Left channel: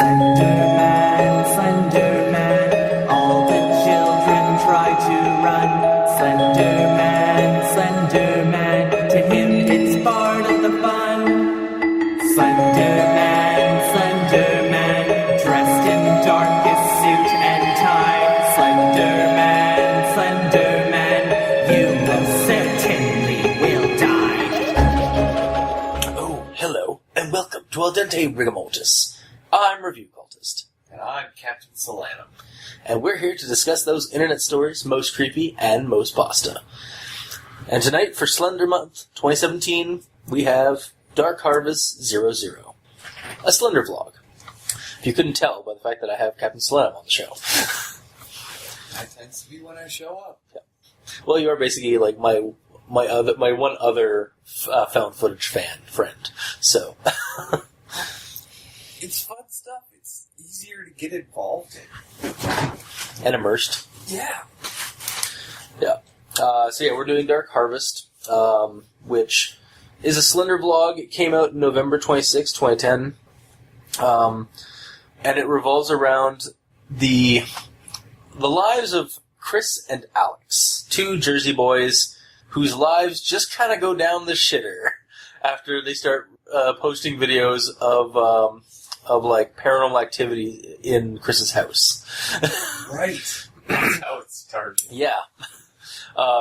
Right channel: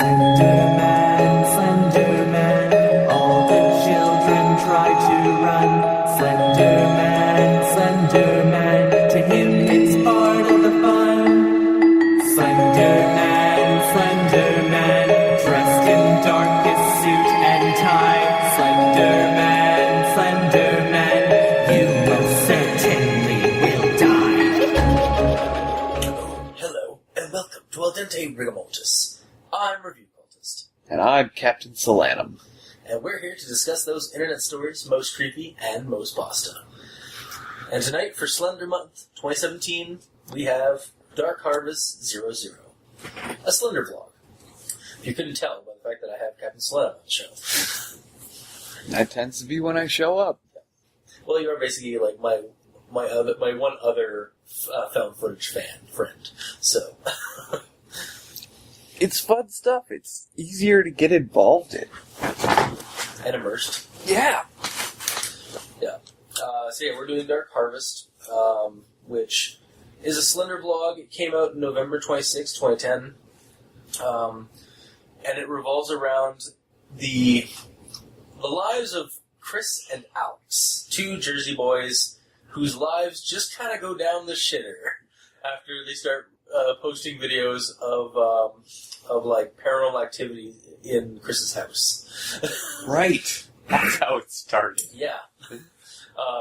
Slenderman, Slenderman, all the children try to run. Slenderman, Slenderman, to him it's part of the fun. Slenderman, Slenderman, dressed in darkest suit and tie. Slenderman, Slenderman, you most certainly will die. Oh, hello, and welcome to Al Dente Rigamortis. I'm Review Cultist. And I'm Captain Solanum. And we're here to discuss those internet stories most creepy and most pasta. And tonight, for Slender Month 2017, we have DarkHarvest00, a Slender vlog. If you couldn't tell by the fact that I have Captain Solanum on the show. That tends to be when I show up. Yeah. Well, you're basically like my one other found footage friend. So... It's fun stuff. It's easier to get involved in. And immersed. Yeah. Yeah. So we're doing Dark Harvest, which is a Slender vlog. It came out November 26, 2010. And it revolves around the lives of Chris and Alex, two Jersey boys whose lives just kind of go down the shitter after they start posting videos of like paranormal activity in Chris's house. Right. That's how it started. Yeah.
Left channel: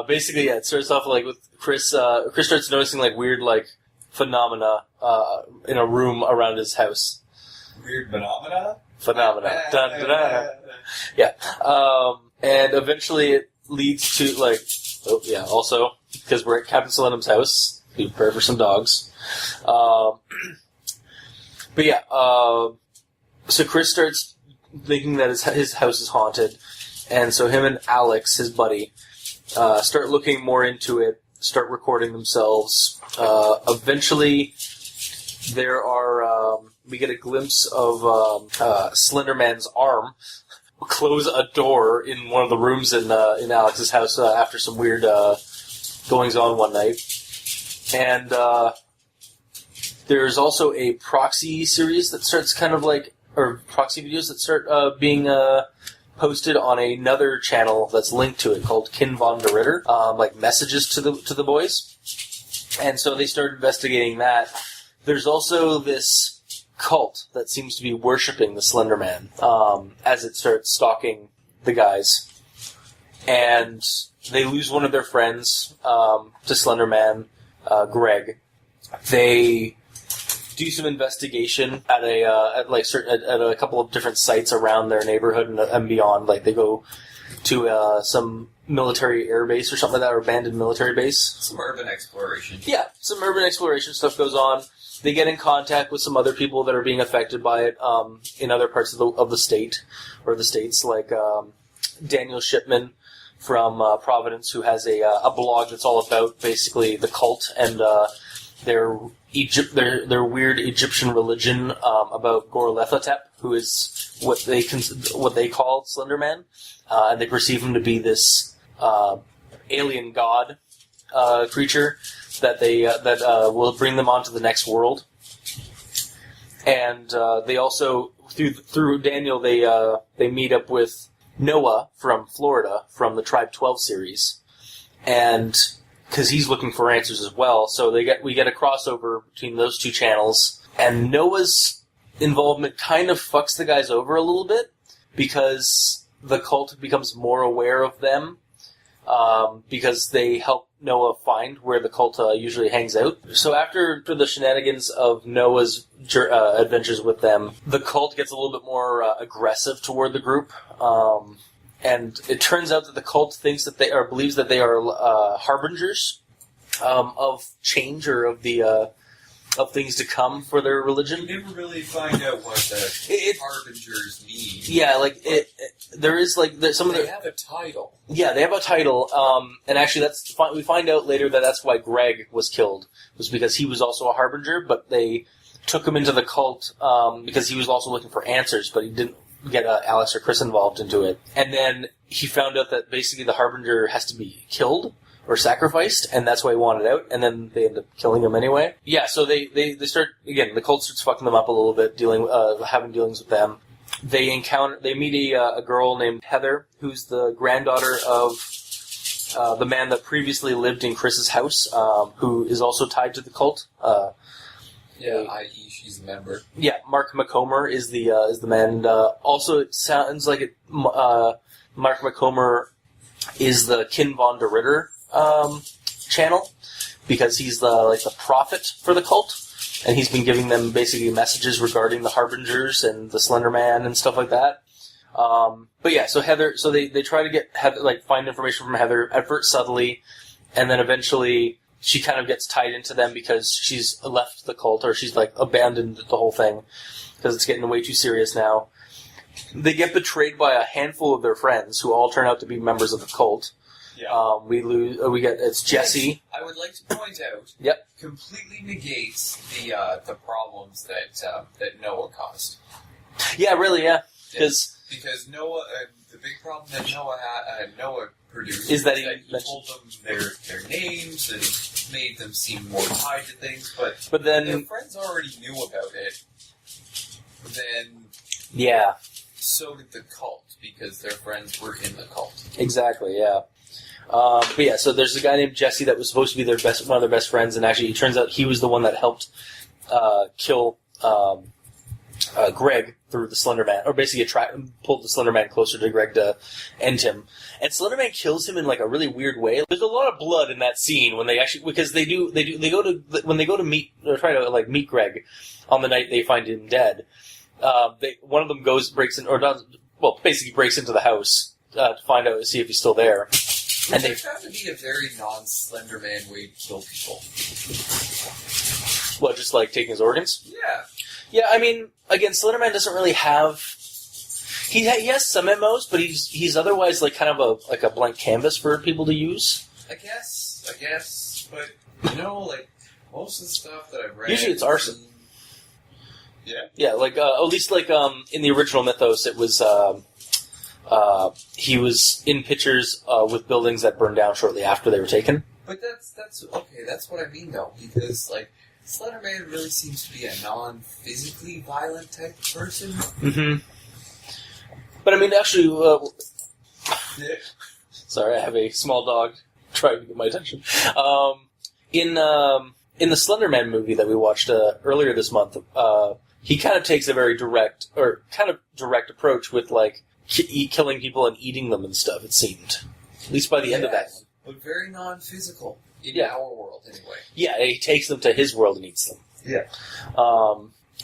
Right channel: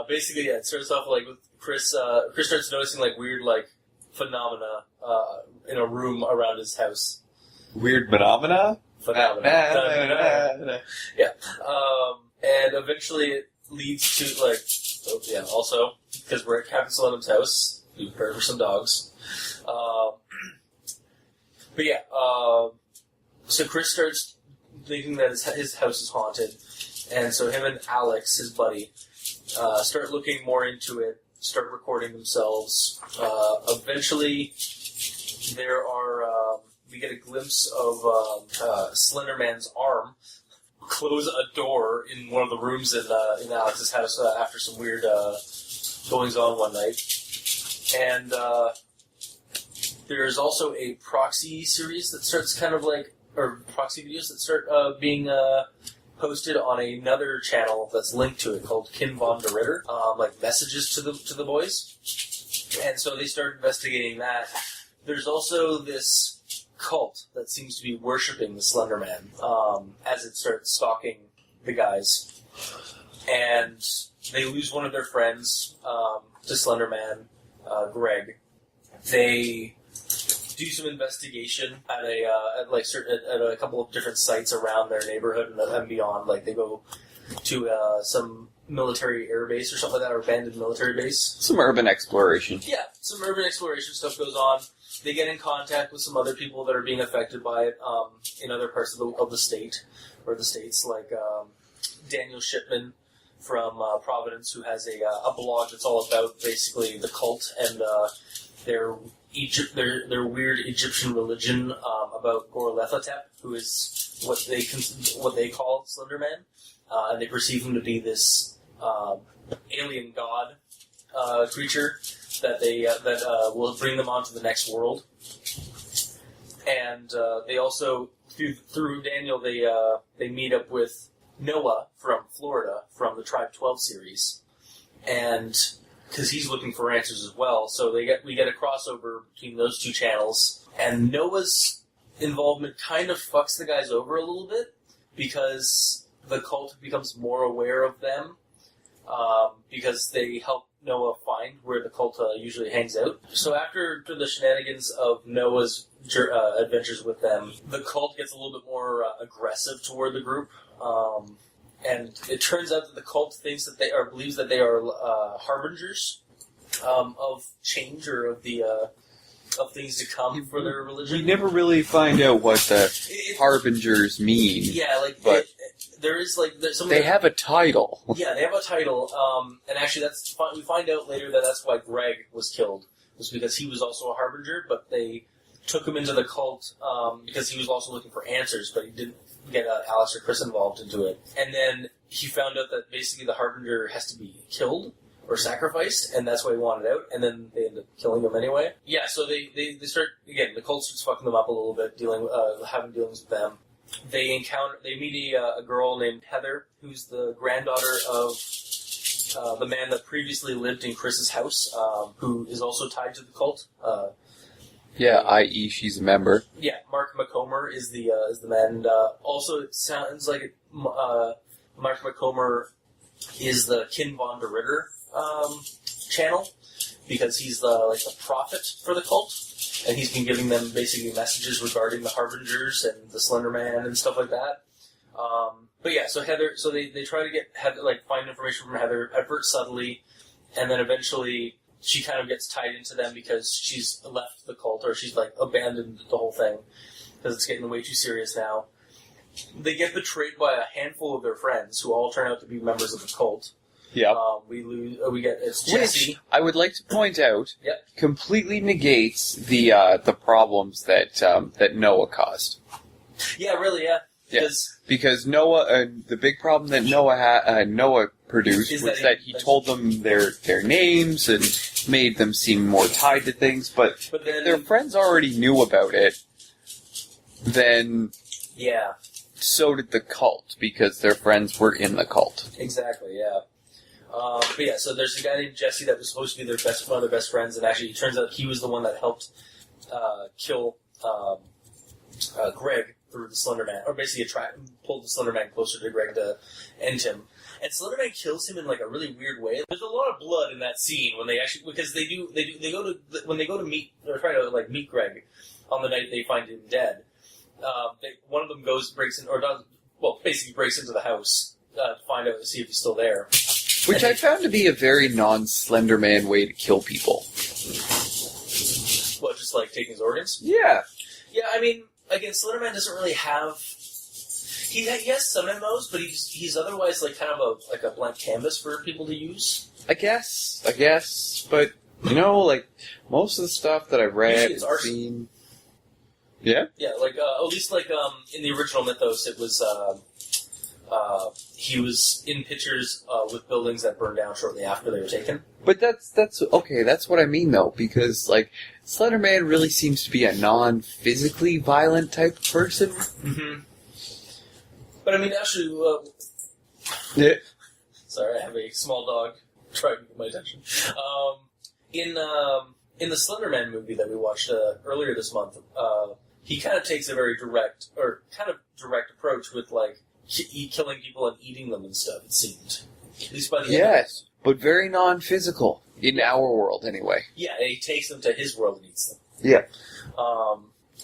Basically, yeah, it starts off like with Chris. Chris starts noticing like weird like phenomena in a room around his house. Weird phenomena? Phenomena. Dun, dun, dun. Yeah. And eventually it leads to like, oh yeah, also because we're at Captain Solanum's house, be prepared for some dogs. But yeah, so Chris starts thinking that his house is haunted, and so him and Alex, his buddy, start looking more into it, start recording themselves. Eventually, we get a glimpse of Slenderman's arm close a door in one of the rooms in Alex's house after some weird goings-on one night. And there's also a proxy series that starts kind of like, or proxy videos that start being posted on another channel that's linked to it called Kin von der Ritter, like messages to the boys. And so they start investigating that. There's also this cult that seems to be worshipping the Slender Man as it starts stalking the guys. And they lose one of their friends to Slender Man, Greg. They do some investigation at a couple of different sites around their neighborhood and beyond. Like they go to some military air base or something like that, or abandoned military base. Some urban exploration. Yeah, some urban exploration stuff goes on. They get in contact with some other people that are being affected by it in other parts of the state or the states, like Daniel Shipman from Providence, who has a blog that's all about basically the cult and their weird Egyptian religion about Gorlethotep, who is what they call Slender Man, and they perceive him to be this alien god creature that will bring them onto the next world. And they also through Daniel they meet up with Noah from Florida from the Tribe 12 series, and because he's looking for answers as well. So we get a crossover between those two channels, and Noah's involvement kind of fucks the guys over a little bit because the cult becomes more aware of them because they help Noah find where the cult usually hangs out. So after the shenanigans of Noah's adventures with them, the cult gets a little bit more aggressive toward the group. And it turns out that the cult believes that they are harbingers of change or of things to come for their religion. You never really find out what the harbingers mean. Yeah, They have a title. Yeah, they have a title, and actually we find out later that that's why Greg was killed, was because he was also a harbinger, but they took him into the cult because he was also looking for answers, but he didn't get Alex or Chris involved into it. And then he found out that basically the harbinger has to be killed or sacrificed, and that's why he wanted out, and then they end up killing him anyway. Yeah, so they start, again, the cult starts fucking them up a little bit, having dealings with them. They meet a girl named Heather, who's the granddaughter of the man that previously lived in Chris's house, who is also tied to the cult. I.e. she's a member. Yeah, Mark McComber is the man. And, also, it sounds like Mark McComber is the Kin von der Ritter channel, because he's the prophet for the cult, and he's been giving them basically messages regarding the Harbingers and the Slender Man and stuff like that. But yeah, so Heather, so they try to get Heather, find information from Heather at first subtly, and then eventually she kind of gets tied into them because she's left the cult, or she's abandoned the whole thing because it's getting way too serious now. They get betrayed by a handful of their friends who all turn out to be members of the cult. Yeah. It's Jesse. Which, I would like to point out, Yep. completely negates the problems that Noah caused. Yeah, really, yeah. Because Noah, the big problem that Noah produced Is was that he told them their names and made them seem more tied to things, but then their friends already knew about it. Then yeah, so did the cult, because their friends were in the cult. exactly, yeah. But yeah, so there's a guy named Jesse that was supposed to be one of their best friends, and actually it turns out he was the one that helped kill Greg through the Slender Man, or basically pulled the Slender Man closer to Greg to end him. And Slender Man kills him in a really weird way. There's a lot of blood in that scene when they actually, because they go to meet, or try to meet Greg on the night they find him dead. One of them breaks into the house to find out, to see if he's still there. Which I found to be a very non-Slender Man way to kill people. Well, just taking his organs? Yeah. Yeah, I mean, again, Slenderman doesn't really have. He has some MMOs, but he's otherwise kind of a blank canvas for people to use. I guess, but most of the stuff that I've read, usually it's arson. Yeah. Yeah, at least in the original mythos, it was he was in pictures with buildings that burned down shortly after they were taken. But that's okay. That's what I mean, though, because Slender Man really seems to be a non-physically violent type of person. Mm-hmm. But I mean, actually, yeah. Sorry, I have a small dog trying to get my attention. In the Slender Man movie that we watched earlier this month, he kind of takes a very direct approach with killing people and eating them and stuff. It seemed, at least by the end of it. Yes, but very non-physical in our world, anyway. Yeah, he takes them to his world and eats them. Yeah.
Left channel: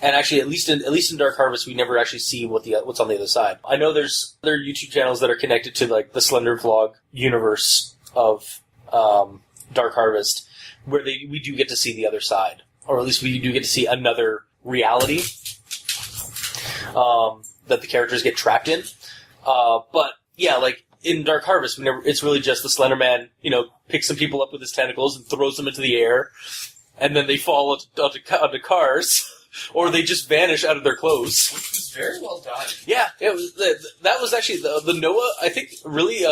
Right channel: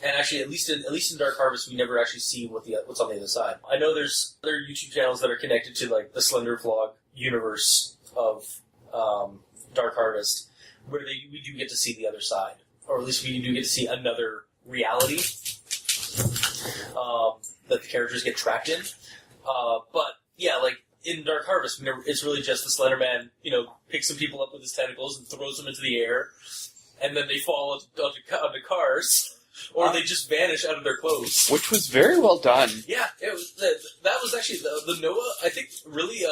And actually, at least in Dark Harvest, we never actually see what's on the other side. I know there's other YouTube channels that are connected to the Slendervlog universe of Dark Harvest, where we do get to see the other side, or at least we do get to see another reality that the characters get trapped in. But yeah, in Dark Harvest, it's really just the Slender Man, picks some people up with his tentacles and throws them into the air, and then they fall onto cars, or they just vanish out of their clothes. Which was very well done. Yeah, it was, that was actually the Noah, I think, really,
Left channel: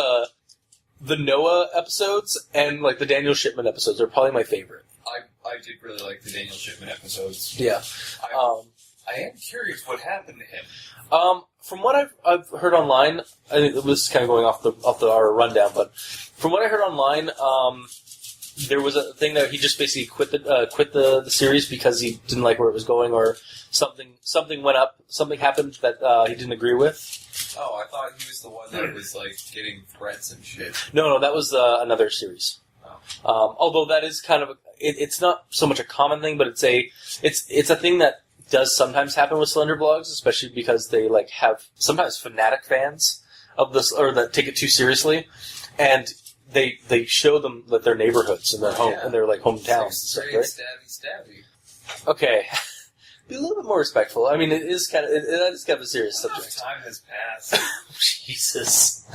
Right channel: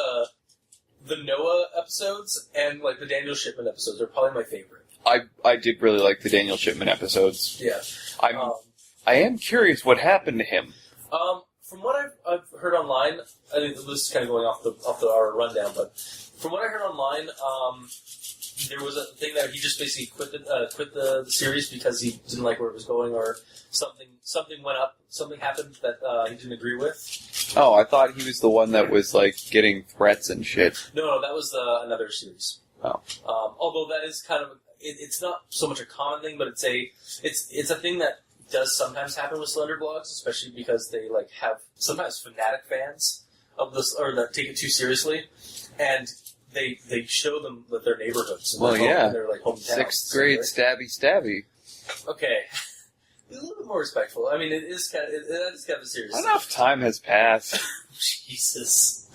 the Noah episodes and, the Daniel Shipman episodes are probably my favorite. I did really like the Daniel Shipman episodes. Yeah. I am curious what happened to him. From what I've heard online, I think it was kind of going off our rundown, but from what I heard online, there was a thing that he just basically quit the series because he didn't like where it was going, or something went up, something happened that he didn't agree with. Oh, I thought he was the one that was getting threats and shit. No, that was another series. Oh. Although that is kind of it's not so much a common thing, but it's a thing that does sometimes happen with Slender blogs, especially because they have sometimes fanatic fans of this, or that take it too seriously, and they show them their neighborhoods and their hometowns. 6th grade, right? stabby. Okay, be a little bit more respectful. I mean, it is kind of a serious. Enough time has passed. Jesus.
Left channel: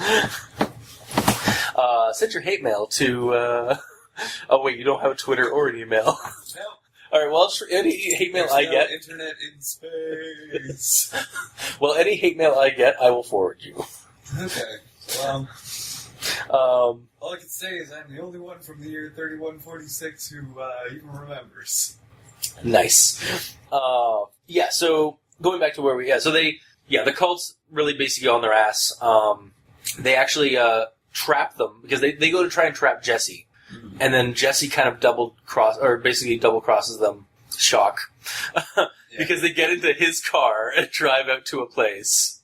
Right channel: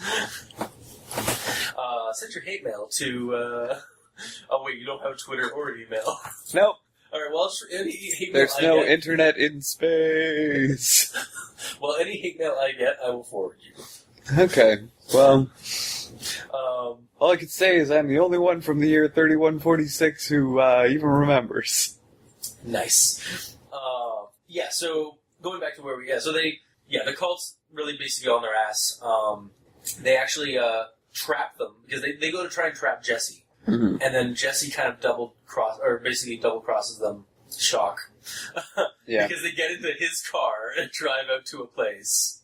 Send your hate mail to. Oh wait, you don't have a Twitter or an email. Nope. All right. Well, any hate mail There's I no get, internet in space. well, any hate mail I get, I will forward you. Okay. Well, All I can say is I'm the only one from the year 3146 who even remembers. Nice. Yeah, so going back to where the cult's really basically on their ass. They actually trap them because they go to try and trap Jesse. Mm-hmm. And then Jesse kind of double crosses them. Shock. Yeah. Because they get into his car and drive out to a place.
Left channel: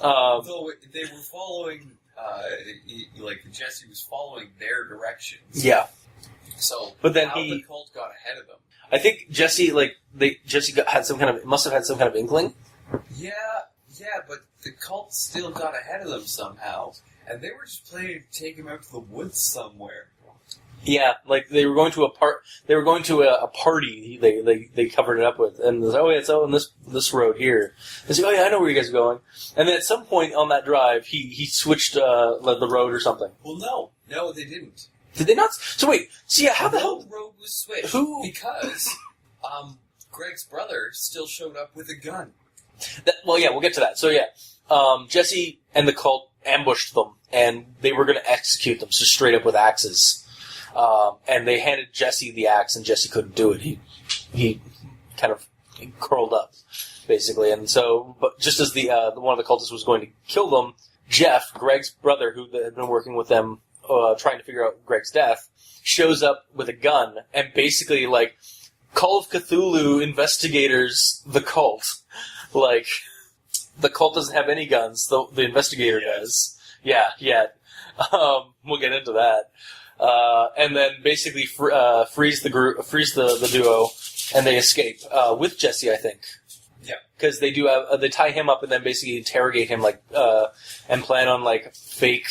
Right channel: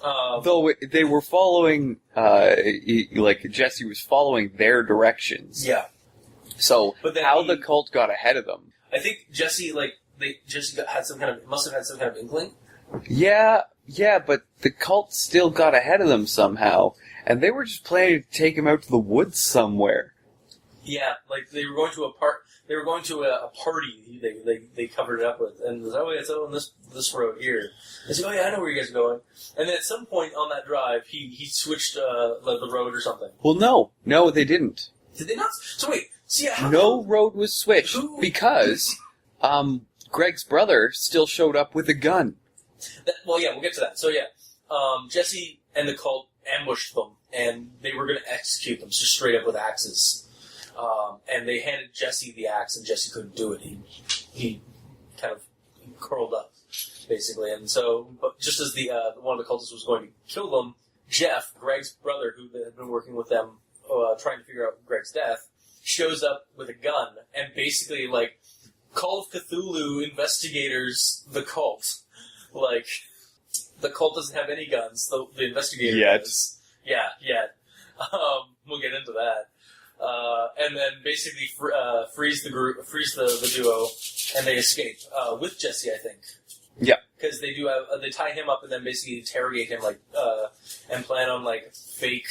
Though they were following, Jesse was following their directions. Yeah. So, but then how the cult got ahead of them? I think Jesse, must have had some kind of inkling. Yeah, but the cult still got ahead of them somehow, and they were just planning to take him out to the woods somewhere. Yeah, like they were going to a party. They covered it up with, and it was, it's on this road here. It's like, I know where you guys are going. And then at some point on that drive, he switched the road or something. Well, no, they didn't. Did they not? So wait, no road was switched because Greg's brother still showed up with a gun. We'll get to that. So Jesse and the cult ambushed them, and they were going to execute them, so straight up with axes. And they handed Jesse the axe, and Jesse couldn't do it. He kind of curled up, basically. And so, but just as the one of the cultists was going to kill them, Jeff, Greg's brother, who had been working with them, trying to figure out Greg's death, shows up with a gun and basically Call of Cthulhu investigators the cult. Like, the cult doesn't have any guns. The investigator does. Yeah, yet. We'll get into that. And then basically freeze the duo, and they escape with Jesse, I think. Yeah, because they do have they tie him up and then basically interrogate him and plan on fake.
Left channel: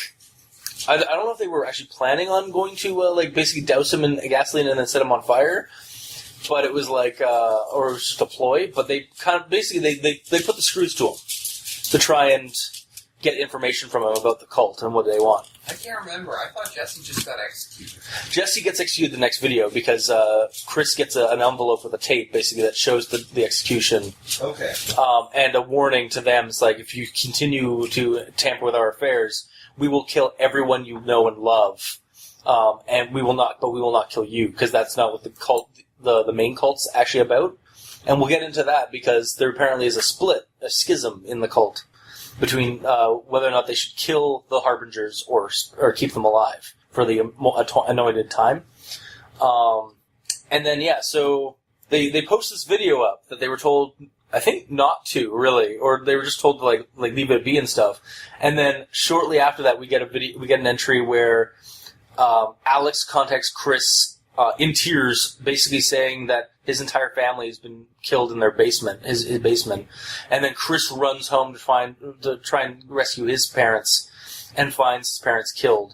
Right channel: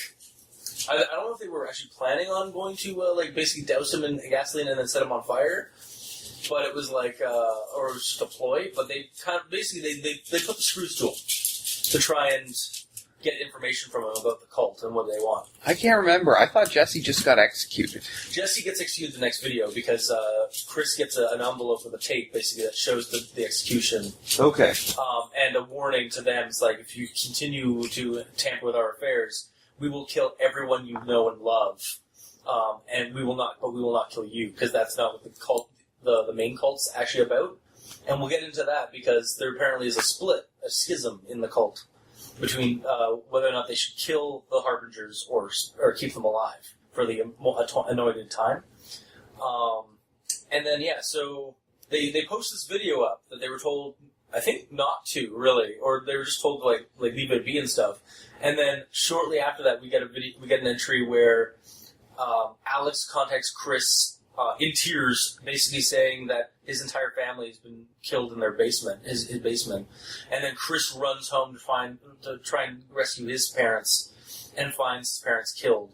I don't know if they were actually planning on going to basically douse him in gasoline and then set him on fire, but it was or it was just a ploy. But they kind of basically they put the screws to him to try and get information from him about the cult and what they want. I can't remember. I thought Jesse just got executed. Jesse gets executed the next video because Chris gets an envelope with a tape basically that shows the execution. Okay. And a warning to them. It's like, if you continue to tamper with our affairs, we will kill everyone you know and love. And we will not kill you, because that's not what the cult, the main cult's actually about. And we'll get into that because there apparently is a schism in the cult between whether or not they should kill the Harbingers or keep them alive for the anointed time. And then, so they post this video up that they were told, I think, not to, really, or they were just told to, leave it be and stuff. And then shortly after that, we get an entry where Alex contacts Chris in tears, basically saying that his entire family has been killed in their basement, his basement. And then Chris runs home to try and rescue his parents, and finds his parents killed.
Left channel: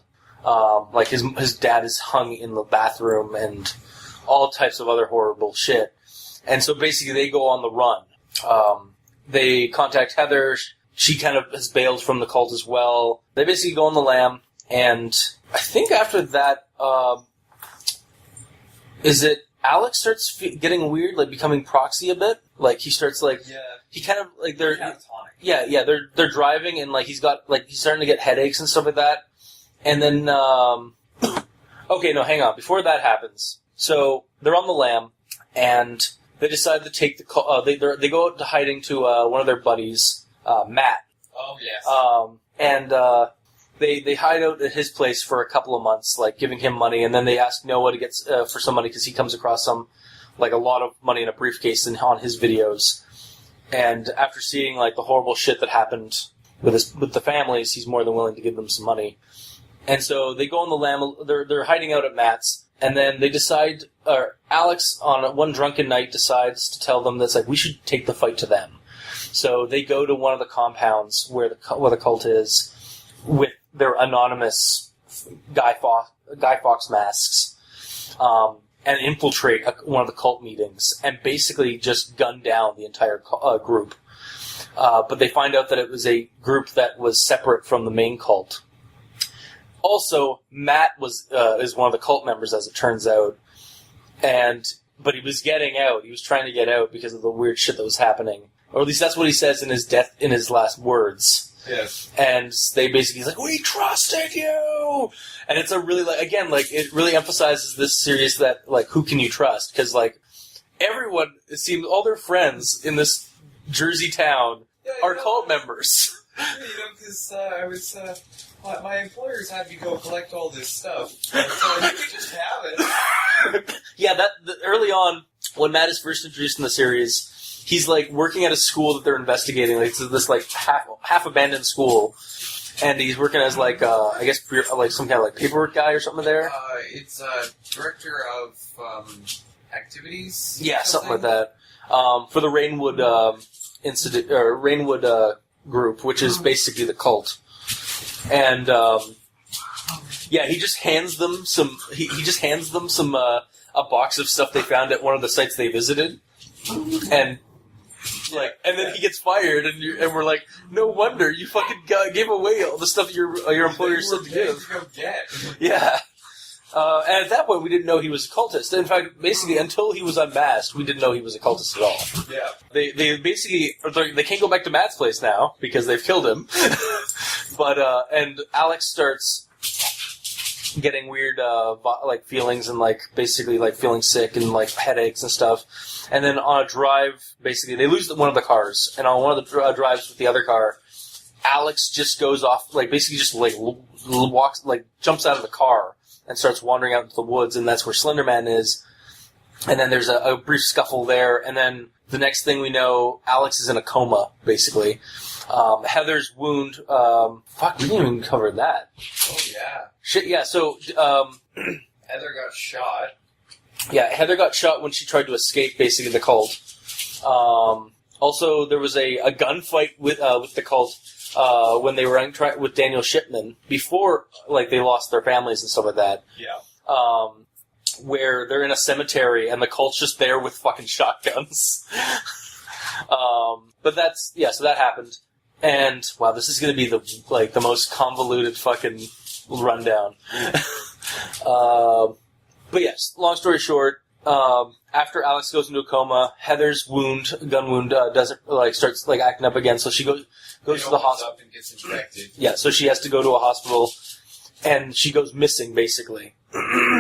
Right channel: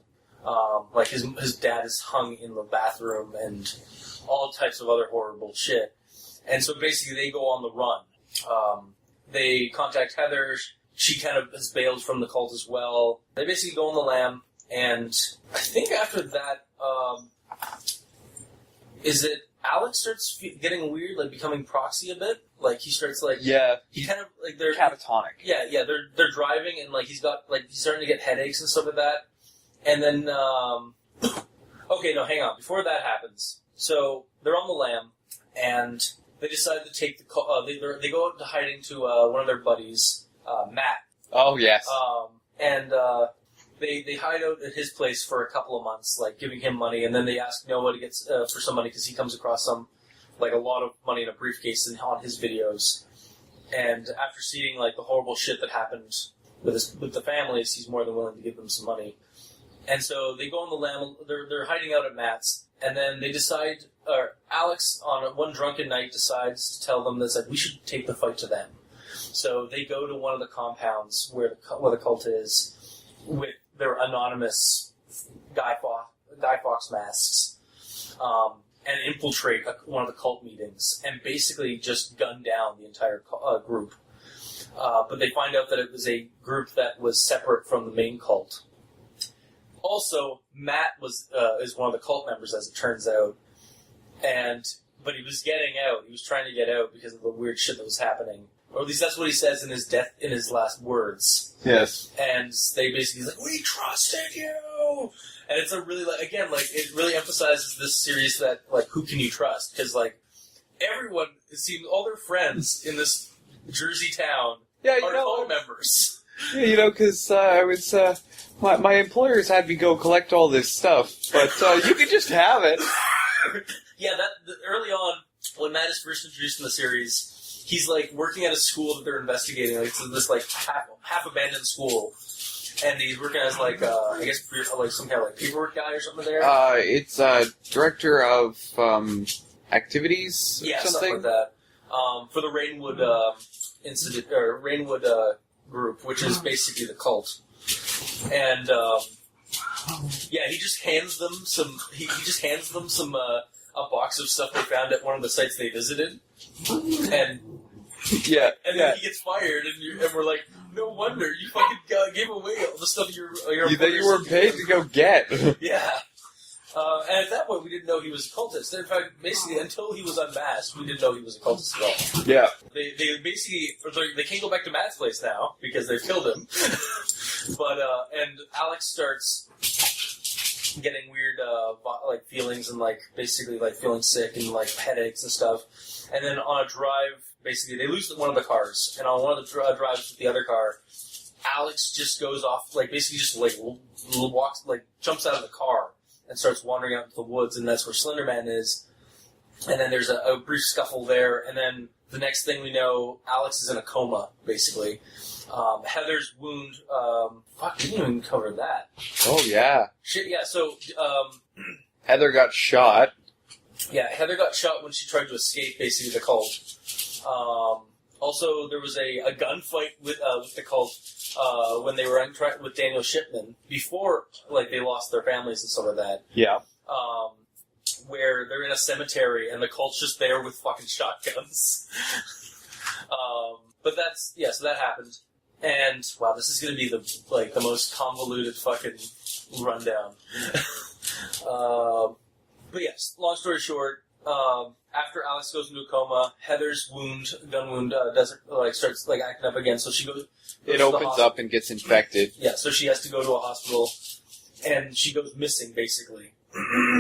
His dad is hung in the bathroom, and all types of other horrible shit. And so basically they go on the run. They contact Heather. She kind of has bailed from the cult as well. They basically go on the lam, and I think after that, is it Alex starts getting weird, becoming proxy a bit? He starts he kind of they're catatonic. Yeah, they're driving, and he's starting to get headaches and stuff like that. And then okay, no, hang on. Before that happens, so they're on the lam, and they decide to take the they go out to hiding to one of their buddies, Matt. Oh yes. And they hide out at his place for a couple of months, giving him money, and then they ask Noah to get for some money because he comes across a lot of money in a briefcase on his videos. And after seeing the horrible shit that happened with the families, he's more than willing to give them some money. And so they go on the lam. They're hiding out at Matt's, and then they decide. Alex, on one drunken night, decides to tell them that we should take the fight to them. So they go to one of the compounds where the cult is with their anonymous Guy Fawkes masks, and infiltrate one of the cult meetings and basically just gun down the entire group. But they find out that it was a group that was separate from the main cult. Also, Matt is one of the cult members, as it turns out, but he was getting out. He was trying to get out because of the weird shit that was happening, or at least that's what he says in his last words. Yes. And they basically we trusted you, no! And it's a really, like, again, like, it really emphasizes this series that, like, who can you trust? Because, like, everyone, it seems, all their friends in this Jersey town are cult members. Yeah, because I was, my employers had me go collect all this stuff, but you could just have it. Yeah, early on, when Matt is first introduced in the series, he's, like, working at a school that they're investigating, like, this, like, half-abandoned school, and he's working as, like, I guess, like, some kind of, like, paperwork guy or something there? It's, director of, activities? Yeah, something like that. For the Rainwood, Institute, or Rainwood, group, which is basically the cult. And, yeah, he just hands them some, a box of stuff they found at one of the sites they visited. And, yeah, and then he gets fired, and we're like, no wonder, you fucking gave away all the stuff your employers you were paid to go get. Yeah. And at that point, we didn't know he was a cultist. In fact, basically, until he was unmasked, we didn't know he was a cultist at all. Yeah. They basically, they can't go back to Matt's place now, because they've killed him. But, and Alex starts getting weird, like, feelings and, like, basically, like, feeling sick and, like, headaches and stuff. And then on a drive, basically, they lose one of the cars. And on one of the drives with the other car, Alex just goes off, like, basically just, like, walks, like, jumps out of the car and starts wandering out into the woods, and that's where Slenderman is. And then there's a brief scuffle there, and then the next thing we know, Alex is in a coma, basically. Heather's wound, fuck, we didn't even cover that. Oh, yeah. Shit, yeah, so, Heather got shot. Yeah, Heather got shot when she tried to escape, basically, the cult. Also, there was a gunfight with the cult, when they were with Daniel Shipman, before, like, they lost their families and stuff like that. Yeah. Where they're in a cemetery and the cult's just there with fucking shotguns. But that's, yeah, so that happened. And, wow, this is gonna be the most convoluted fucking rundown. But yes, long story short, after Alex goes into a coma, Heather's gun wound, starts, like, acting up again, so she goes It to the opens hospital. up and gets infected. Yeah, so she has to go to a hospital, and she goes missing, basically.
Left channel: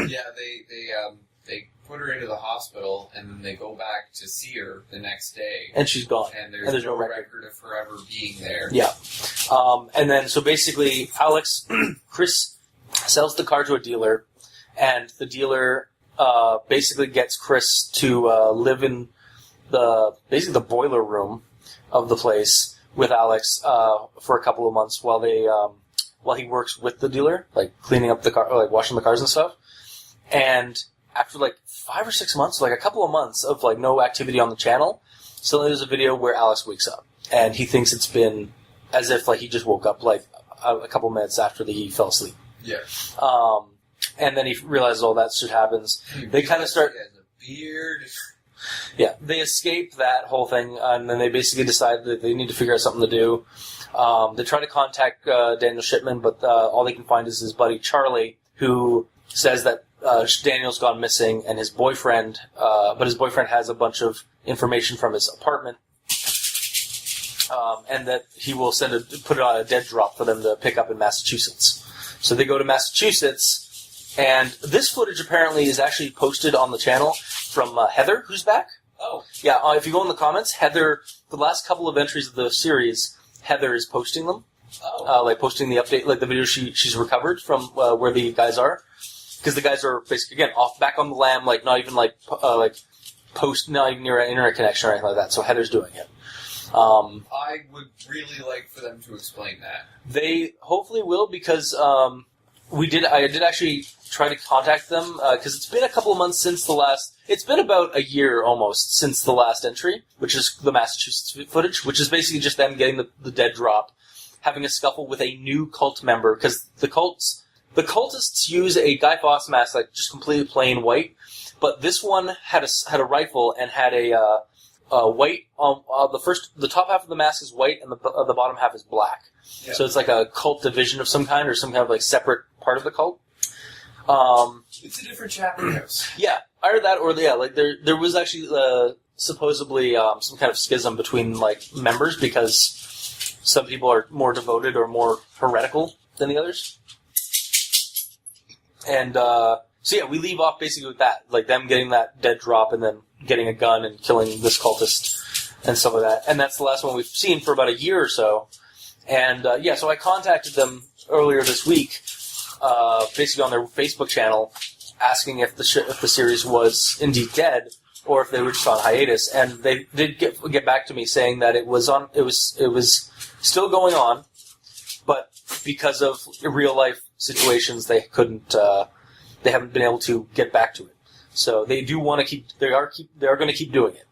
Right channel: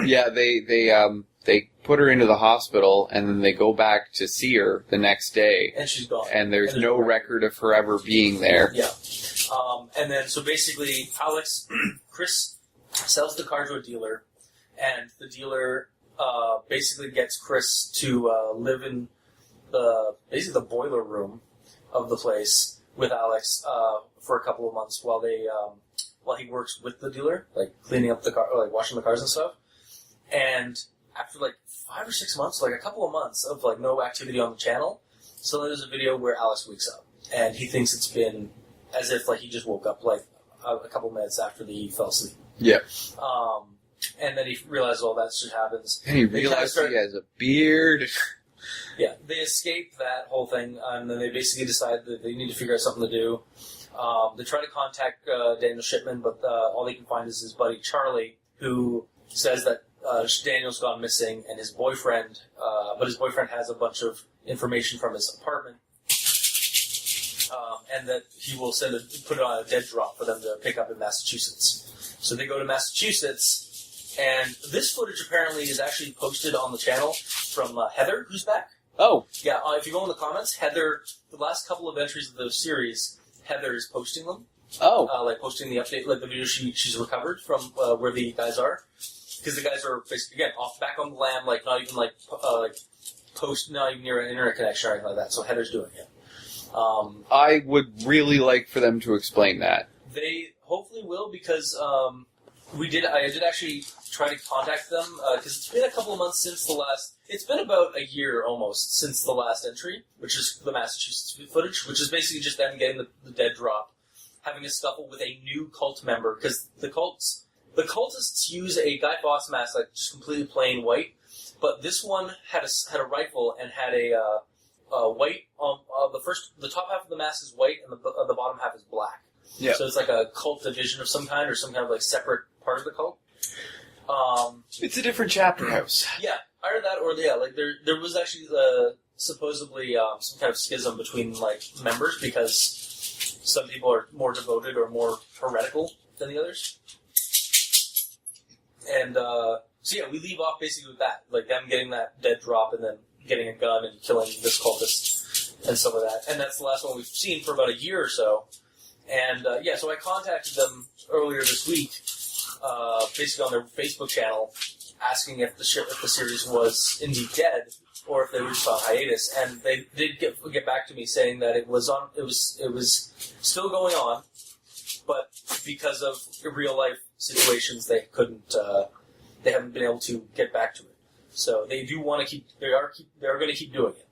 Yeah, they put her into the hospital, and then they go back to see her the next day. And she's gone. And there's no record of her ever being there. Yeah. And then, so basically, Chris sells the car to a dealer, and the dealer basically gets Chris to live in basically the boiler room of the place with Alex for a couple of months while he works with the dealer, like cleaning up the car, like washing the cars and stuff. And after like 5 or 6 months, like a couple of months of like no activity on the channel, suddenly there's a video where Alex wakes up, and he thinks it's been as if like he just woke up like a couple of minutes after he fell asleep. Yeah. And then he realizes all that shit happens. And he realizes he has a beard. Yeah, they escape that whole thing, and then they basically decide that they need to figure out something to do. They try to contact Daniel Shipman, but all they can find is his buddy Charlie, who says that Daniel's gone missing, and his boyfriend, but his boyfriend has a bunch of information from his apartment, and that he will put it on a dead drop for them to pick up in Massachusetts. So they go to Massachusetts. And this footage apparently is actually posted on the channel from Heather, who's back. Oh. Yeah, if you go in the comments, Heather, the last couple of entries of the series, Heather is posting them. Oh. Like posting the update, like the video she's recovered from where the guys are. Because the guys are basically, again, back on the lam, like not even like not even near an internet connection or anything like that. So Heather's doing it. I would really like for them to explain that. They hopefully will, because I did actually try to contact them, because it's been a couple of months since the last... It's been about a year, almost, since the last entry, which is the Massachusetts footage, which is basically just them getting the dead drop, having a scuffle with a new cult member, because the cultists use a Guy Fawkes mask, like, just completely plain white, but this one had a rifle and had a white... the top half of the mask is white, and the bottom half is black. Yeah. So it's like a cult division of some kind, or some kind of, like, separate part of the cult. It's a different chapter house. Yeah, either that or like there was actually supposedly some kind of schism between like members, because some people are more devoted or more heretical than the others. And so yeah, we leave off basically with that, like them getting that dead drop and then getting a gun and killing this cultist and stuff like that. And that's the last one we've seen for about a year or so. And yeah, so I contacted them earlier this week, basically on their Facebook channel, asking if the series was indeed dead or if they were just on hiatus. And they did get back to me saying that it was still going on, but because of real life situations, they couldn't. They haven't been able to get back to it. So they do want to keep. They are going to keep doing it.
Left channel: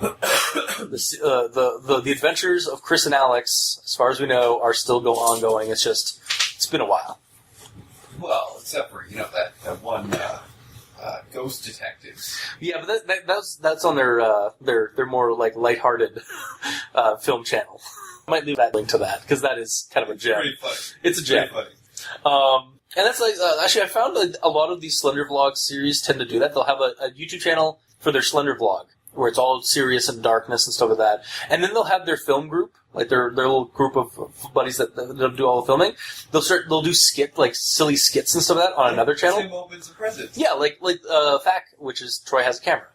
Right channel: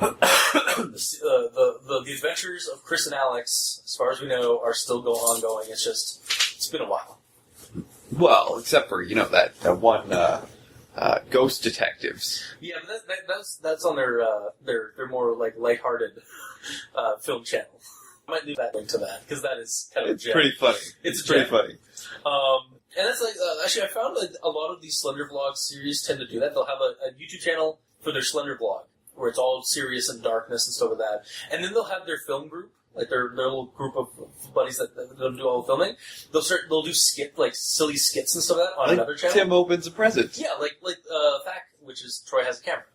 The adventures of Chris and Alex, as far as we know, are still ongoing. It's been a while. Well, except for that one Ghost Detectives. Yeah, but that's on their more like lighthearted film channel. I might leave that link to that because that is kind of a gem. Pretty funny. It's a gem. Pretty funny. And that's like actually I found that a lot of these Slender Vlog series tend to do that. They'll have a YouTube channel for their Slender Vlog where it's all serious and darkness and stuff like that, and then they'll have their film group, like their little group of buddies that do all the filming. They'll do silly skits and stuff like that on another channel. Tim opens a present. Yeah, like Thack, which is Troy Has a Camera.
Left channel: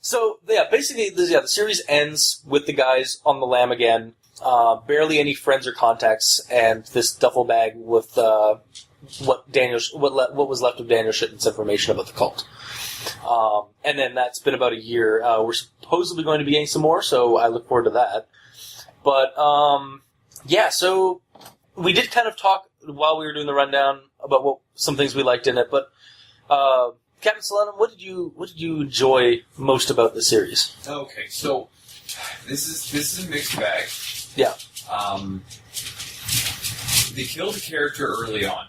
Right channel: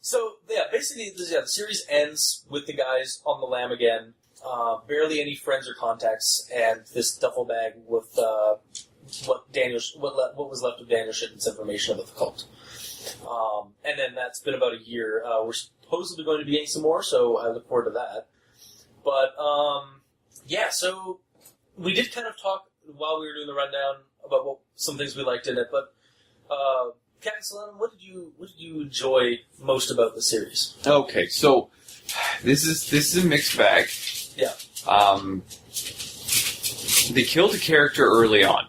So yeah, basically the series ends with the guys on the lam again. Barely any friends or contacts, and this duffel bag with what was left of Daniel Shitten's information about the cult. And then that's been about a year. We're supposedly going to be getting some more, so I look forward to that. But yeah, so we did kind of talk while we were doing the rundown about some things we liked in it. But Captain Slenderman, what did you enjoy most about the series? Okay, so this is a mixed bag. Yeah. They killed a character early on.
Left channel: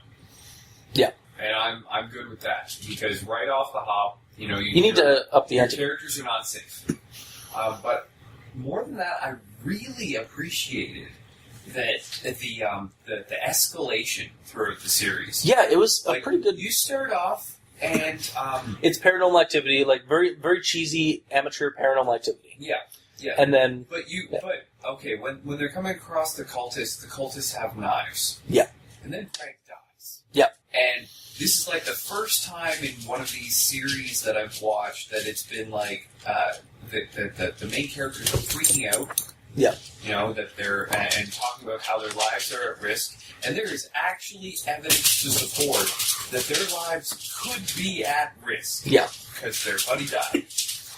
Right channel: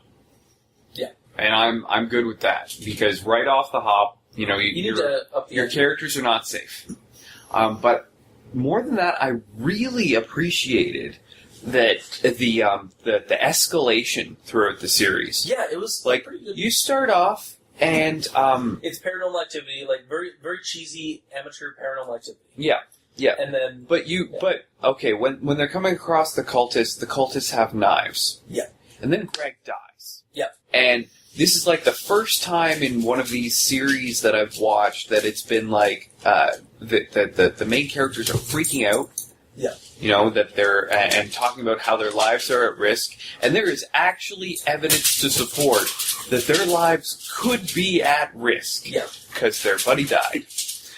Yeah. And I'm good with that because right off the hop, you need to up the your ante. characters are not safe. But more than that, I really appreciated that the escalation throughout the series. Yeah, it was like pretty good. You start off and it's paranormal activity, like very very cheesy amateur paranormal activity. Yeah. Yeah, and then okay, when they're coming across the cultists have knives. Yeah, and then Greg dies. Yeah, and this is like the first time in one of these series that I've watched that it's been like the main characters are freaking out. Yeah, that they're and talking about how their lives are at risk, and there is actually evidence to support that their lives could be at risk. Yeah, because their buddy died.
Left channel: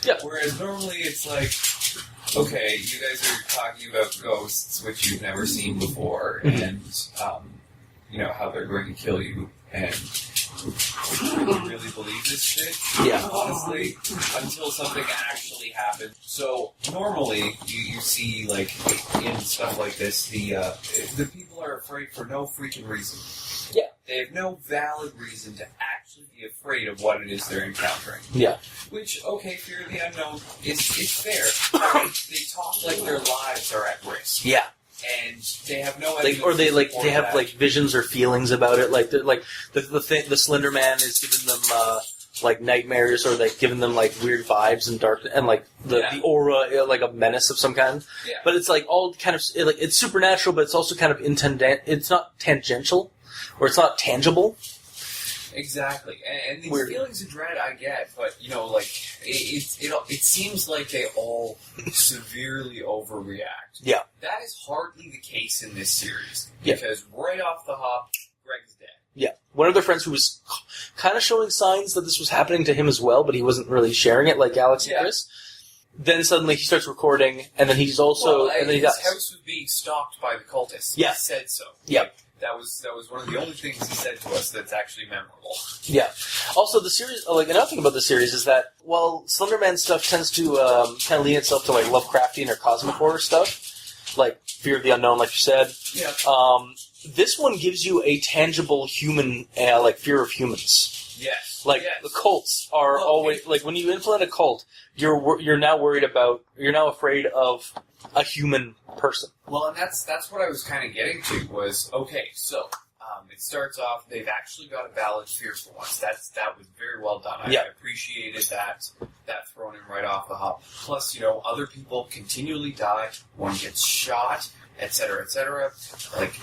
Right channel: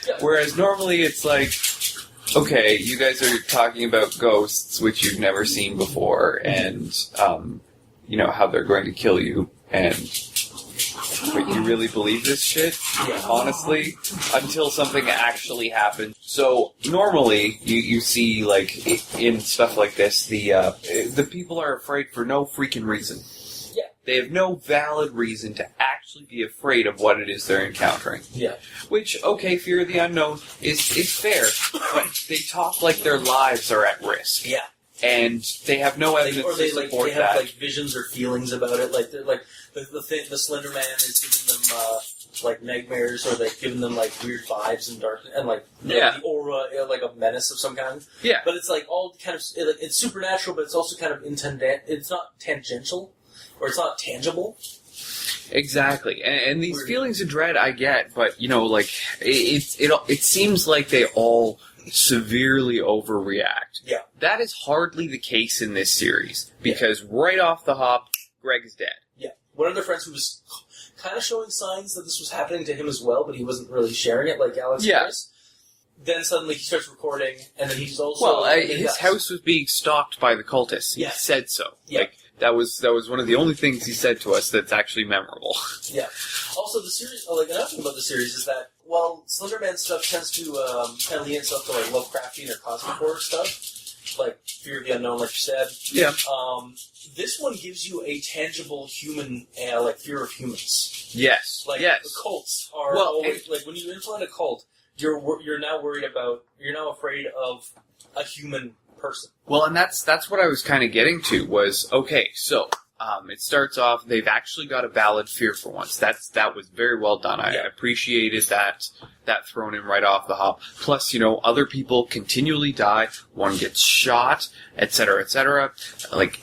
Yeah, whereas normally it's like, okay, you guys are talking about ghosts, which you've never seen before, and, how they're going to kill you, and you really believe this shit? Yeah. Honestly? Until something actually happens. So, normally, you see, like, in stuff like this, the people are afraid for no freaking reason. Yeah. They have no valid reason to actually be afraid of what it is they're encountering. Yeah. Which, okay, fear of the unknown is fair. They talk like their lives are at risk. Yeah. And they have no evidence or they have like visions or feelings about it. Like the Slender Man is giving them like nightmares, or they've given them like weird vibes and dark and like the aura, like a menace of some kind. Yeah. But it's like all kind of like it's supernatural, but it's also kind of it's not tangential, or it's not tangible. Exactly, and these Weird. feelings of dread I get, but like it seems like they all severely overreact. Yeah, that is hardly the case in this series because right off the hop, Greg is dead. Yeah, one of their friends who was kind of showing signs that this was happening to him as well, but he wasn't really sharing it like Alex and Chris. Then suddenly he starts recording, and then he's also his house was being stalked by the cultists. Yeah. He said so. Yeah. Like, that was one of the only things he said to us that's actually memorable. Yeah. Also, the series, like another thing about the series is that while Slenderman stuff tends to kind of lean itself to like Lovecraftian or cosmic horror stuff, like Fear of the Unknown, like you said. Yeah. This one gives you a tangible human, like fear of humans. Yes. Like the cults are always like when you implement a cult, you're now afraid of a human person. Well, and that's what I was kind of getting to was, okay, so it starts off, they've actually got a valid fear for once. That was very well done. I appreciated that thrown in right off the hop. Plus, other people continually die, one gets shot, etc., etc. Like,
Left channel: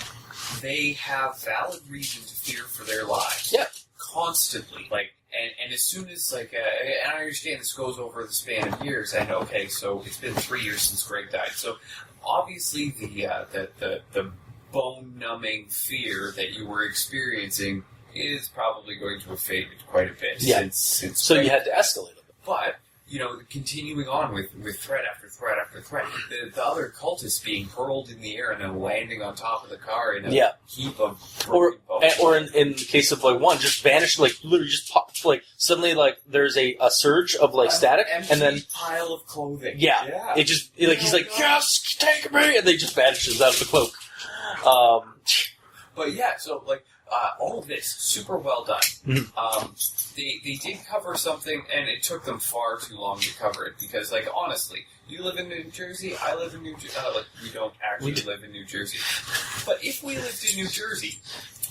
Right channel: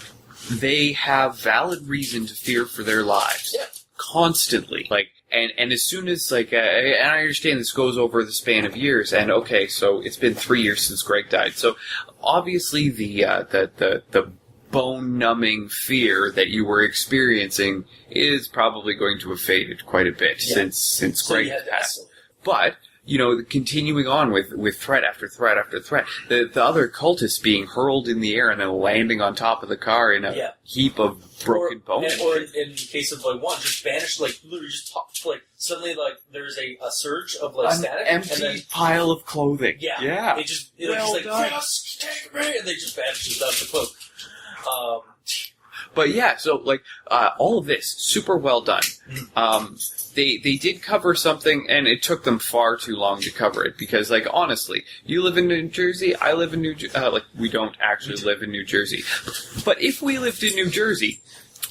they have valid reason to fear for their lives. Yeah. Constantly. And as soon as, and I understand this goes over the span of years, and okay, so it's been 3 years since Greg died, so obviously the bone-numbing fear that you were experiencing is probably going to have faded quite a bit since So Greg you had to escalate. But, continuing on with threat after threat after threat, the other cultists being hurled in the air and then landing on top of the car in a heap of broken bones. Or in the case of one, just vanished, literally just popped, suddenly there's a surge of static, empty and then pile of clothing. Yeah. It just he's like, yes, take me, and they just vanishes out of the cloak. But yeah, so all of this super well done. Mm-hmm. They did cover something, and it took them far too long to cover it because, honestly, you live in New Jersey, I live in New Jersey. We don't actually live in New Jersey, but if we lived in New Jersey,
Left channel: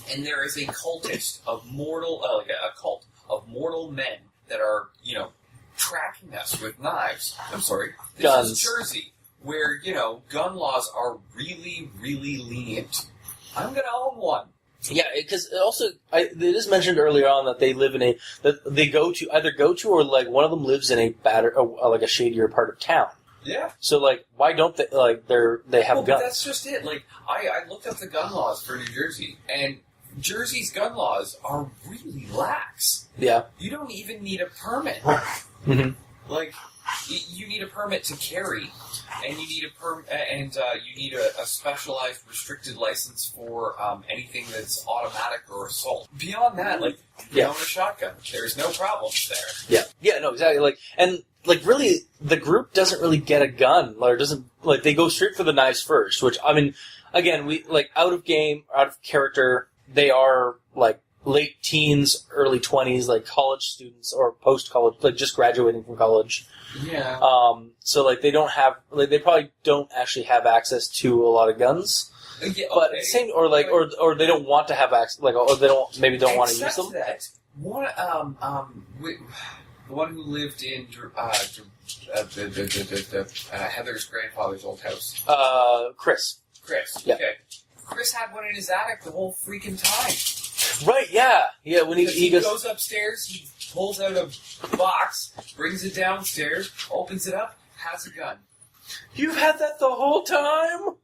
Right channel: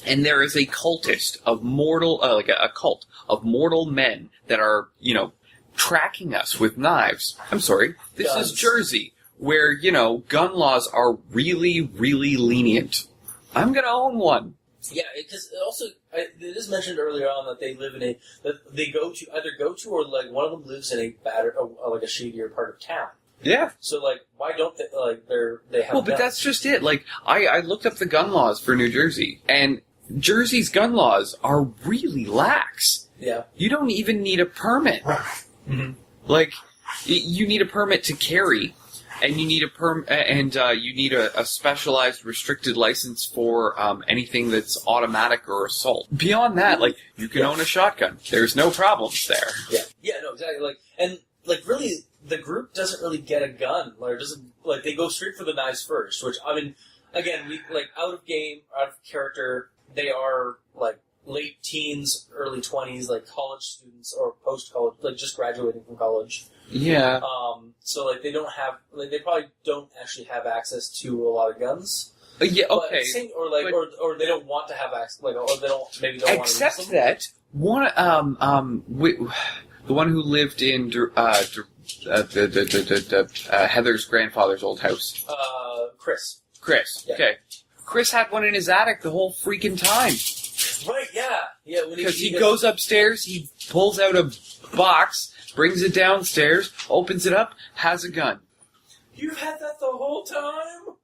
and there is a cultist of mortal, a cult of mortal men that are tracking us with knives. I'm sorry, this Guns. is Jersey, where gun laws are really, really lenient. I'm gonna own one. Yeah, because also it is mentioned earlier on that they live in that they go to or one of them lives in a shadier part of town. Yeah. So why don't they they have? Well, guns? but that's just it. I looked up the gun laws for New Jersey, and Jersey's gun laws are really lax. Yeah. You don't even need a permit. Mm-hmm. You need a permit to carry. And you need you need a specialized restricted license for anything that's automatic or assault. Beyond that, you can own a shotgun. There's no problems there. Yeah. Yeah. No. Exactly. Really, the group doesn't really get a gun, or doesn't they go straight for the knives first. Which again, we out of game, out of character. They are late teens, early 20s, college students or post college, just graduating from college. Yeah. So they don't have they probably don't actually have access to a lot of guns. Yeah. Okay. But or they don't want to have access. Or they don't want to use them. Except that one the one who lived in Heather's grandfather's old house. Chris. Yeah. Okay. Chris had one in his attic the whole freaking time. Right, yeah. Yeah, when he goes upstairs, he pulls out a box, brings it downstairs, opens it up, has a gun. You've had that the whole time?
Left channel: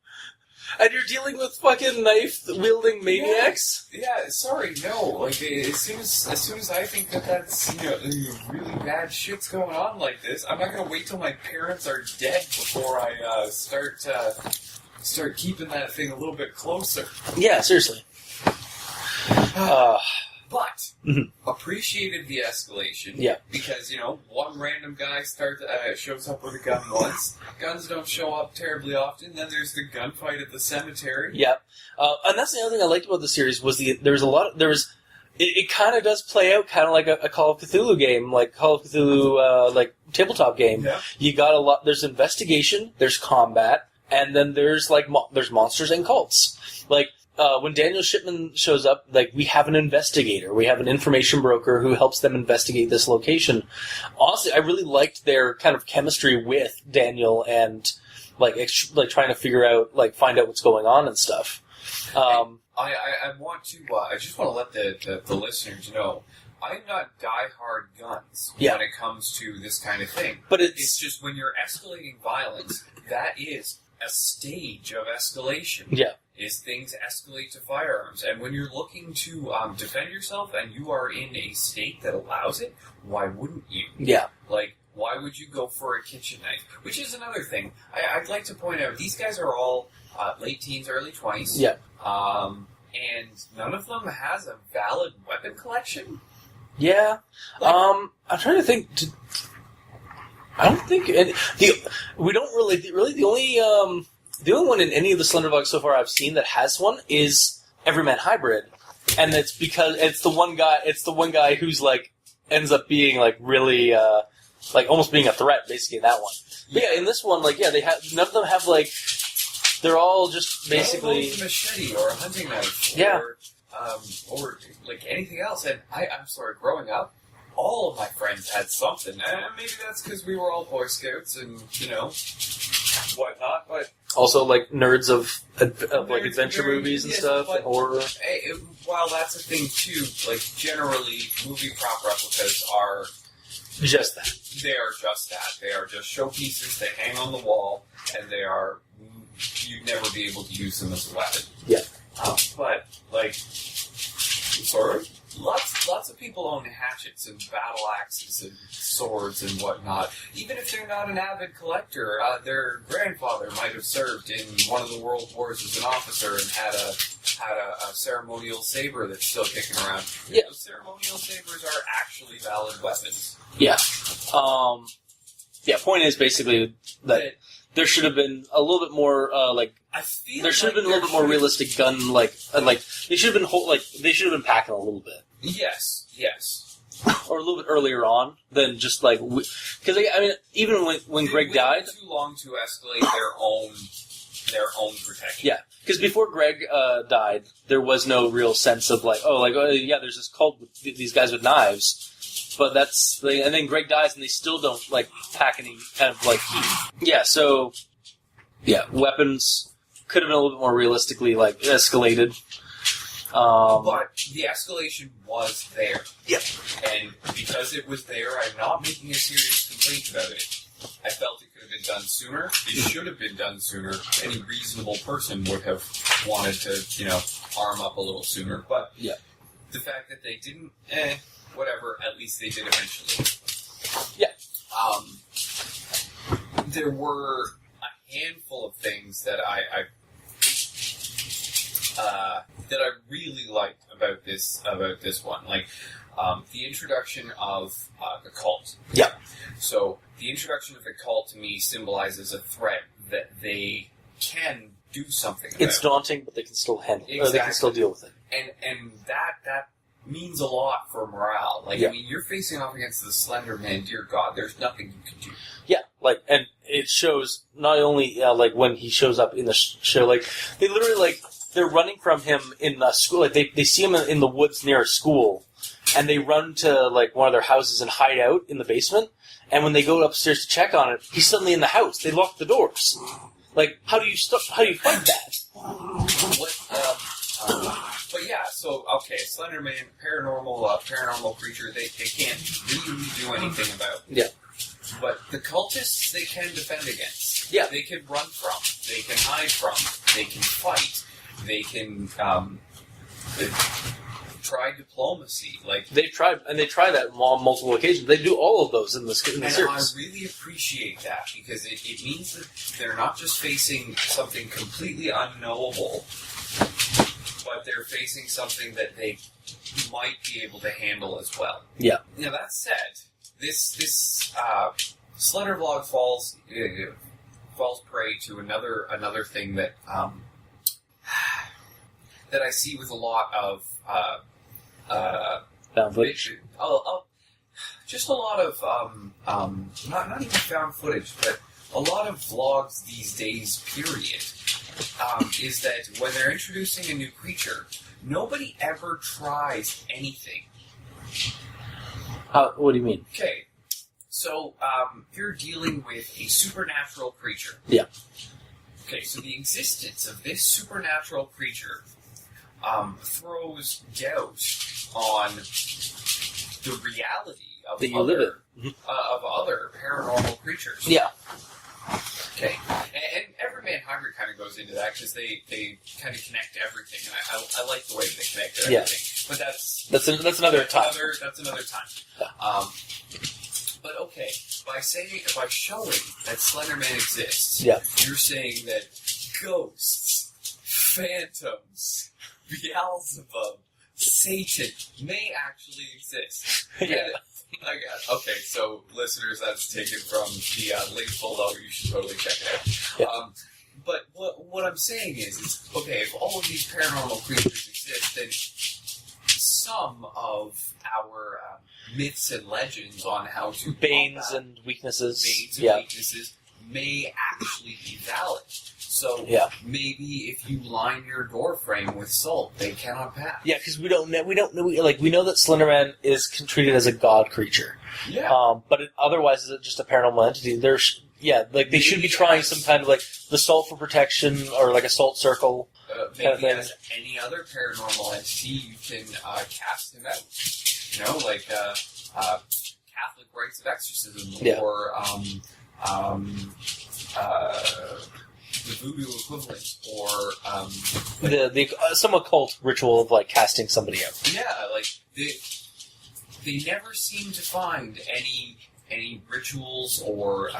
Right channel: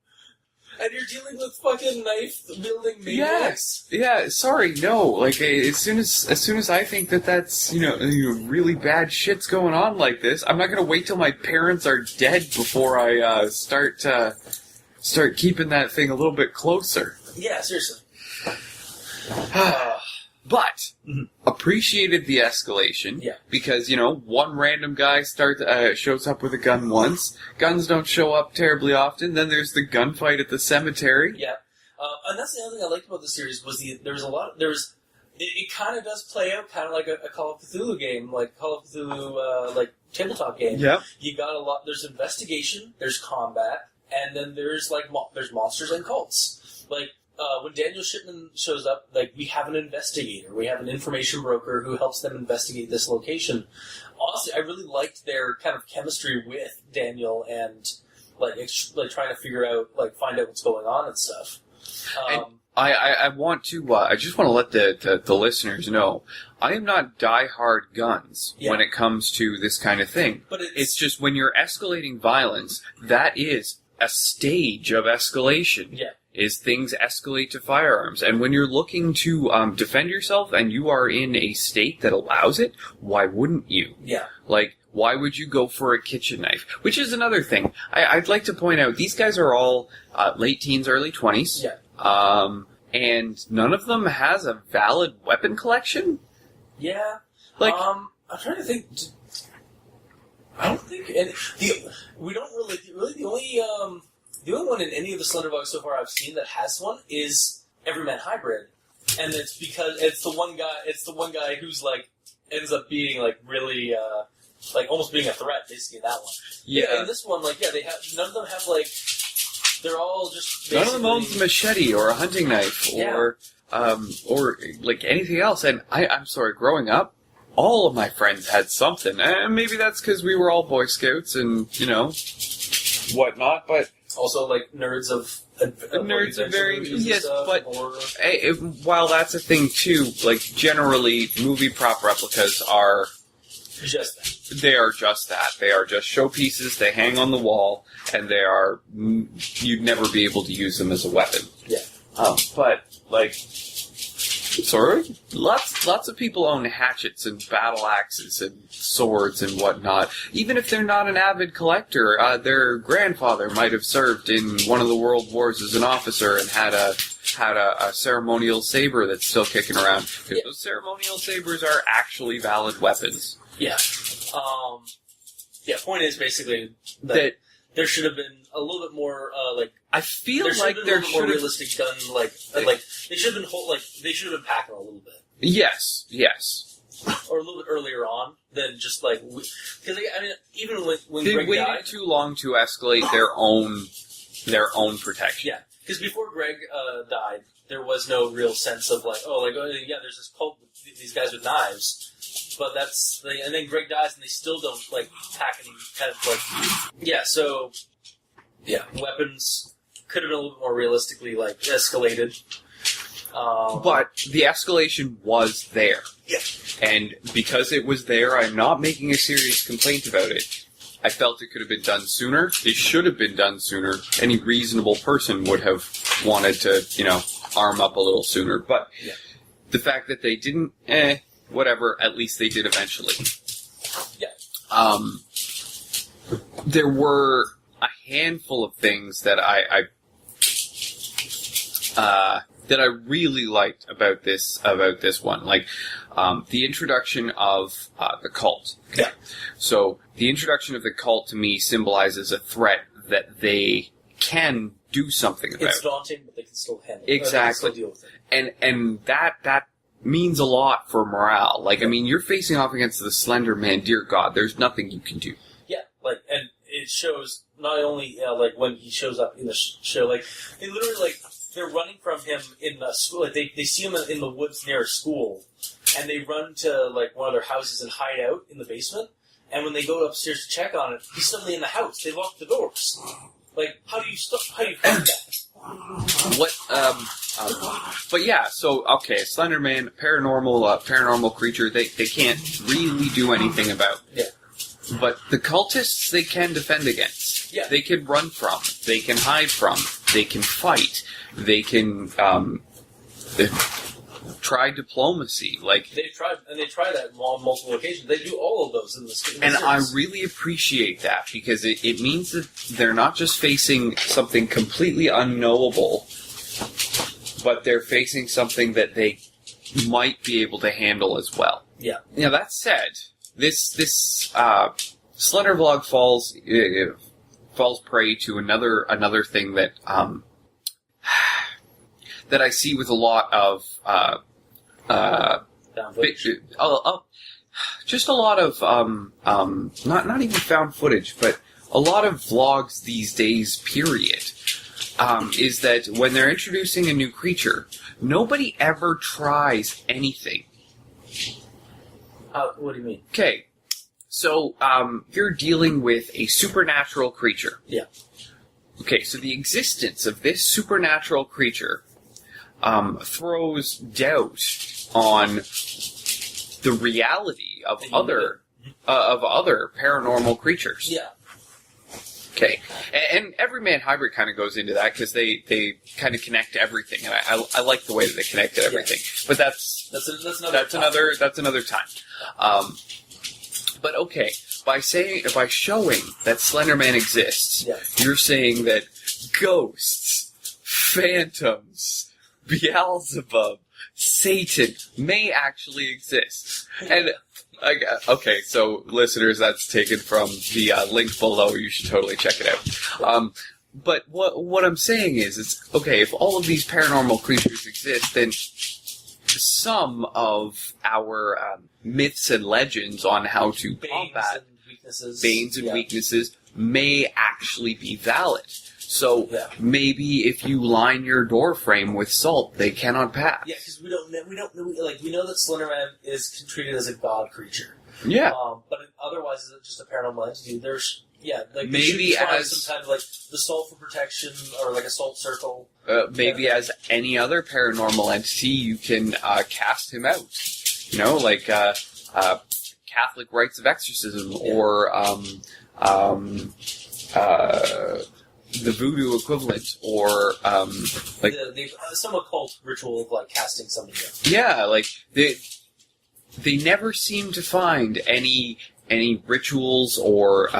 And you're dealing with fucking knife-wielding maniacs? Yeah, sorry, no. As soon as I think that's, really bad shit's going on like this, I'm not gonna wait till my parents are dead before I start keeping that thing a little bit closer. Yeah, seriously. But appreciated the escalation. Yeah. Because, one random guy shows up with a gun once. Guns don't show up terribly often. Then there's the gunfight at the cemetery. Yeah. And that's the other thing I liked about the series was it kind of does play out kind of like a Call of Cthulhu game, Call of Cthulhu, tabletop game. Yeah. You got a lot, there's investigation, there's combat, and then there's there's monsters and cults. When Daniel Shipman shows up, we have an investigator, we have an information broker who helps them investigate this location. Honestly, I really liked their kind of chemistry with Daniel and trying to figure out, find out what's going on and stuff. I want to. I just want to let the listeners know. I am not die-hard guns when it comes to this kind of thing. But it's just when you're escalating violence, that is a stage of escalation. Yeah. Is things escalate to firearms. And when you're looking to defend yourself and you are in a state that allows it, why wouldn't you? Yeah. Why would you go for a kitchen knife? Which is another thing. I'd like to point out, these guys are all late teens, early 20s. Yeah. And none of them has a valid weapon collection? Yeah. I'm trying to think... I don't think... we don't really... Really, the only one in any of the Slender vlogs so far I've seen that has one is Everyman Hybrid, and it's because it's the one guy who's ends up being really almost being a threat basically in that one. Yeah, in this one they have none of them have they're all just basically none of them owns a machete or a hunting knife or anything else. And I'm sorry, growing up, all of my friends had something, and maybe that's because we were all Boy Scouts and whatnot, but Also, like, nerds of Nerds adventure are very- movies yes, and stuff, but- horror. While that's a thing too, like generally movie prop replicas are Just that. they are just that. They are just showpieces. They hang on the wall, and they are you'd never be able to use them as a weapon. Yeah. But like, sort of, lots of people own hatchets and battle axes and swords and whatnot. Even if they're not an avid collector, their grandfather might have served in one of the world wars as an officer and had a ceremonial saber that's still kicking around. Yeah. Those ceremonial sabers are actually valid weapons. Yeah. Point is basically that there should have been a little bit more, I feel there should like have been a little bit more realistic gun, like they should have been they should have been packing a little bit. Yes. Or a little bit earlier on than just like because I mean even when They Greg waited died, too long to escalate their own protection. yeah, because before Greg died, there was no real sense of yeah, there's this cult with these guys with knives, but and then Greg dies and they still don't like pack any kind of so weapons could have been a little bit more realistically escalated. But the escalation was there. Yep. And because it was there, I'm not making a serious complaint about it. I felt it could have been done sooner. It should have been done sooner. Any reasonable person would have wanted to, arm up a little sooner. But the fact that they didn't, whatever, at least they did eventually. Yeah. There were a handful of things that I really liked about this one, like the introduction of the cult. Yeah. So the introduction of the cult to me symbolizes a threat that they can do something about. It's daunting, but they can still handle it. Exactly. They can still deal with it. And that means a lot for morale. Like, I mean, you're facing off against the Slender Man. Dear God, there's nothing you can do. Yeah, and it shows not only when he shows up in the show, they literally they're running from him in the school. Like they see him in the woods near a school, and they run to one of their houses and hide out in the basement. And when they go upstairs to check on it, he's suddenly in the house. They lock the doors. How do you fight that? But yeah, so okay, Slender Man, paranormal creature. They can't really do anything about. Yeah. But the cultists they can defend against. Yeah. They can run from. They can hide from. They can fight. They can try diplomacy. They try that on multiple occasions. They do all of those in the series. And I really appreciate that because it means that they're not just facing something completely unknowable, but they're facing something that they might be able to handle as well. Yeah. Now that said, this Slender Vlog falls prey to another thing that that I see with a lot of Found footage. just a lot of not even found footage, but a lot of vlogs these days. Period. Is that when they're introducing a new creature, nobody ever tries anything. What do you mean? Okay, so you're dealing with a supernatural creature. Yeah. Okay, so the existence of this supernatural creature throws doubt on the reality of other paranormal creatures. Yeah. Okay, and Everyman Hybrid kind of goes into that because they kind of connect to everything, and I like the way that they connect to everything. Yeah. But that's another time. But okay, by showing that Slenderman exists, you're saying that ghosts, phantoms, Beelzebub, Satan may actually exist. And okay, so listeners, that's taken from the link below. You should totally check it out. Yeah. But what I'm saying is, it's okay if all of these paranormal creatures exist, then some of our myths and legends on how to Banes and weaknesses may actually be valid. So maybe if you line your door frame with salt, they cannot pass. Yeah, because we don't know. We know that Slenderman is treated as a god creature. Yeah. But otherwise, is it just a paranormal entity? Yeah, like they should be Maybe trying as- some kind of like the salt for protection or like a salt circle. Maybe Okay. as any other paranormal entity, you can cast him out. You know, like Catholic rites of exorcism, Yeah. or the voodoo equivalent, or like The some occult ritual of like casting somebody out. yeah, like they never seem to find any rituals or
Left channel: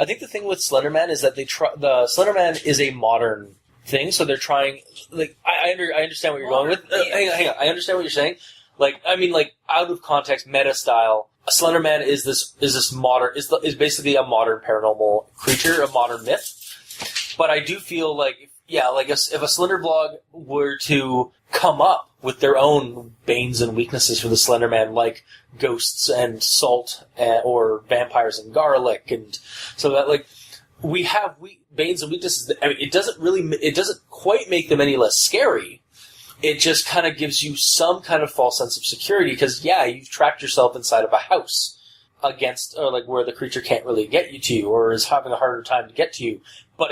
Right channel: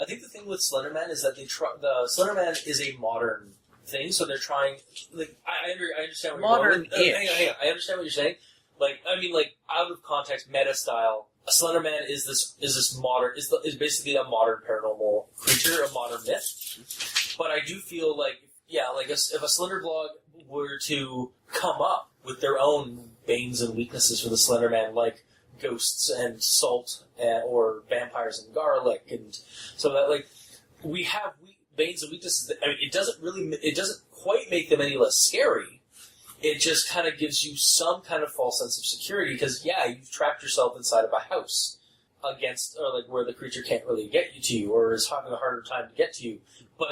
I think the thing with Slenderman is that the Slenderman is a modern thing, so they're trying. Like I understand what you're going with. Hang on, I understand what you're saying. Like I mean, like out of context, meta style. A Slenderman is this modern is basically a modern paranormal creature, a modern myth. But I do feel like like if a Slendervlog were to come up with their own banes and weaknesses for the Slenderman, like ghosts and salt or vampires and garlic, and so that like we banes and weaknesses. I mean, it doesn't quite make them any less scary. It just kind of gives you some kind of false sense of security because you've trapped yourself inside of a house against or like where the creature can't really get you to you or is having a harder time to get to you, but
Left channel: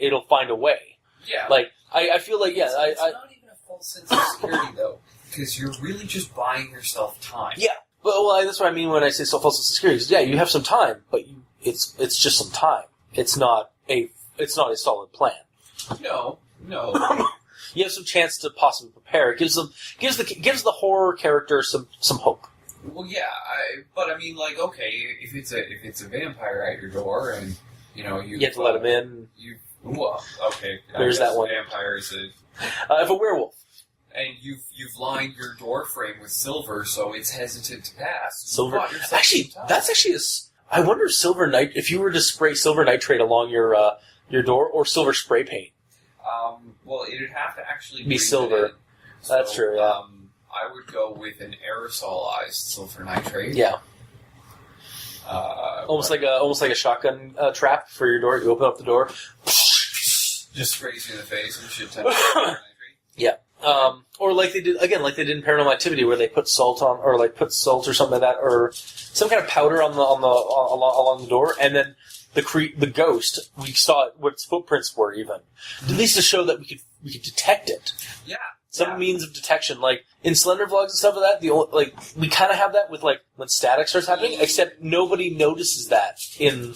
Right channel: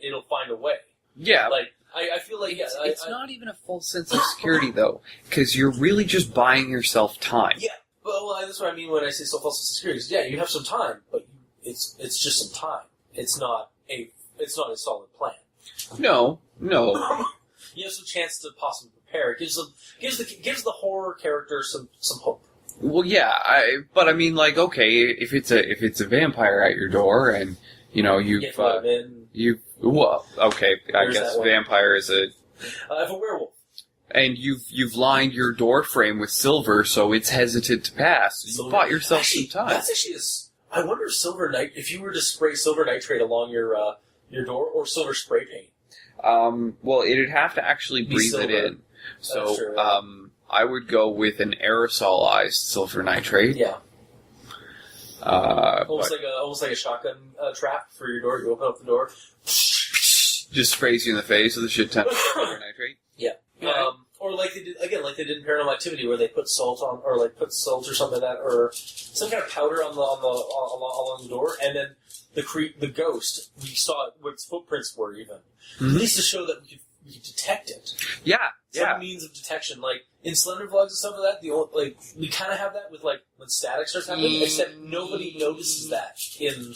it'll find a way. yeah. Like I feel like It's not even a false sense of security though, because you're really just buying yourself time. Yeah, well, that's what I mean when I say false sense of security. 'Cause, you have some time, but it's just some time. It's not a solid plan. No. You have some chance to possibly prepare. It gives the horror character some hope. Well, yeah, but I mean, like, okay, if it's a vampire at your door, and you Get to let him in. Okay, I There's guess that one. vampire is a, If a werewolf, and you've lined your door frame with silver, so it's hesitant to pass. You bought yourself actually, some time. that's actually I wonder if you were to spray silver nitrate along your door or silver spray paint. Well, it'd have to actually Be breathe silver. it in. So, That's true, yeah. I would go with an aerosolized silver nitrate. Yeah, almost but like a shotgun trap for your door. You open up the door. just sprays you in the face with a shit ton of silver nitrate. Yeah. Or like they did in Paranormal Activity, where they put salt on, or like put salt or something like that, or some kind of powder along the door, and then the ghost, we saw what its footprints were, even at least to show that we could detect it. Yeah, Some means of detection, like in Slender vlogs and stuff like that. We kind of have that with like when static starts happening, except nobody notices that in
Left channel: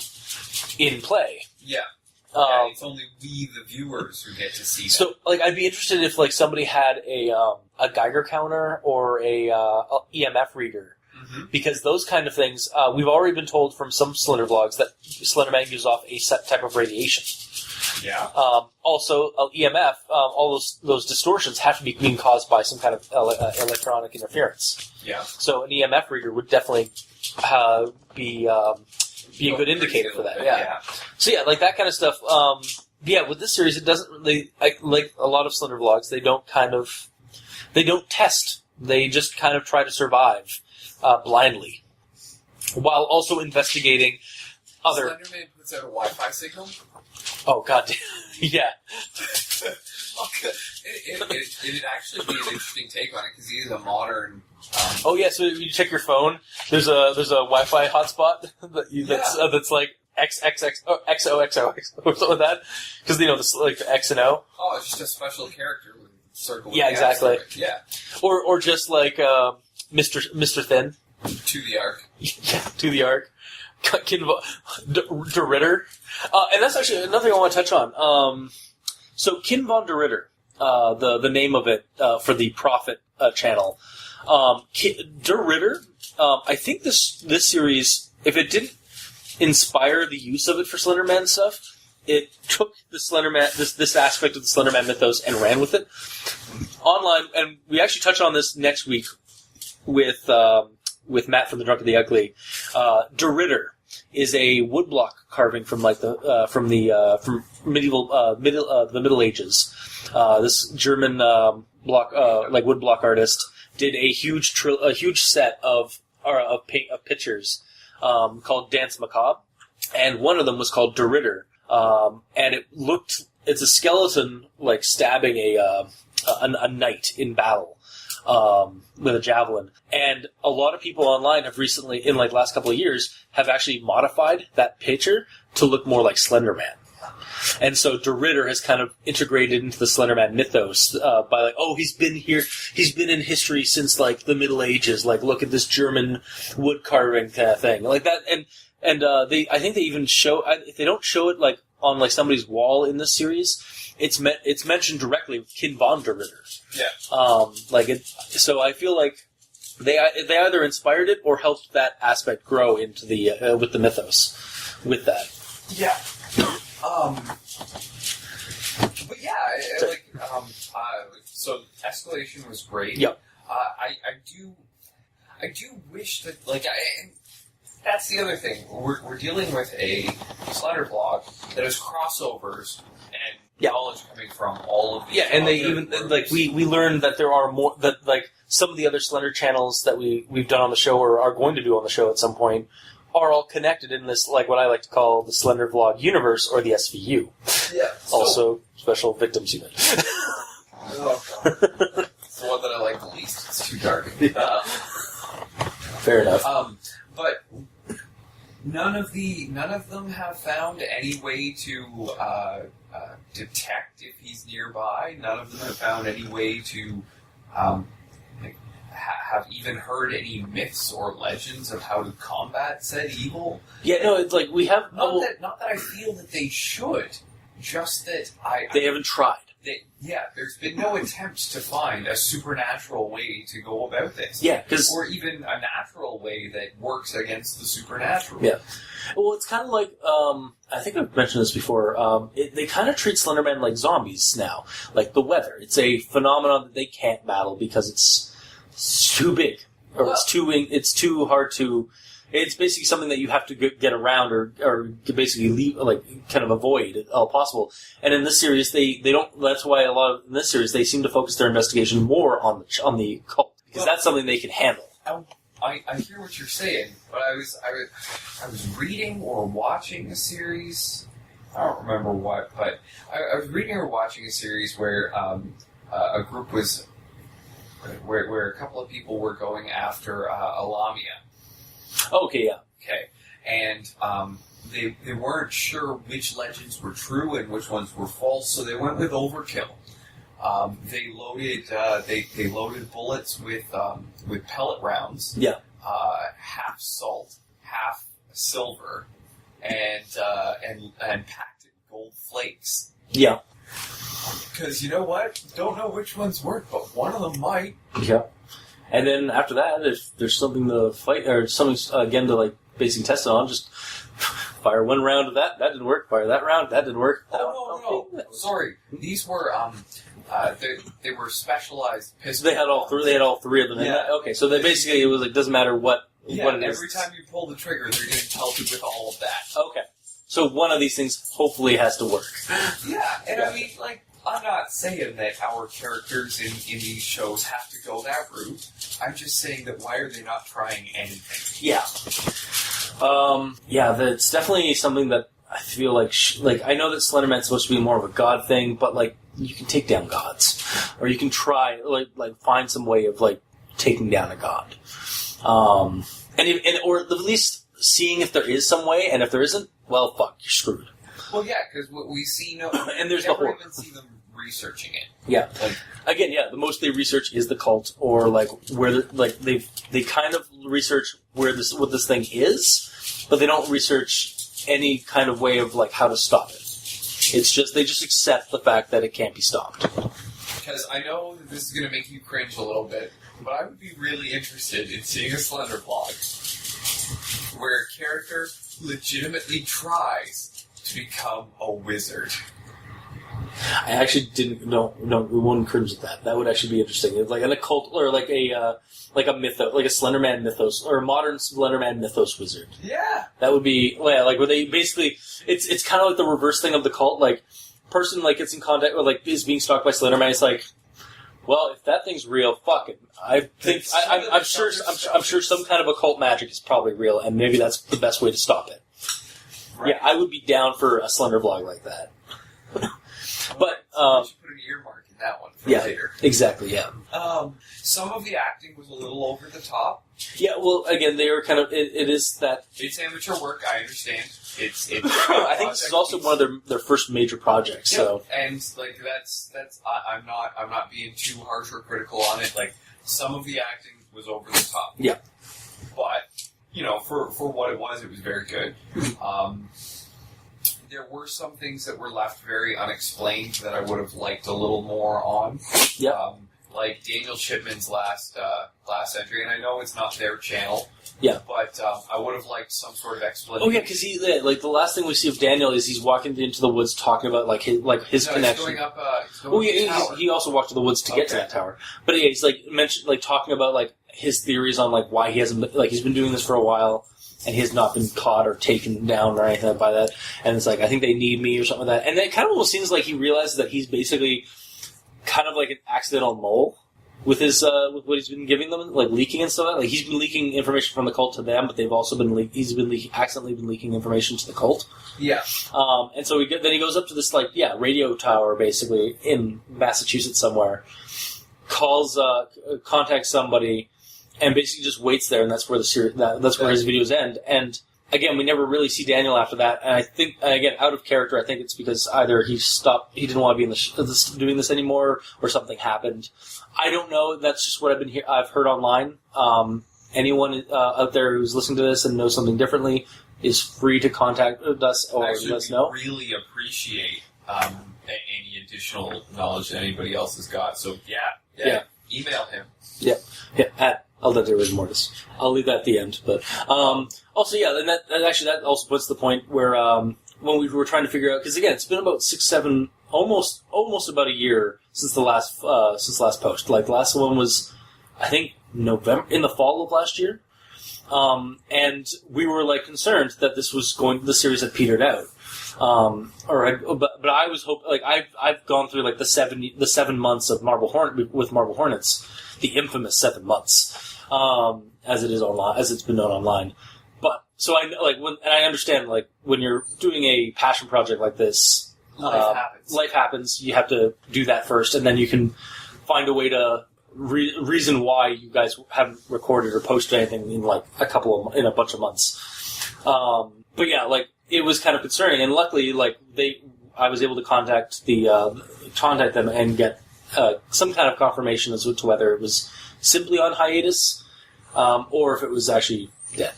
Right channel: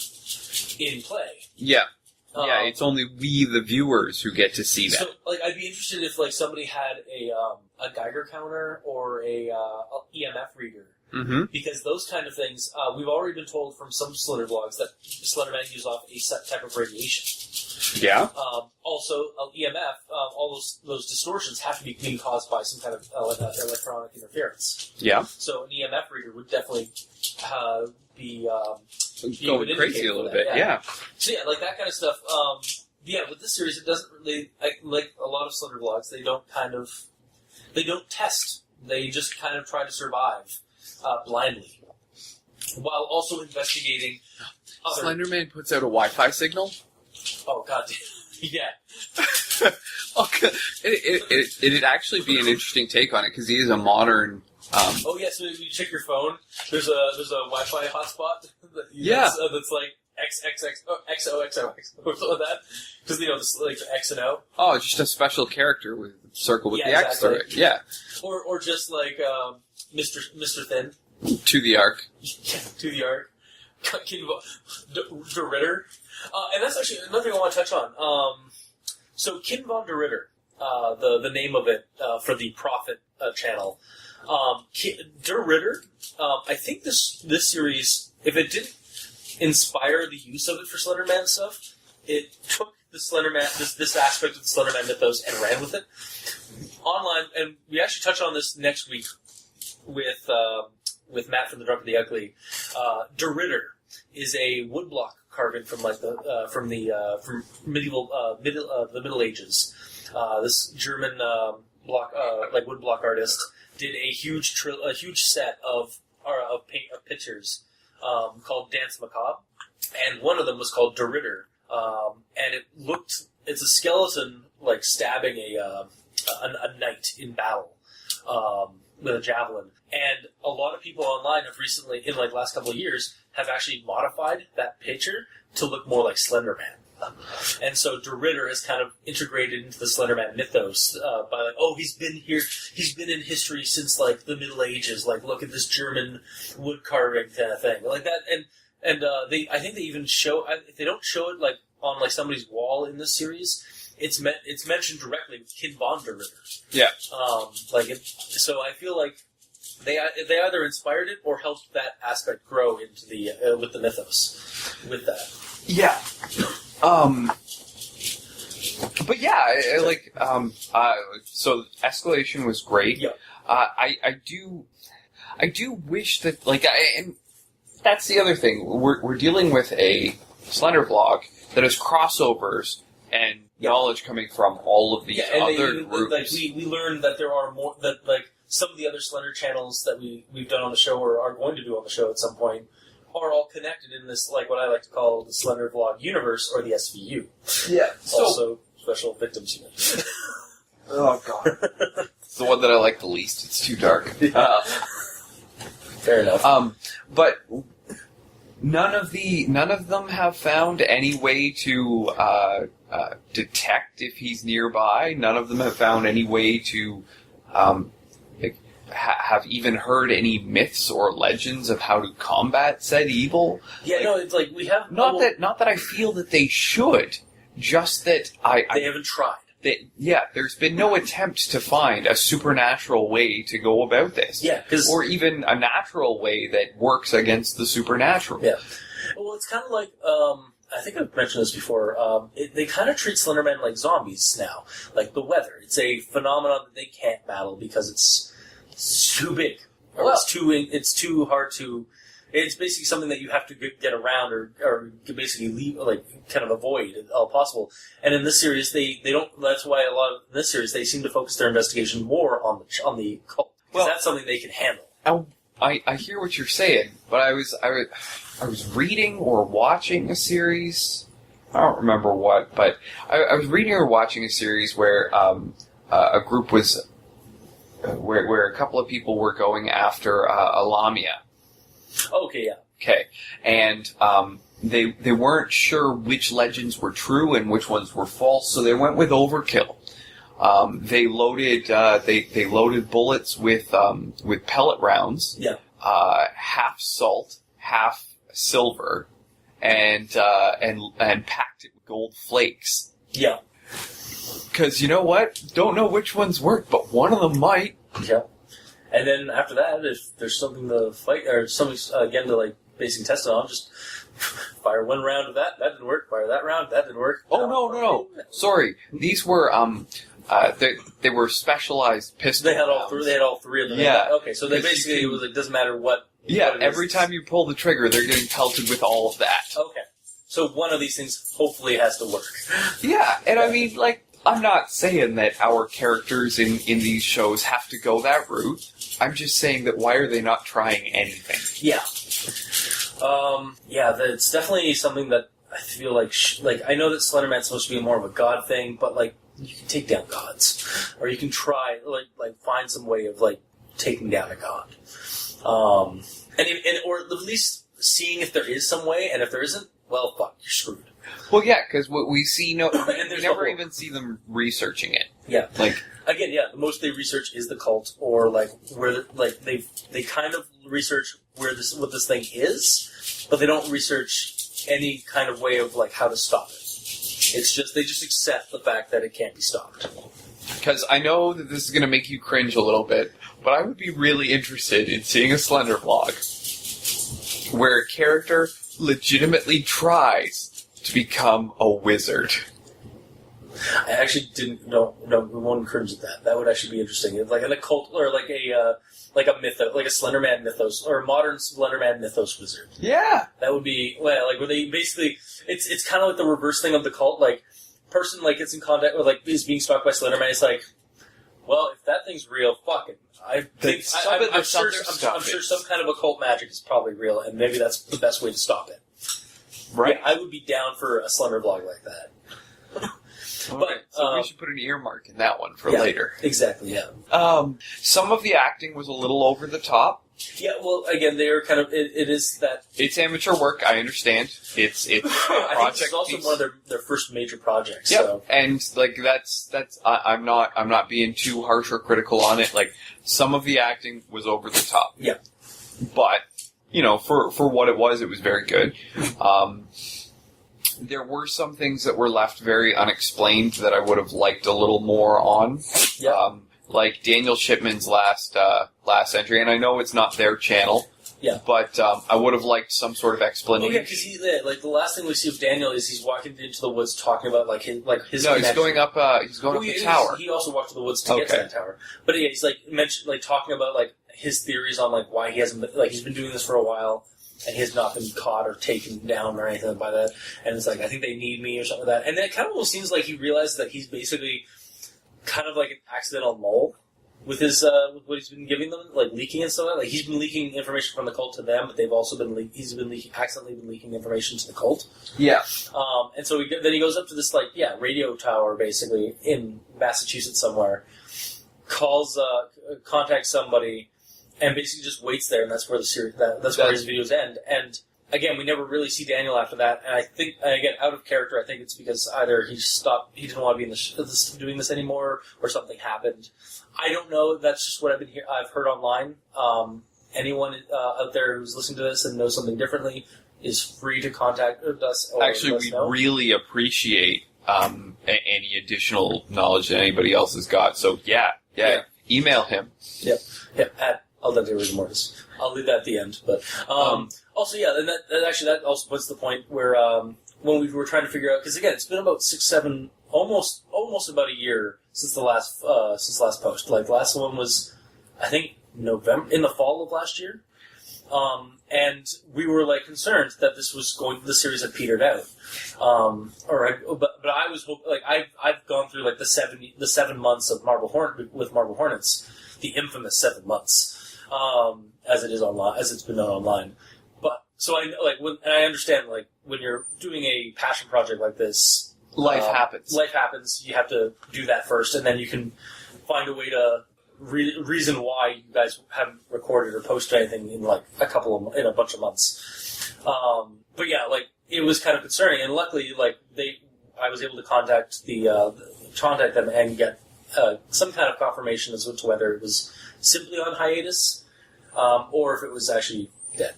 play. yeah. It's only we, the viewers, who get to see that. So, like, I'd be interested if, like, somebody had a Geiger counter or a EMF reader. Mm-hmm. Because those kind of things, we've already been told from some Slender vlogs that Slenderman gives off a set type of radiation. Yeah. Also, EMF, all those distortions have to be being caused by some kind of electronic interference. Yeah. So an EMF reader would definitely be a good indicator for that. Yeah. So like that kind of stuff. With this series, it doesn't really like a lot of Slender vlogs. They don't test. They just kind of try to survive blindly, while also investigating other. Slenderman puts out a Wi-Fi signal. Oh god, yeah. Okay. It'd actually be an interesting take on it because he is a modern. So you check your phone. There's a Wi-Fi hotspot that's like XOXO or something like that, because this like X and O. Oh, it's just a special character with a circle with the X exactly. through it. Yeah. Or just like Mr. Thin. To the Ark. To the Ark. De Ritter. And that's actually another thing I want to touch on. So Kin von de Ritter, the name of it for the Prophet channel. De Ritter, I think this series, if it didn't inspire the use of it for Slenderman stuff, it took the Slenderman, this aspect of the Slenderman mythos and ran with it online. And we actually touch on this next week with Matt from the Drunk and the Ugly. De Ritter is a woodblock carving from like from the Middle Ages. This German woodblock artist did a huge set of pictures called Dance Macabre, and one of them was called De Ritter, and it's a skeleton like stabbing a knight in battle. with a javelin. And a lot of people online have recently, in like last couple of years, have actually modified that picture to look more like Slenderman. And so De Ritter has kind of integrated into the Slenderman mythos by like, oh, he's been here, he's been in history since like the Middle Ages. Like, look at this German wood carving kind of thing, like that. And I think they even show, if they don't show it like on like somebody's wall in this series, it's mentioned directly with Kin von Der Ritter. Yeah. So I feel like they either inspired it or helped that aspect grow into the with the mythos with that. Yeah. But yeah, so Escalation was great. Yep. I do wish that, and that's the other thing. We're dealing with a Slender vlog that has crossovers and knowledge coming from all of these and other they even groups. like we learned that there are more that like some of the other Slender channels that we've done on the show or are going to do on the show at some point are all connected in this, like what I like to call the Slender Vlog universe or the SVU. Yeah. Also, Special Victims Unit. Oh god. It's the one that I like the least. It's too dark. Yeah. Fair enough. But none of them have found any way to detect if he's nearby. None of them have found any way to have even heard any myths or legends of how to combat said evil. Yeah, no, it's like we have Not that I feel that they should, just that they haven't tried. There's been no attempt to find a supernatural way to go about this. Yeah, or even a natural way that works against the supernatural. Yeah. Well, it's kind of like, I think I've mentioned this before, they kind of treat Slendermen like zombies now. Like the weather. It's a phenomenon that they can't battle because it's too big. Or it's too hard to... It's basically something that you have to get around or basically leave, like, kind of avoid at all possible. And in this series, they don't... That's why in this series, they seem to focus their investigation more on the cult. Because that's something they can handle. I hear what you're saying, but I was reading or watching a series. I don't remember what, but I was reading or watching a series where a group was where a couple of people were going after a Lamia. Okay, yeah. Okay, and they weren't sure which legends were true and which ones were false, so they went with overkill. They loaded bullets with pellet rounds. Yeah. Half salt, half silver, and packed it with gold flakes. Yeah. Because you know what? Don't know which ones work, but one of them might. Yeah. And then after that, if there's something to fight or something again to like basically test it on, just fire one round of that. That didn't work. Fire that round. That didn't work. Oh no! Sorry, these were they were specialized pistols. They had all three. They had all three of them. Yeah. Okay. So they basically, it was like doesn't matter what. Yeah. What Every time you pull the trigger, they're getting pelted with all of that. Okay. So one of these things hopefully has to work. Yeah, and I mean, like, I'm not saying that our characters in these shows have to go that route. I'm just saying that why are they not trying anything? Yeah. That's definitely something that I feel like, I know that Slenderman's supposed to be more of a god thing, but, like, you can take down gods. Or you can try, like find some way of, like, taking down a god. Or at least seeing if there is some way, and if there isn't, well, fuck, you're screwed. Well, yeah, because what we see, and there's never even see them researching it. Yeah, like again, yeah, the most they research is the cult, or like where, like they kind of research what this thing is, but they don't research any kind of way of like how to stop it. It's just they just accept the fact that it can't be stopped. Because I know that this is going to make you cringe a little bit, but I would be really interested in seeing a Slender vlog where a character legitimately tries to become a wizard. I actually didn't. No, we wouldn't cringe at that. That would actually be interesting. It's like an occult, or like a mythos, like a Slenderman mythos, or a modern Slenderman mythos wizard. Yeah, that would be like where they basically it's kind of like the reverse thing of the cult. Like person like gets in contact with like is being stalked by Slenderman. It's like, well, if that thing's real, fuck it. I'm sure some kind of occult magic is probably real, and maybe that's the best way to stop it. Right. Yeah, I would be down for a Slender vlog like that. But we should put an earmark in that one for yeah, later. Exactly, yeah. Some of the acting was a little over the top. Yeah, well, again, they are kind of. It is that. It's amateur work. I understand. It's. I think this is also one of their first major projects. Yeah, so. and like that's. I'm not being too harsh or critical on it. Like some of the acting was over the top. Yeah. But for what it was very good. There were some things that were left very unexplained that I would have liked a little more on. Yeah. Like Daniel Shipman's last entry, and I know it's not their channel. Yeah. But I would have liked some sort of explanation. Oh yeah, because the last thing we see of Daniel is he's walking into the woods talking about his No, connection. he's going up. He's going up the tower. He also walked to the woods to get to that tower. But yeah, he's talking about his theories on why he hasn't he's been doing this for a while. And he has not been caught or taken down or anything by that. And it's I think they need me or something like that. And it kind of almost seems like he realizes that he's basically kind of like an accidental mole with his with what he's been giving them, leaking and stuff. He's been leaking information from the cult to them, but they've also been accidentally been leaking information to the cult. Yeah. And so then he goes up to this radio tower basically in Massachusetts somewhere, contacts somebody. And basically just waits there, and that's where where his videos end. And again, we never really see Daniel after that. And I think, again, out of character, I think it's because either he didn't want to be in doing this anymore, or something happened. I don't know. That's just what I've heard online. Anyone out there who's listening to this and knows something differently is free to contact us. Or Actually, let us we know. really appreciate any additional knowledge that anybody else has got. So yeah. Email him. Yeah. At I'll let rigor mortis. I'll leave that at the end. But also, yeah, and that also puts the point where when we were trying to figure out, because again, it's been about 6, 7, almost about a year since the last post. The last one was, I think, November, in the fall of last year, and we were concerned that the series had petered out. But I was hoping, I've gone through the 7 months of Marble Hornets, the infamous 7 months, as it is online, as it's been known online. But so I and I understand when you're doing a passion project like this, life happens. Life happens. You have to do that first, and then you can find a way to reason why you guys haven't recorded or posted anything in in a bunch of months. But yeah, it was kind of concerning, and luckily, I was able to contact them and get some kind of confirmation as to whether it was simply on hiatus, or if it was actually dead.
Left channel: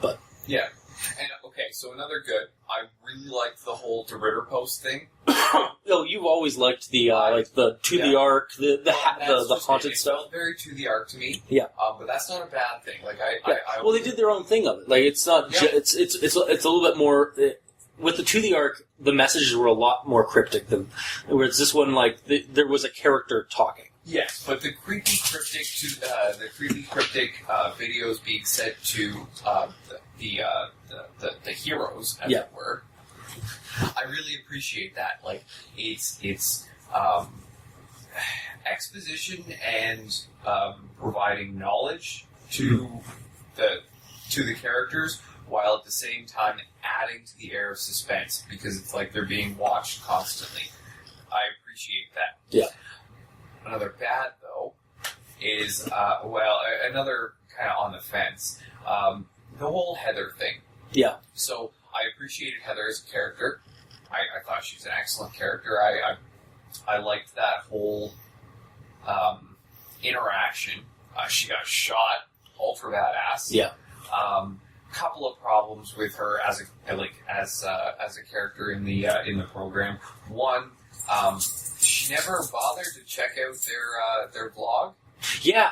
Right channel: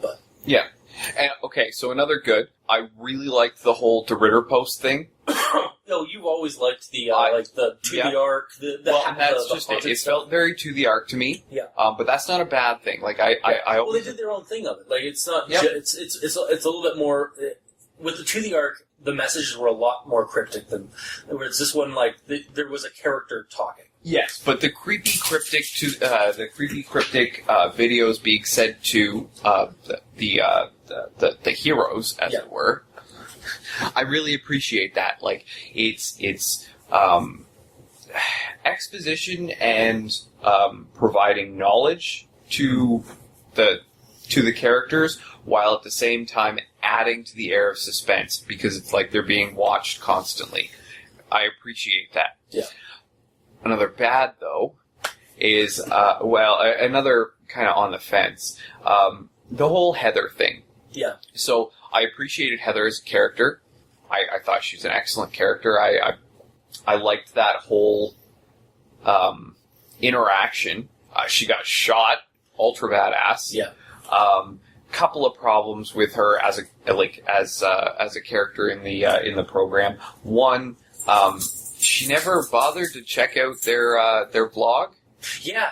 But yeah, and okay, so another good. I really liked the whole to Ritter post thing. You've always liked the the arc, the haunted it stuff. felt very to the arc to me. Yeah, but that's not a bad thing. Well, they did their own thing of it. It's not. Yeah. It's a little bit more. With the to the arc, the messages were a lot more cryptic than. Whereas this one, there was a character talking. Yes, but the creepy cryptic videos being sent to the heroes, as it were. I really appreciate that. It's exposition and providing knowledge to the characters, while at the same time adding to the air of suspense, because it's they're being watched constantly. I appreciate that. Yeah. Another bad, though, is, another kind of on the fence, the whole Heather thing. Yeah. So, I appreciated Heather as a character. I thought she was an excellent character. I liked that whole interaction. She got shot, ultra badass. Yeah. Couple of problems with her as a character in the program. One, she never bothered to check out their blog. Yeah,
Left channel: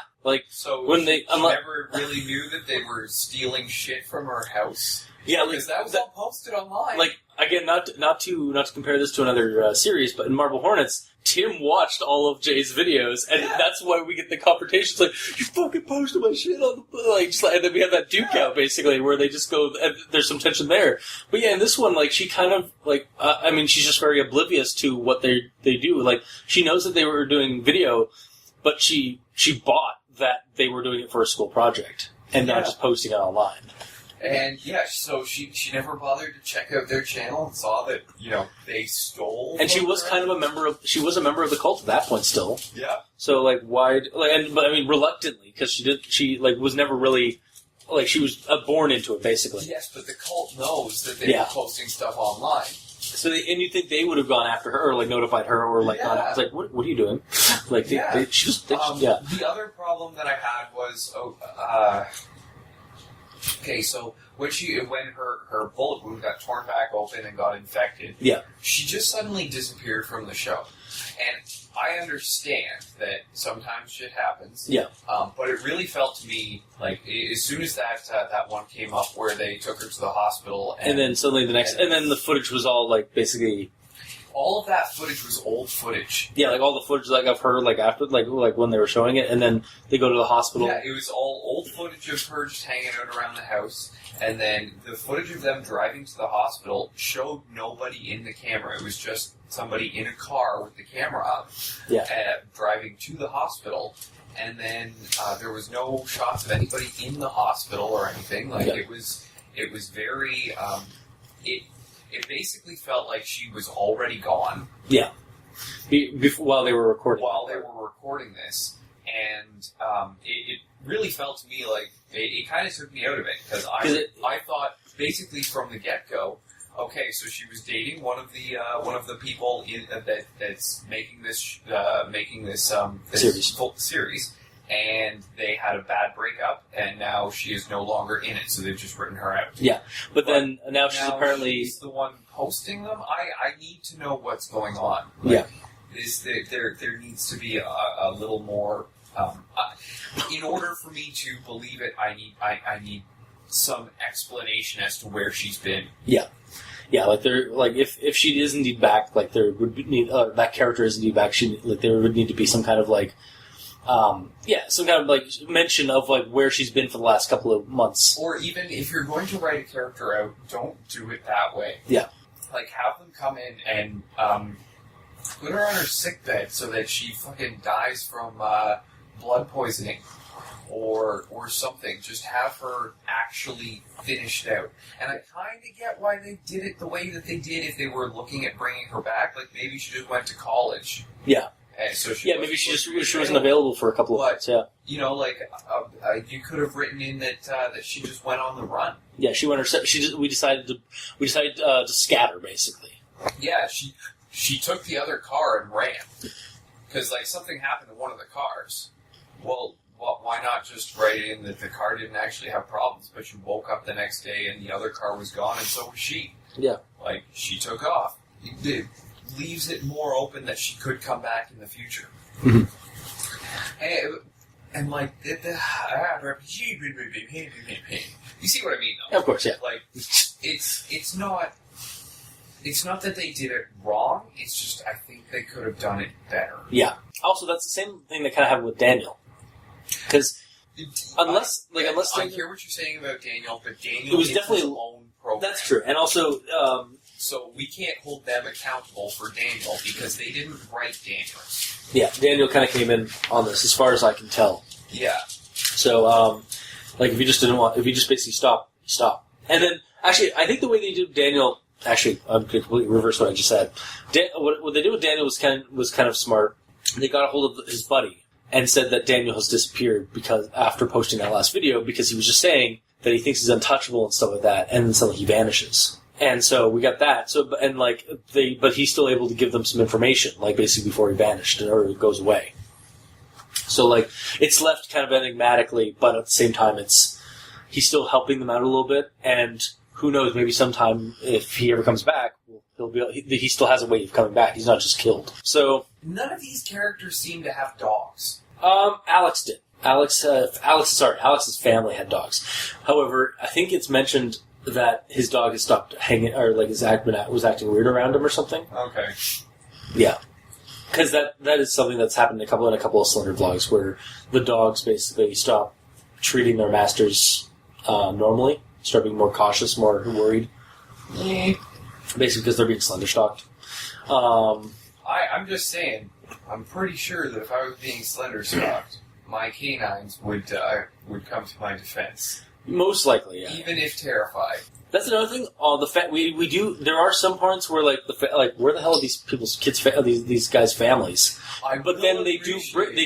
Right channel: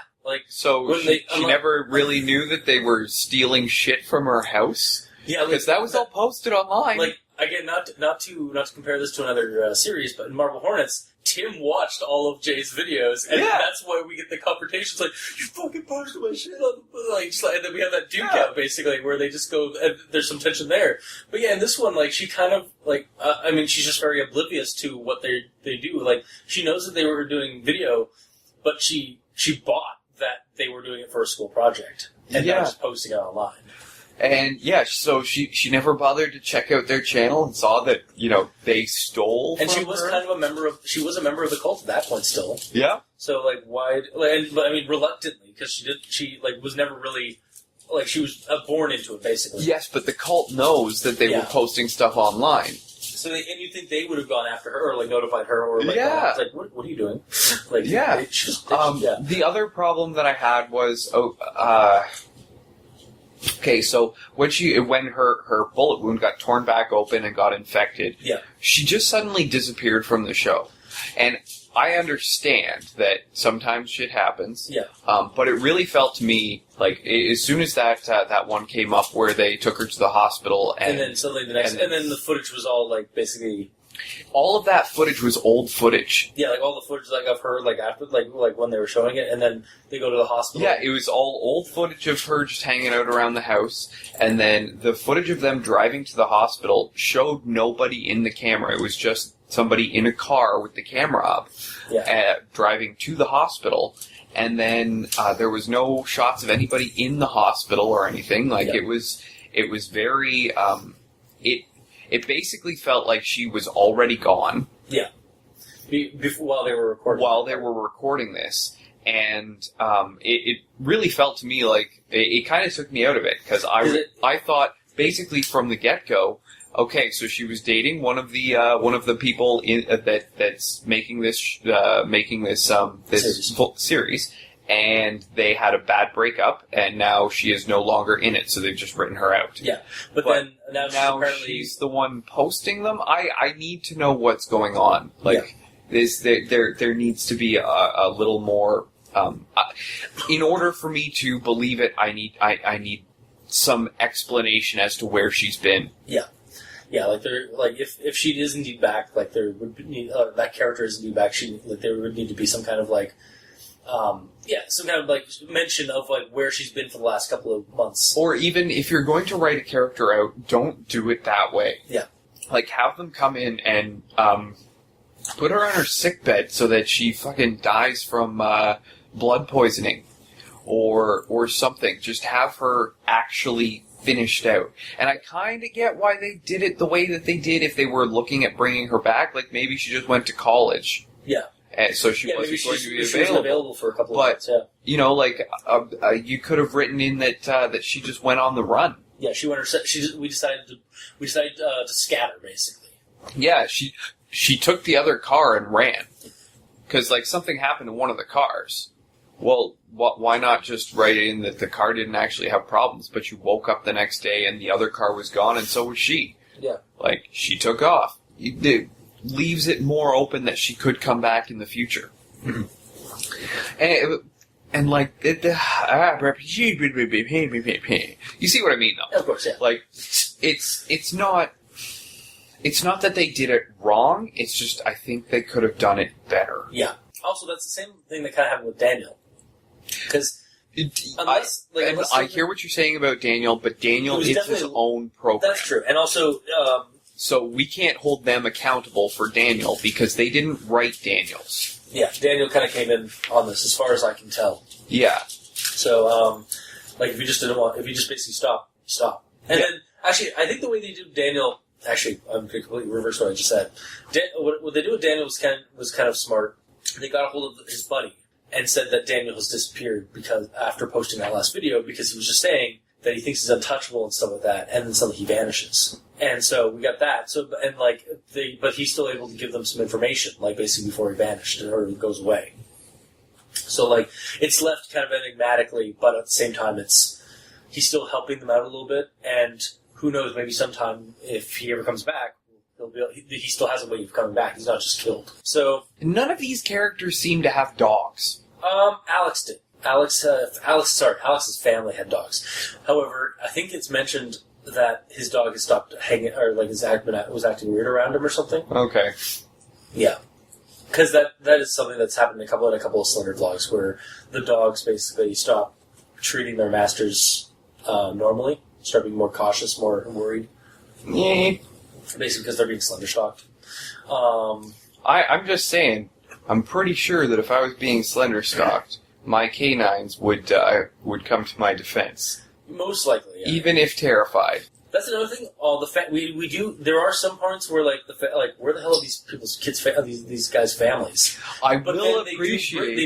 so she never really knew that they were stealing shit from her house. Yeah, because that was all posted online. Again, not to compare this to another series, but in Marble Hornets, Tim watched all of Jay's videos, and that's why we get the confrontations. You fucking posted my shit on the and then we have that duke out basically where they just go. There's some tension there, but yeah, in this one, she kind of she's just very oblivious to what they do. She knows that they were doing video, but she bought that they were doing it for a school project and not just posting it online. And yeah, so she never bothered to check out their channel and saw that, you know, they stole. And she from was her. kind of a member of the cult at that point still. Yeah. So like why? But I mean reluctantly because she was never really like she was born into it basically. Yes, but the cult knows that they were posting stuff online. So and you think they would have gone after her or like notified her or like it's like what are you doing? Like The other problem that I had was okay, so when her bullet wound got torn back open and got infected, she just suddenly disappeared from the show. And I understand that sometimes shit happens. Yeah. But it really felt to me like as soon as that one came up where they took her to the hospital and then suddenly and then the footage was all like basically all of that footage was old footage. Yeah, like all the footage like of her like after like when they were showing it and then they go to the hospital. Yeah, it was all old footage of her just hanging out around the house and then the footage of them driving to the hospital showed nobody in the camera. It was just somebody in a car with the camera up, driving to the hospital, and then there was no shots of anybody in the hospital or anything. Like it was very. It basically felt like she was already gone. Yeah. While they were recording. While they were recording this, and it really felt to me like it kind of took me out of it because I thought basically from the get-go. Okay, so she was dating one of the people that's making this series, and they had a bad breakup, and now she is no longer in it. So they've just written her out. Yeah, but then now she's the one posting them. I need to know what's going on. Like there needs to be a little more. In order for me to believe it, I need some explanation as to where she's been. Yeah. Yeah, like if she is indeed back, like there would be that character is indeed back. There would need to be some kind of like, some kind of like mention of like where she's been for the last couple of months. Or even if you're going to write a character out, don't do it that way. Yeah, like have them come in and put her on her sickbed so that she fucking dies from blood poisoning, or something. Just have her actually finished out. And I kind of get why they did it the way that they did if they were looking at bringing her back. Like, maybe she just went to college. Yeah. And so she wasn't going to be she wasn't available for a couple of months, yeah. You know, like, you could have written in that that she just went on the run. Yeah, she went. We decided to scatter, basically. Yeah, she took the other car and ran. Because, like, something happened to one of the cars. Well, why not just write in that the car didn't actually have problems, but you woke up the next day and the other car was gone, and so was she. Yeah. Like, she took off. It leaves it more open that she could come back in the future. Mm-hmm. And like, you see what I mean, though? Of course, yeah. Like, it's not that they did it wrong, it's just I think they could have done it better. Yeah. Also, that's the same thing that kind of happened with Daniel. Because I hear what you're saying about Daniel, but Daniel is his own program. That's true, and also, so we can't hold them accountable for Daniel because they didn't write Daniel's. Yeah, Daniel kind of came in on this, as far as I can tell. Yeah. So, like, if you just basically stop. And then, actually, I think the way they did Daniel. Actually, I'm completely reverse what I just said. What they did with Daniel was kind of smart. They got a hold of his buddy and said that Daniel has disappeared because after posting that last video, because he was just saying that he thinks he's untouchable and stuff like that, and then suddenly he vanishes. And so we got that. So but he's still able to give them some information, like basically before he vanished or he goes away. So like it's left kind of enigmatically, but at the same time he's still helping them out a little bit, and who knows, maybe sometime if he ever comes back, he still has a way of coming back. He's not just killed. So none of these characters seem to have dogs. Alex did. Alex's family had dogs. However, I think it's mentioned that his dog has stopped hanging, or like was acting weird around him or something. Okay. Yeah. Because that is something that's happened in a couple of Slender vlogs where the dogs basically stop treating their masters normally, start being more cautious, more worried. Yeah. Basically because they're being slender stalked. I'm just saying, I'm pretty sure that if I was being slender stalked, my canines would come to my defense. Most likely, yeah. even if terrified. That's another thing. We do. There are some parts where where the hell are these people's kids? These guys' families? But then they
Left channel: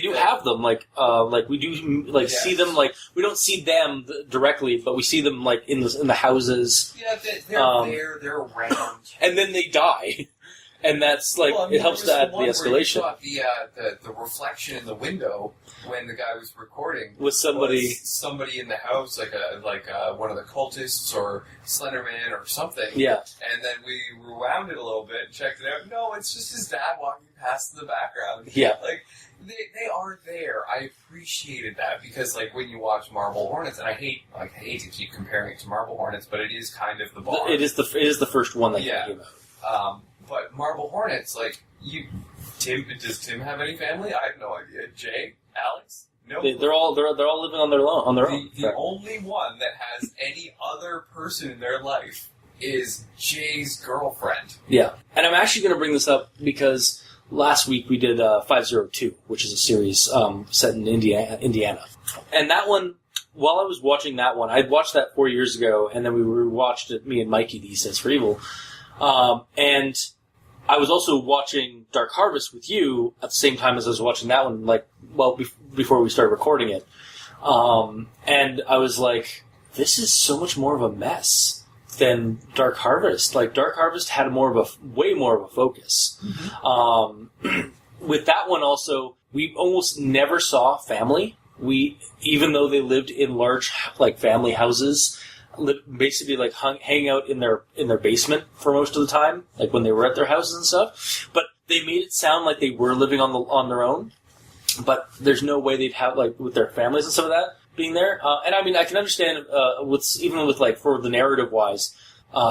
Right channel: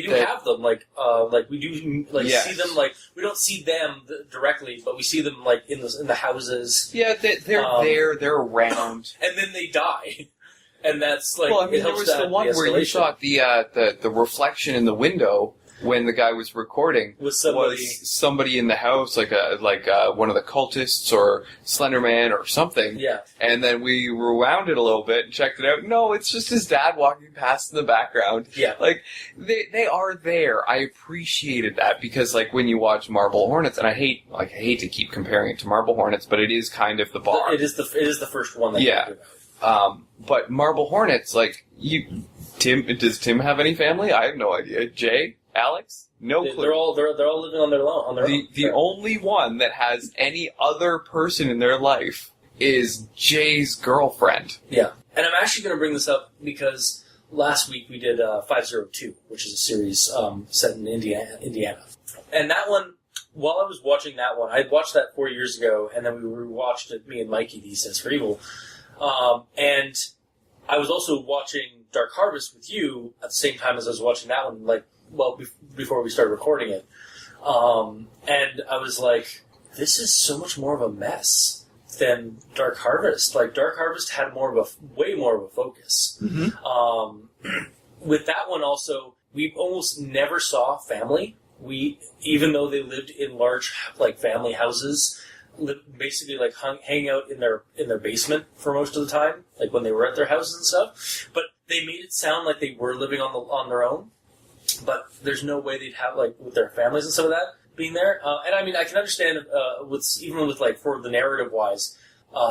do have them. We do see them. We don't see them directly, but we see them in the houses. Yeah, they're there. They're around, and then they die. And that's it helps there was the one where you saw the reflection in the window when the guy was recording was somebody in the house, like one of the cultists or Slenderman or something. Yeah. And then we rewound it a little bit and checked it out. No, it's just his dad walking past in the background. Yeah. They are there. I appreciated that because when you watch Marble Hornets, and I hate to keep comparing it to Marble Hornets, but it is kind of the bar. It is the first one that you talk about. But Marble Hornets, does Tim have any family? I have no idea. Jay? Alex? No clue. They're all living on their own. The only one that has any other person in their life is Jay's girlfriend. Yeah. And I'm actually going to bring this up because last week we did 502, which is a series set in Indiana. And that one, while I was watching that one, I'd watched that 4 years ago, and then we rewatched it, me and Mikey, The Sense for Evil. And I was also watching Dark Harvest with you at the same time as I was watching that one, before we started recording it. And I was like, this is so much more of a mess than Dark Harvest. Dark Harvest had way more of a focus. Mm-hmm. With that one also, we almost never saw family. Even though they lived in large, family houses, basically hang out in their basement for most of the time, when they were at their houses and stuff. But they made it sound like they were living on their own. But there's no way they'd have with their families and stuff like that being there. And I mean, I can understand for the narrative wise,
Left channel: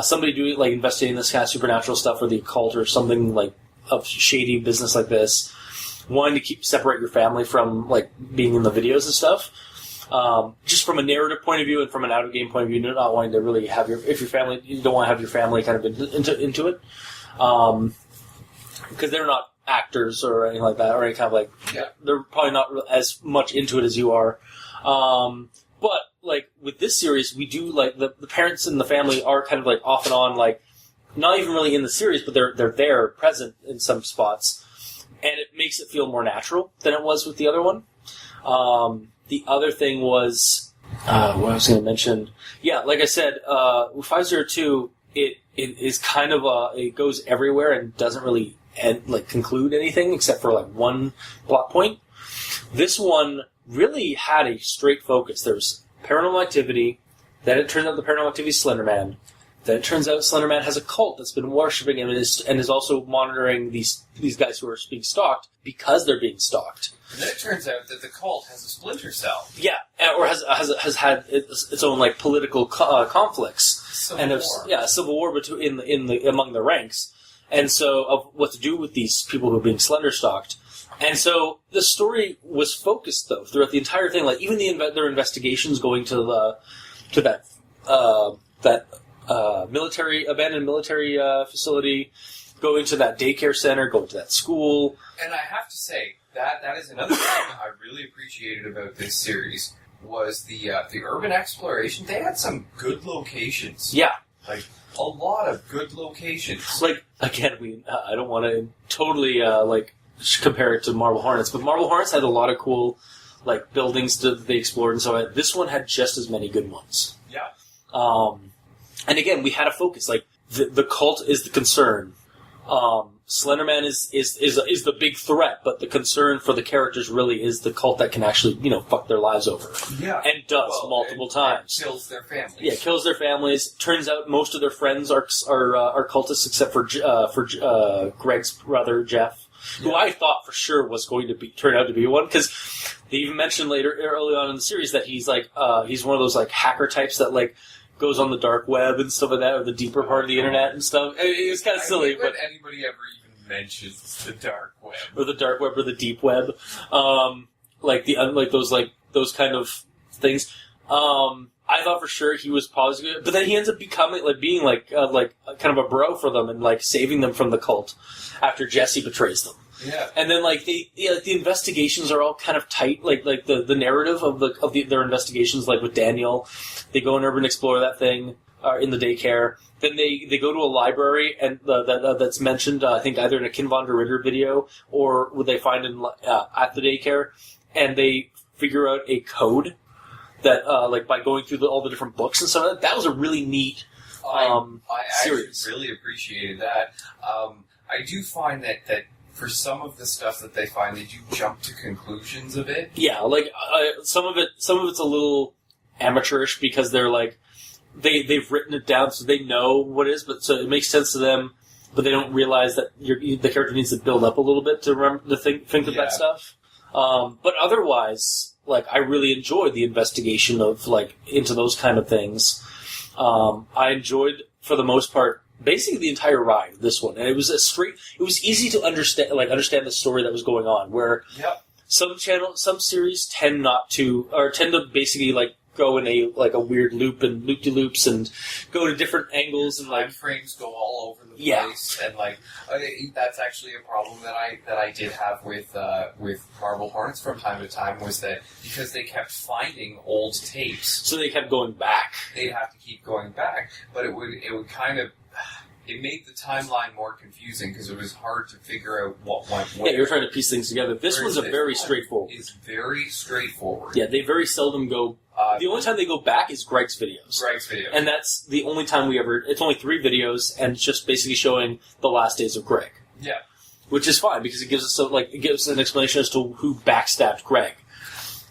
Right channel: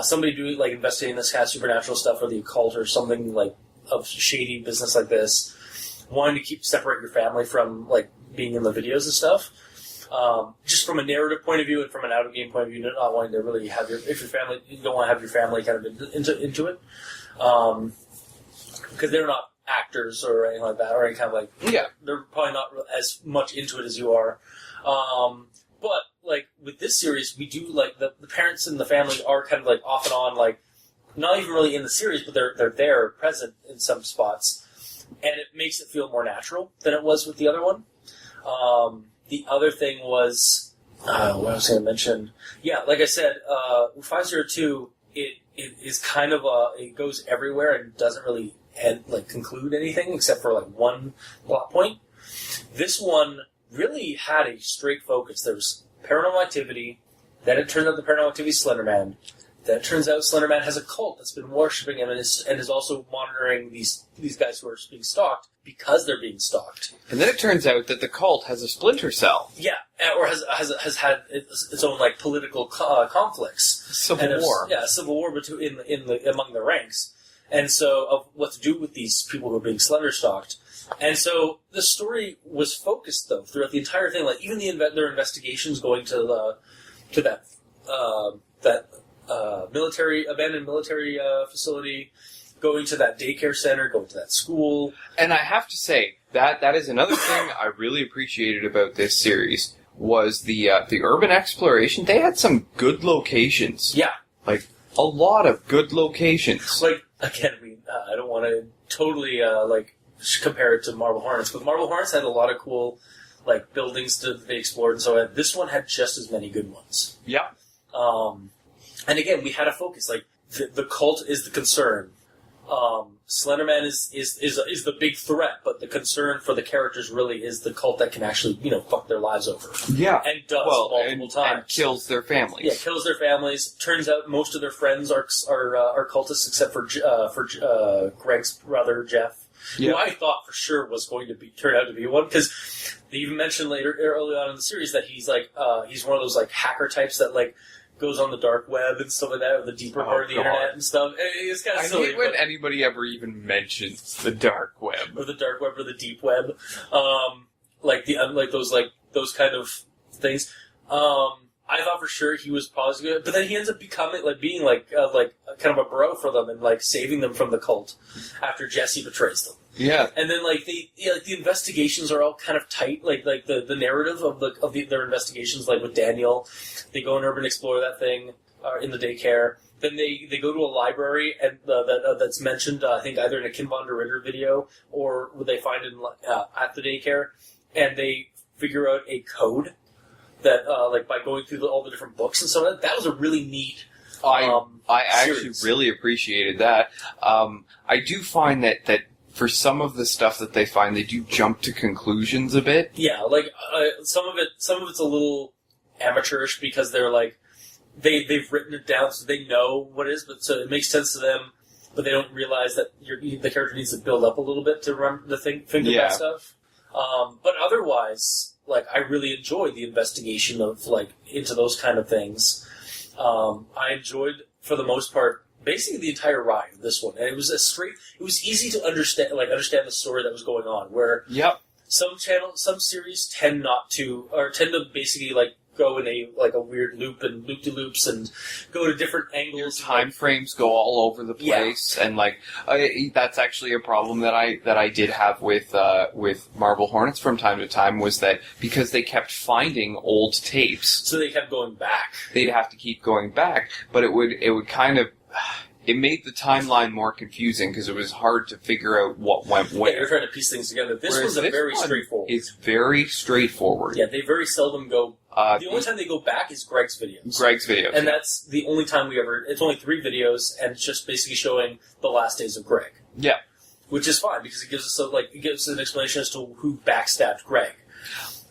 somebody doing investigating this kind of supernatural stuff or the occult or something of shady business like this, wanting to separate your family from being in the videos and stuff. Just from a narrative point of view and from an out of game point of view, not wanting to really have you don't want to have your family kind of into it, because they're not actors or anything like that, or any kind of they're probably not as much into it as you are. But with this series, we do the parents and the family are kind of off and on, not even really in the series, but they're there, present in some spots, and it makes it feel more natural than it was with the other one. The other thing was, what I was going to mention, like I said, with 502, it is kind of it goes everywhere and doesn't really conclude anything except for one plot point. This one really had a straight focus. There's paranormal activity, then it turns out the paranormal activity is Slenderman. Then it turns out Slenderman has a cult that's been worshipping him and is also monitoring these guys who are being stalked because they're being stalked. And then it turns out that the cult has a splinter cell. Yeah, or has had its own political conflicts. Civil war. Civil war among the ranks, and so of what to do with these people who are being slender stalked. And so the story was focused though throughout the entire thing. Even their investigations going to that abandoned military facility, going to that daycare center, going to that school. And I have to say, that is another thing I really appreciated about this series, was the urban exploration. They had some good locations. Yeah. A lot of good locations. Again, I don't want to totally, compare it to Marble Hornets, but Marble Hornets had a lot of cool, buildings that they explored, and so this one had just as many good ones. Yeah. And again, we had a focus. The cult is the concern. Slenderman is the big threat, but the concern for the characters really is the cult that can actually, fuck their lives over. Yeah. And does multiple times. And kills their families. Yeah, kills their families. Turns out most of their friends are cultists, except for Greg's brother, Jeff. Yeah. Who I thought for sure was going to turn out to be one, because they even mentioned early on in the series that he's he's one of those hacker types that goes on the dark web and stuff like that, or the deeper part of the internet and stuff. It's kind of silly. I hate when anybody ever even mentions the dark web, or the dark web, or the deep web, those kind of things. I thought for sure he was positive, but then he ends up being kind of a bro for them and saving them from the cult after Jesse betrays them. Yeah. And then like the investigations are all kind of tight. Like the narrative of their investigations, like with Daniel, they go and urban explore that thing in the daycare. Then they go to a library and that's mentioned. I think either in a Ken von der Ritter video or what they find in at the daycare, and they figure out a code that like by going through all the different books and stuff. That was a really neat. I actually series. really appreciated that. I do find that for some of the stuff that they find, they do jump to conclusions a bit. Yeah, like some of it's a little amateurish because they're like they've written it down so they know what it is, but so it makes sense to them, but they don't realize that the character needs to build up a little bit to remember to think of that stuff. But otherwise, like I really enjoyed the investigation of like into those kind of things. I enjoyed for the most part basically the entire ride of this one, and it was it was easy to understand the story that was going on. Where some series tend to basically like go in a weird loop and loop-de-loops and go to different angles. Time frames go all over the place, and like that's actually a problem that I did have with Marble Hornets from time to time, was that because they kept finding old tapes, so they kept going back. They'd have to keep going back, but it would kind of. It made the timeline more confusing because it was hard to figure out what went where. Yeah, you're trying to piece things together. This was very straightforward. It's very straightforward. Yeah, they very seldom go. The only time they go back is Greg's videos. And that's the only time we ever. It's only 3 videos, and it's just basically showing the last days of Greg. Yeah, which is fine because it gives us an explanation as to who backstabbed Greg,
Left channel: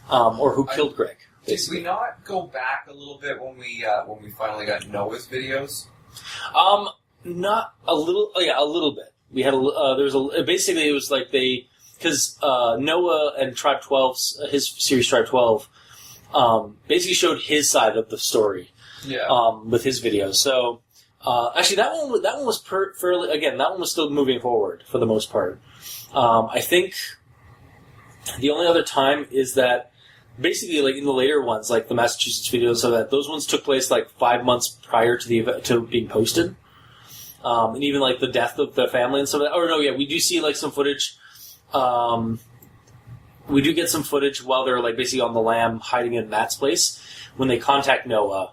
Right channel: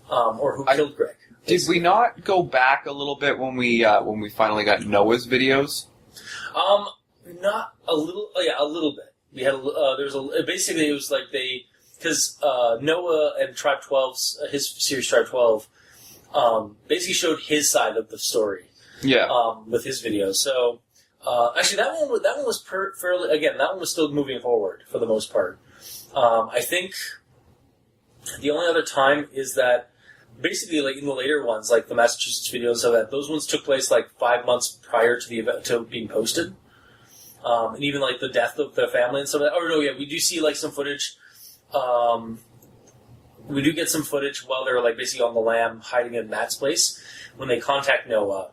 or who killed Greg. Did we not go back a little bit when we finally got Noah's videos? Not a little. Yeah, a little bit. We had basically it was like because Noah and Tribe 12's his series Tribe 12 basically showed his side of the story. Yeah. With his videos. So actually that one was fairly, again, that one was still moving forward for the most part. I think the only other time is that basically like in the later ones, like the Massachusetts videos, so that those ones took place like 5 months prior to the event to being posted. And even like the death of the family and stuff. We do see like some footage. We do get some footage while they're like basically on the lam hiding in Matt's place when they contact Noah,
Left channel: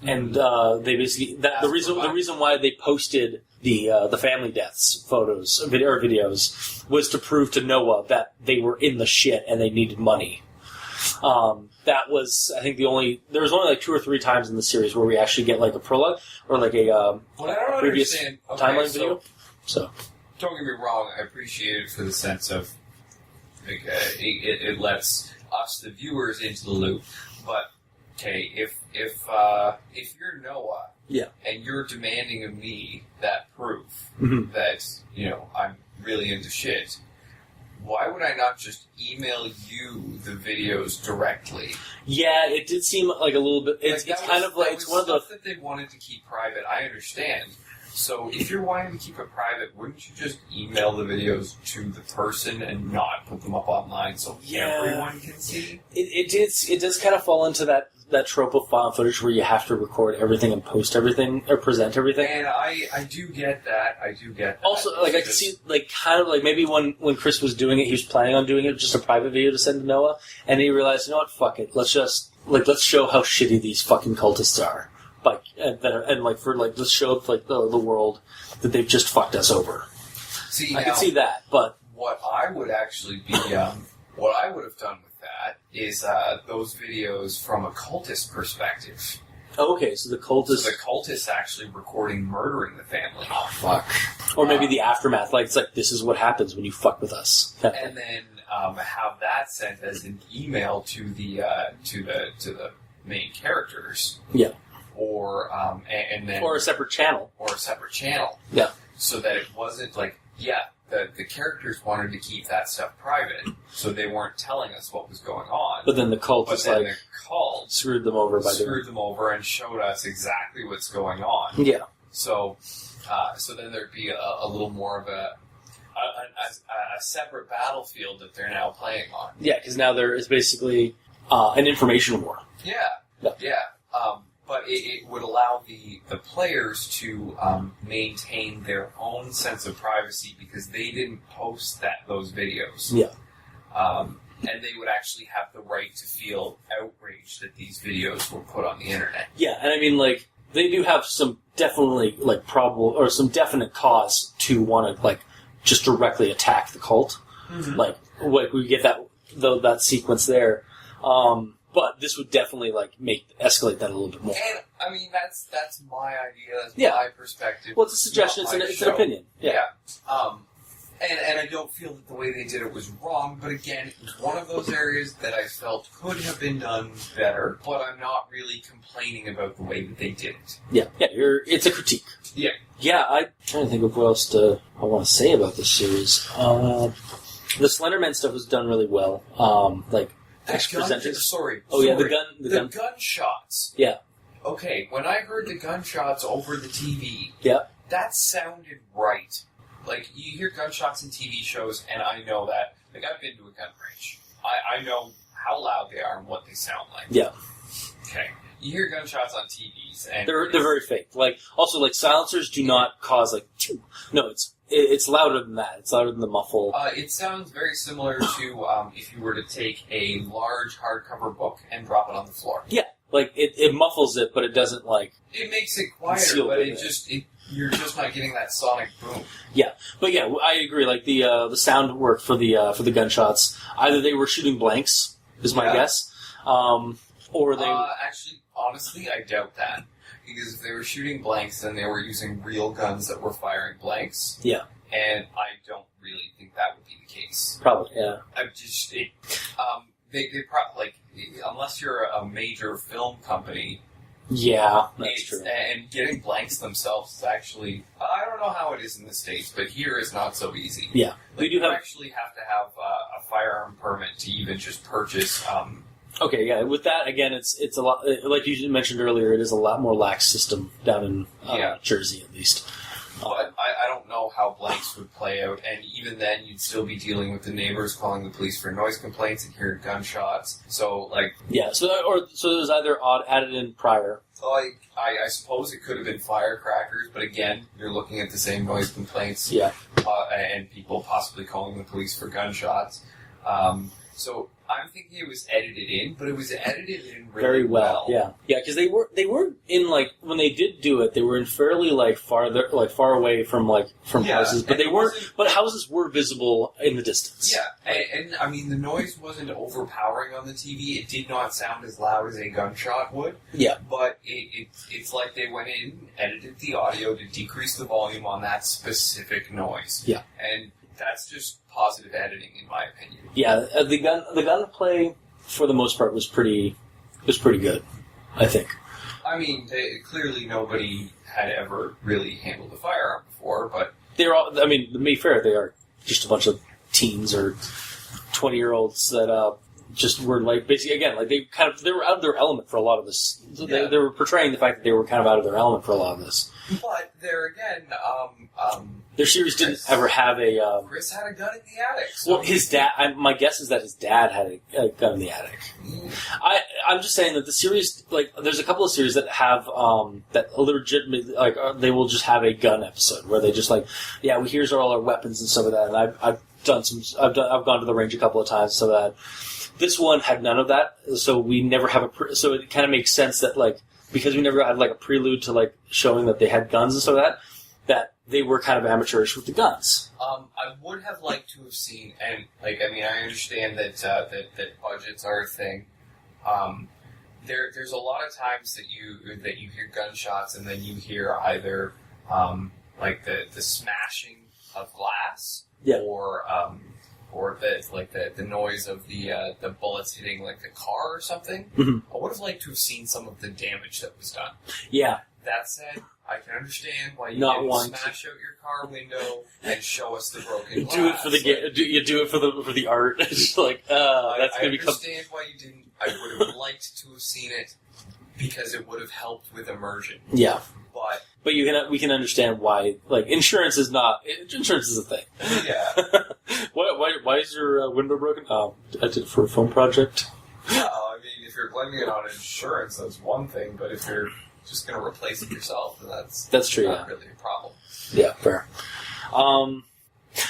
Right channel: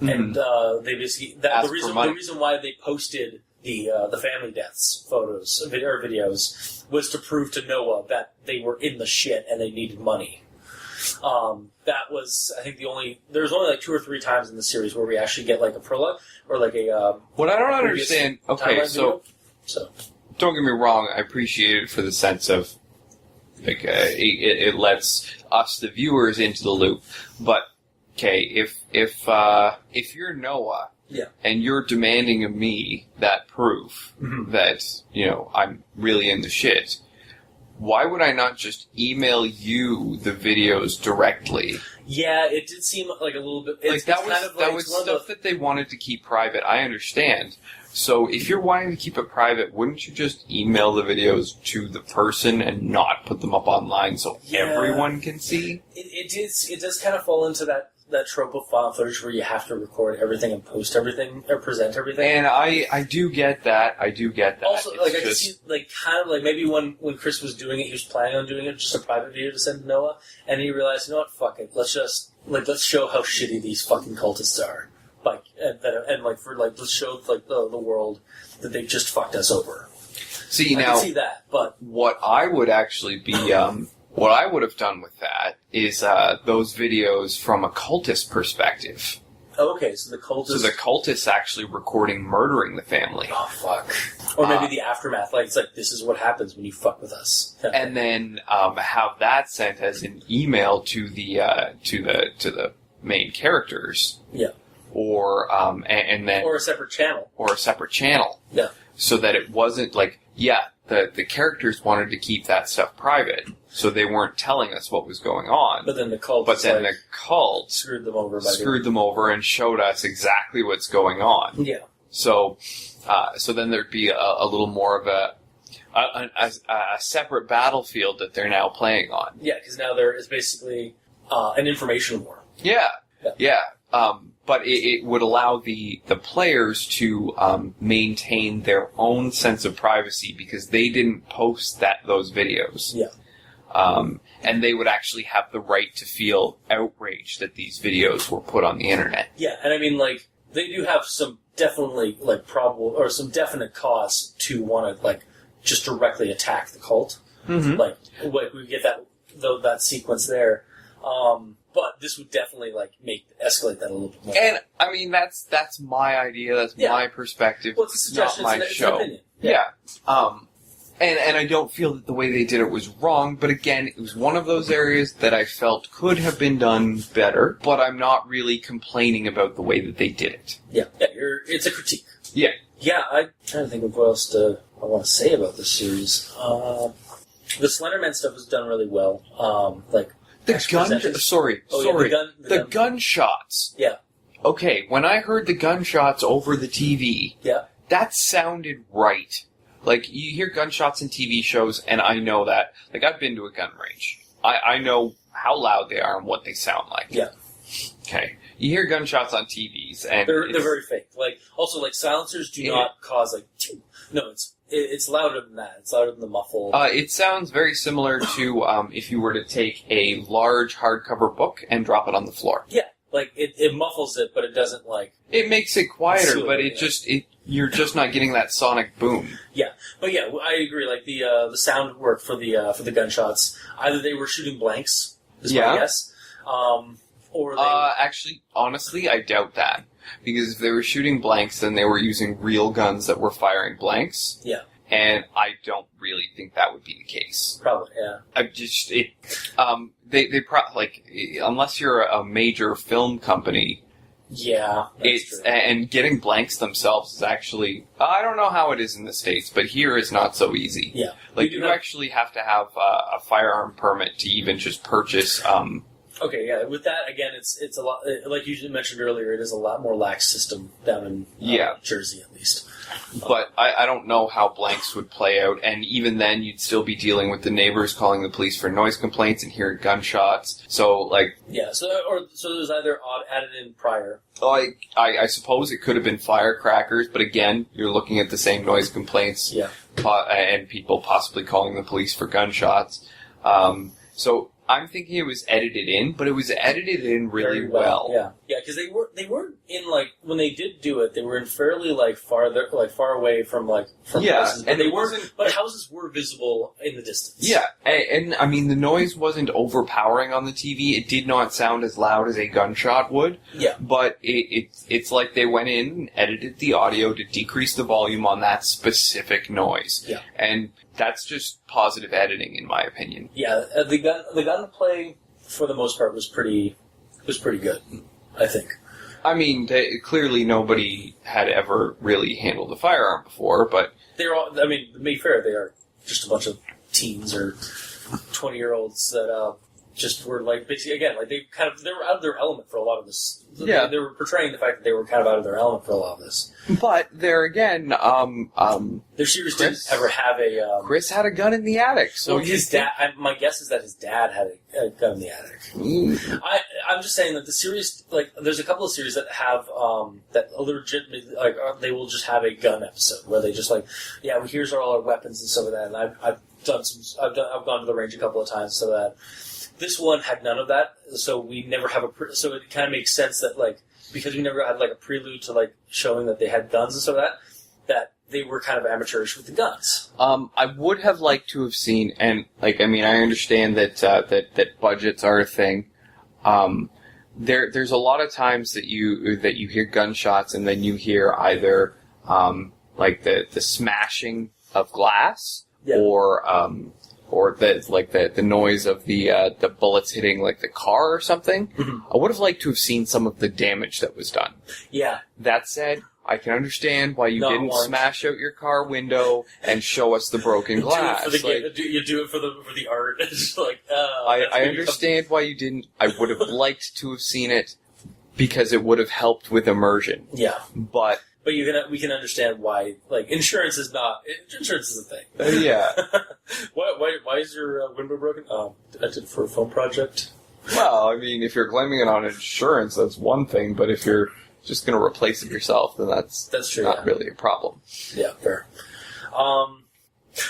and they basically the reason why they posted the family deaths photos or videos was to prove to Noah that they were in the shit and they needed money. That was, I think, there was only like 2 or 3 times in the series where we actually get like a prologue or like a what I don't understand. Okay, so don't get me wrong, I appreciate it for the sense of like it lets us the viewers into the loop. But okay, if you're Noah, and you're demanding of me that proof that I'm really in the shit. Why would I not just email you the videos directly? Yeah, it did seem like a little bit. That was stuff that they wanted to keep private. I understand. So if you're wanting to keep it private, wouldn't you just email the videos to the person and not put them up online so everyone can see? It does kind of fall into that trope of found footage where you have to record everything and post everything or present everything. And I do get that. Also, like I could see, like kind of like maybe when Chris was doing it, he was planning on doing it just a private video to send to Noah, and he realized, you know what, fuck it, let's show how shitty these fucking cultists are, let's show like the world that they've just fucked us over. See, I can see that, but what I would actually be what I would have done with that is those videos from a cultist perspective. Okay, so the cultists actually recording murdering the family. Oh fuck! Or maybe the aftermath, like it's like this is what happens when you fuck with us, and then have that sent as an email to the main characters. Yeah. Or and then or a separate channel. Yeah. So that it wasn't like the characters wanted to keep that stuff private, so they weren't telling us what was going on. But then the cult screwed them over and showed us exactly what's going on. Yeah. So then there'd be a little more of a separate battlefield that they're now playing on. Yeah, because now there is basically an information war. Yeah. but it would allow the players to maintain their own sense of privacy because they didn't post those videos. Yeah. And they would actually have the right to feel outraged that these videos were put on the internet. Yeah, and I mean, like, they do have some definitely, like, probable, or some definite cause to want to, like, just directly attack the cult. Mm-hmm. Like, we get that sequence there. But this would definitely, like, escalate that a little bit more. And, I mean, that's my idea, that's my perspective. Well, it's a suggestion, it's an opinion. Yeah. And I don't feel that the way they did it was wrong, but again, it was one of those areas that I felt could have been done better, but I'm not really complaining about the way that they did it. Yeah, it's a critique. Yeah. Yeah, I'm trying to think of what else I want to say about this series. The Slenderman stuff was done really well. Like, the gunshots. Yeah. Okay, when I heard the gunshots over the TV, that sounded right. Like, you hear gunshots in TV shows, and I know that. Like, I've been to a gun range. I know how loud they are and what they sound like. Yeah. Okay. You hear gunshots on TVs, and they're very fake. Like, also, like, silencers do not cause, like, no, it's louder than that. It's louder than the muffle. It sounds very similar to if you were to take a large hardcover book and drop it on the floor. Yeah. Like, it muffles it, but it doesn't, like... It makes it quieter, but you're just not getting that sonic boom. Yeah. But yeah, I agree. Like, the sound work for the gunshots, either they were shooting blanks, is my guess, or they... Actually, honestly, I doubt that. Because if they were shooting blanks, then they were using real guns that were firing blanks. Yeah. And I don't really think that would be the case. Probably, yeah. Unless you're a major film company, yeah, that's true. And getting blanks themselves is actually, I don't know how it is in the States, but here is not so easy. Yeah, like you actually have to have a firearm permit to even just purchase. Okay, yeah. With that, again, it's a lot. Like you mentioned earlier, it is a lot more lax system down in Jersey, at least. But I don't know how blanks would play out, and even then, you'd still be dealing with the neighbors calling the police for noise complaints and hearing gunshots. So, like... Yeah, so there's either added in prior. I suppose it could have been firecrackers, but again, you're looking at the same noise complaints. Yeah. And people possibly calling the police for gunshots. So... I'm thinking it was edited in, but it was edited in really well. Yeah, because they were in, like, when they did do it, they were in fairly far away from houses, but but houses were visible in the distance. Yeah, and I mean the noise wasn't overpowering on the TV. It did not sound as loud as a gunshot would. Yeah, but it's like they went in and edited the audio to decrease the volume on that specific noise. Yeah, and that's just positive editing, in my opinion. Yeah, the gunplay for the most part was pretty good, I think. I mean, clearly nobody had ever really handled a firearm before, but they're all. I mean, to be fair, they are just a bunch of teens or 20-year-olds that just were basically again they were out of their element for a lot of this. Yeah, they were portraying the fact that they were kind of out of their element for a lot of this. But there again, their series didn't ever have a. Chris had a gun in the attic. So his dad. My guess is that his dad had a gun in the attic. I'm just saying that the series, there's a couple of series that have that legitimately they will just have a gun episode where they just here's all our weapons and stuff like that. And I've gone to the range a couple of times, so that. This one had none of that, so we never have so it kind of makes sense that because we never had a prelude to showing that they had guns and stuff like that they were kind of amateurish with the guns. I would have liked to have seen, and I understand that that budgets are a thing. There's a lot of times that you hear gunshots and then you hear either the smashing of glass or the noise of the bullets hitting the car or something. Mm-hmm. I would have liked to have seen some of the damage that was done. Yeah. That said, I can understand why you didn't smash out your car window and show us the broken glass. Do it for the art. It's I understand why you didn't. I would have liked to have seen it because it would have helped with immersion. Yeah, but we can understand why. Insurance is a thing. Yeah. Why is your window broken? I did it for a film project. Well, I mean, if you're claiming it on insurance, that's one thing, but if you're just going to replace it yourself, then that's true. not really a problem. Yeah, fair.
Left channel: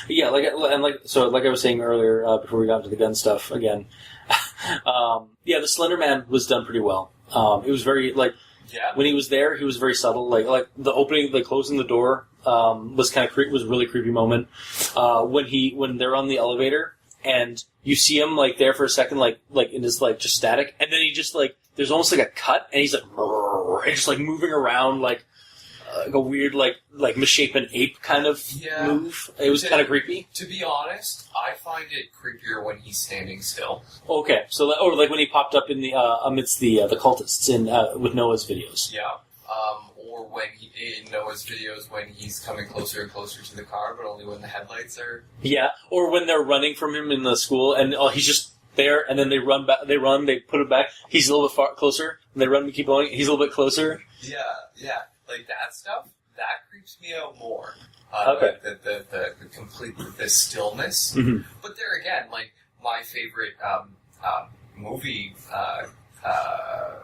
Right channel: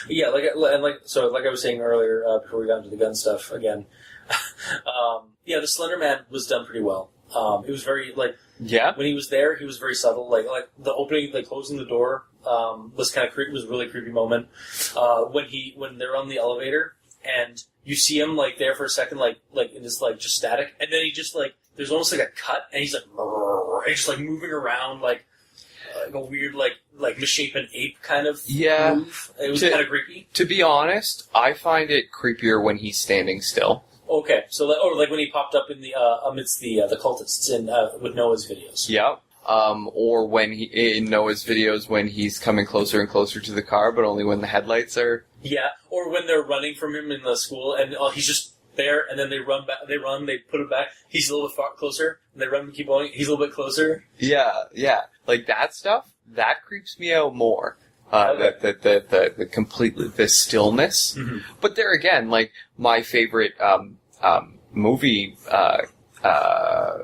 Yeah, like I was saying earlier before we got into the gun stuff again. The Slenderman was done pretty well. It was very when he was there, he was very subtle. Like the opening, closing the door was kind of was a really creepy moment. When they're on the elevator and you see him there for a second, like in this just static, and then he just there's almost a cut, and he's and just moving around like a weird misshapen ape kind of move. It was kind of creepy. To be honest, I find it creepier when he's standing still. Okay, so when he popped up in the amidst the cultists in with Noah's videos. Yeah. Or when in Noah's videos when he's coming closer and closer to the car, but only when the headlights are. Yeah, or when they're running from him in the school, and he's just there, and then they run back. They put it back. He's a little bit closer. And they run, we keep going. He's a little bit closer. Yeah. Like that stuff, that creeps me out more. Okay. The completely the stillness. Mm-hmm. But there again, my favorite movie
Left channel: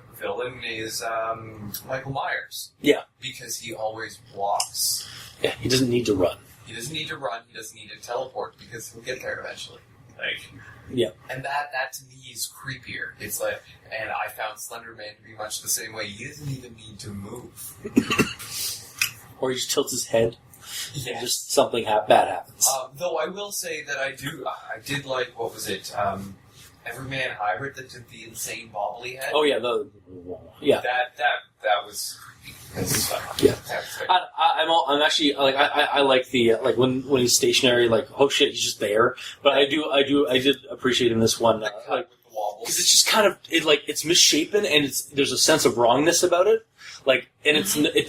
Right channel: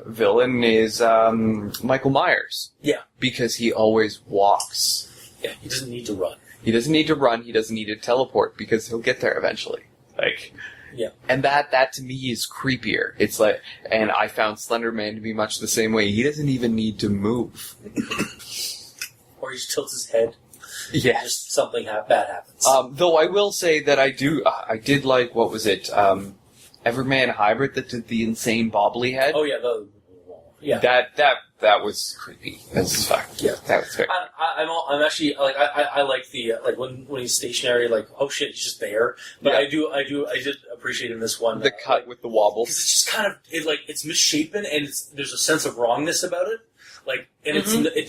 villain is Michael Myers. Yeah, because he always walks. Yeah, he doesn't need to run. He doesn't need to run. He doesn't need to teleport because he'll get there eventually. Yeah. And that to me is creepier. It's and I found Slenderman to be much the same way. He doesn't even need to move. Or he just tilts his head. Yeah. Just something bad happens. Though I will say that I did like, what was it, Everman Hybrid that did the insane bobbly head? Oh yeah, That was creepy as fuck. Yeah. That was great. I'm actually I like the when he's stationary, oh shit, he's just there. But Yeah. I did appreciate in this one The cut with the wobble. because it's just kind of it's misshapen, and there's a sense of wrongness about it. And it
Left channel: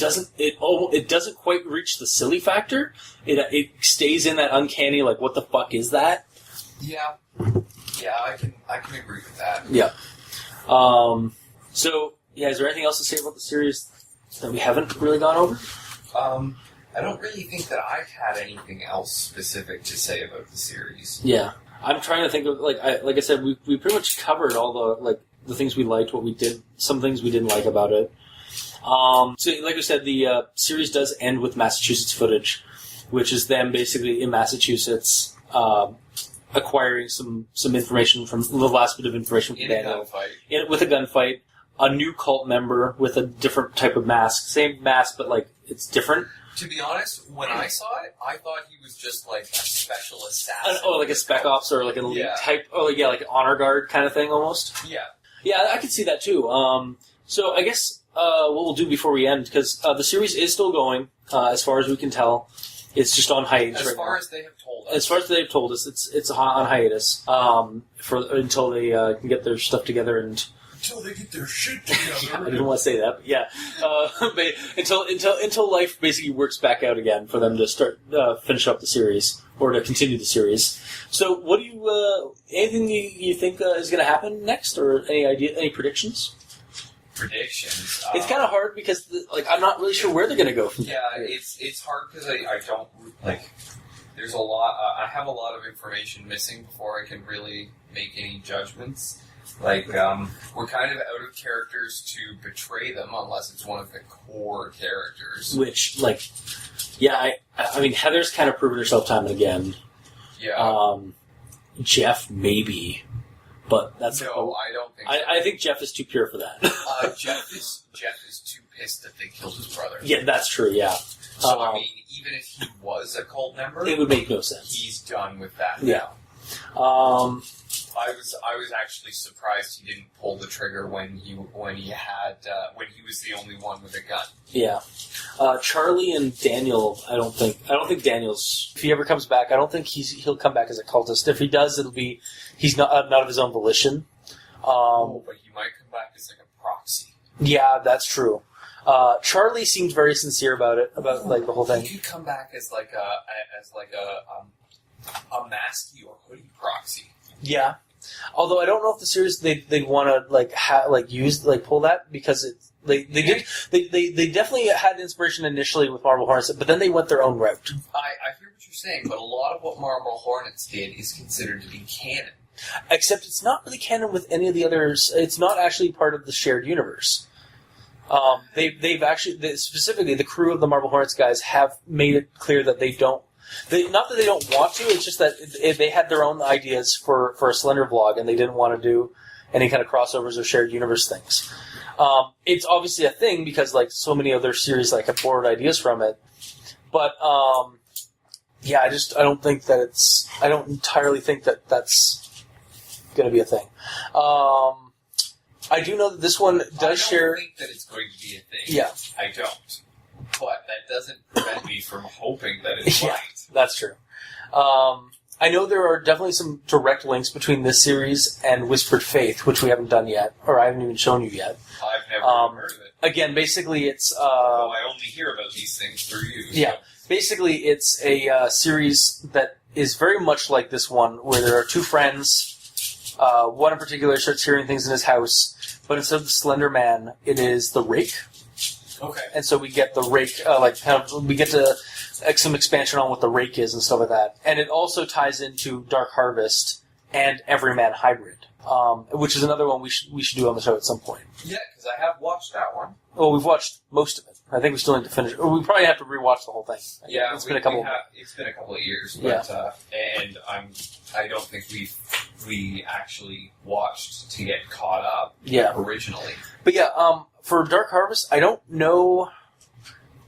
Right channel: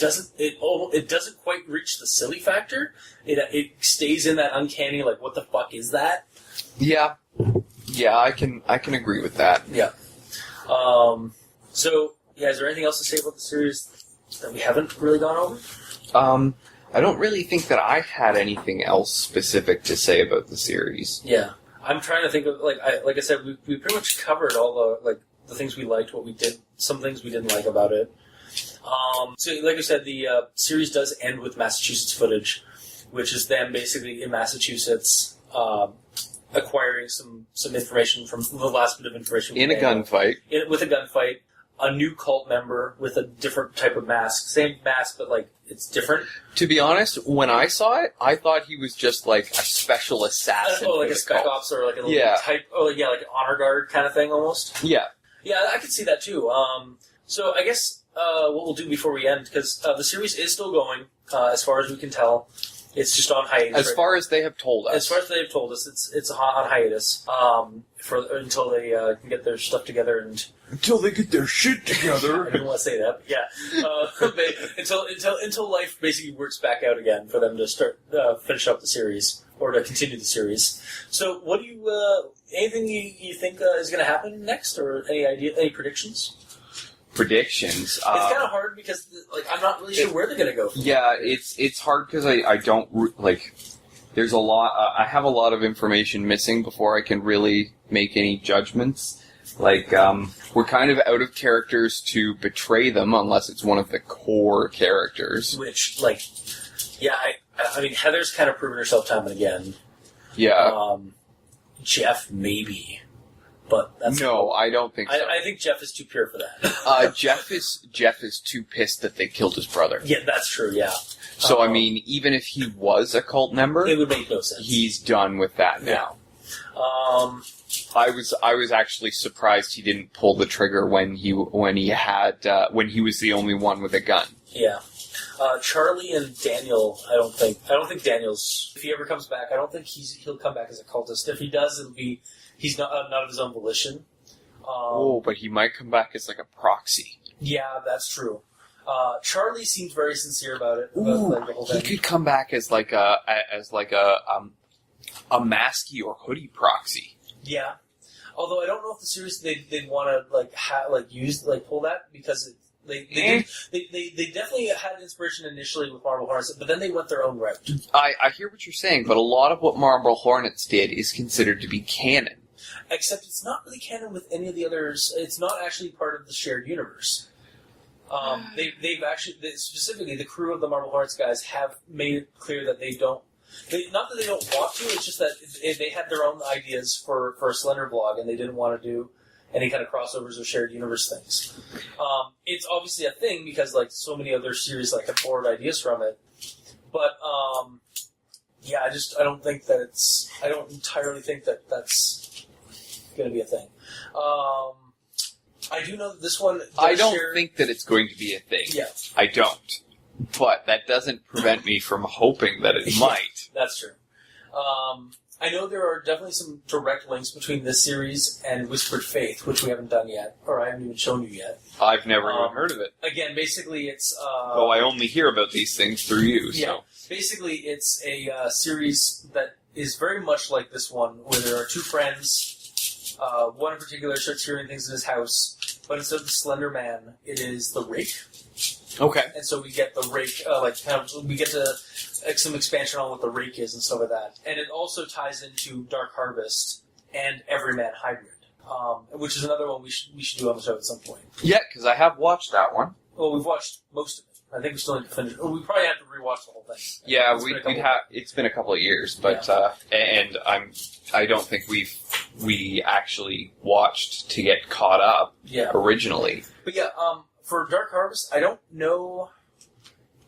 doesn't quite reach the silly factor. It stays in that uncanny what the fuck is that? Yeah, I can agree with that. Yeah. So is there anything else to say about the series that we haven't really gone over? I don't really think that I had anything else specific to say about the series. Yeah, I'm trying to think of like I said, we pretty much covered all the things we liked, what we did, some things we didn't like about it. So like I said, the series does end with Massachusetts footage, which is them basically in Massachusetts acquiring some information from the last bit of information In a gunfight. With a gunfight. A new cult member with a different type of mask. Same mask, but it's different. To be honest, when I saw it, I thought he was just a special assassin. Like a spec ops or an elite type. Like an honor guard kind of thing almost. Yeah. Yeah, I could see that too. So I guess what we'll do before we end, because the series is still going, as far as we can tell. It's just on hiatus. As far as they have told us. As far as they have told us, it's on hiatus until they can get their stuff together and. Until they get their shit together. I didn't want to say that, but yeah. Until life basically works back out again for them to start finish up the series or to continue the series. So, what do you? Anything you think is going to happen next, or any predictions? Predictions. It's kind of hard because I'm not really sure where they're going to go. Yeah, it's hard because I don't There's a lot. I have a lot of information missing before I can really make any judgments. We're kind of out of characters to betray them unless it's one of the core characters. Which, I mean, Heather's kind of proven herself time and again. Yeah. Jeff, maybe. But that's No, I don't think so. I think Jeff is too pure for that. Jeff is too pissed that they killed his brother. Yeah, that's true, yeah. So, I mean, even if he was a cult member... It would make no sense. He's done with that now. I was actually surprised he didn't pull the trigger when he was the only one with a gun. Yeah, Charlie and Daniel. I don't think Daniel's. If he ever comes back, I don't think he'll come back as a cultist. If he does, he's not of his own volition. But he might come back as a proxy. Yeah, that's true. Charlie seemed very sincere about it, about the whole thing. He could come back as a masky or hoodie proxy. Yeah, although I don't know if the series they want to pull that because they definitely had inspiration initially with Marble Hornets, but then they went their own route. I hear what you're saying, but a lot of what Marble Hornets did is considered to be canon. Except it's not really canon with any of the others. It's not actually part of the shared universe. They've actually, specifically the crew of the Marble Hornets guys have made it clear that they don't. Not that they don't want to. It's just that they had their own ideas for a Slendervlog, and they didn't want to do any kind of crossovers or shared universe things. It's obviously a thing because like so many other series like have borrowed ideas from it, but yeah, I don't think that it's. I don't entirely think that that's going to be a thing. I do know that this one does I don't share... think that it's going to be a thing. Yeah. I don't. But that doesn't prevent me from hoping that it might. That's true. I know there are definitely some direct links between this series and Whispered Faith, which we haven't done yet, or I haven't even shown you yet. I've never even heard of it. Again, basically it's... Though I only hear about these things through you. So. Yeah. Basically, it's a series that is very much like this one, where there are two friends. One in particular starts hearing things in his house, but instead of the Slender Man, it is the Rake. Okay. And so we get the Rake, we get to some expansion on what the Rake is and stuff like that. And it also ties into Dark Harvest and Everyman Hybrid, which is another one we should do on the show at some point. Yeah, because I have watched that one. Well, we've watched most of it. I think we still need to finish it. Or we probably have to rewatch the whole thing. Yeah, it's been a couple of years, but and I don't think we actually watched to get caught up originally. But yeah, for Dark Harvest, I don't know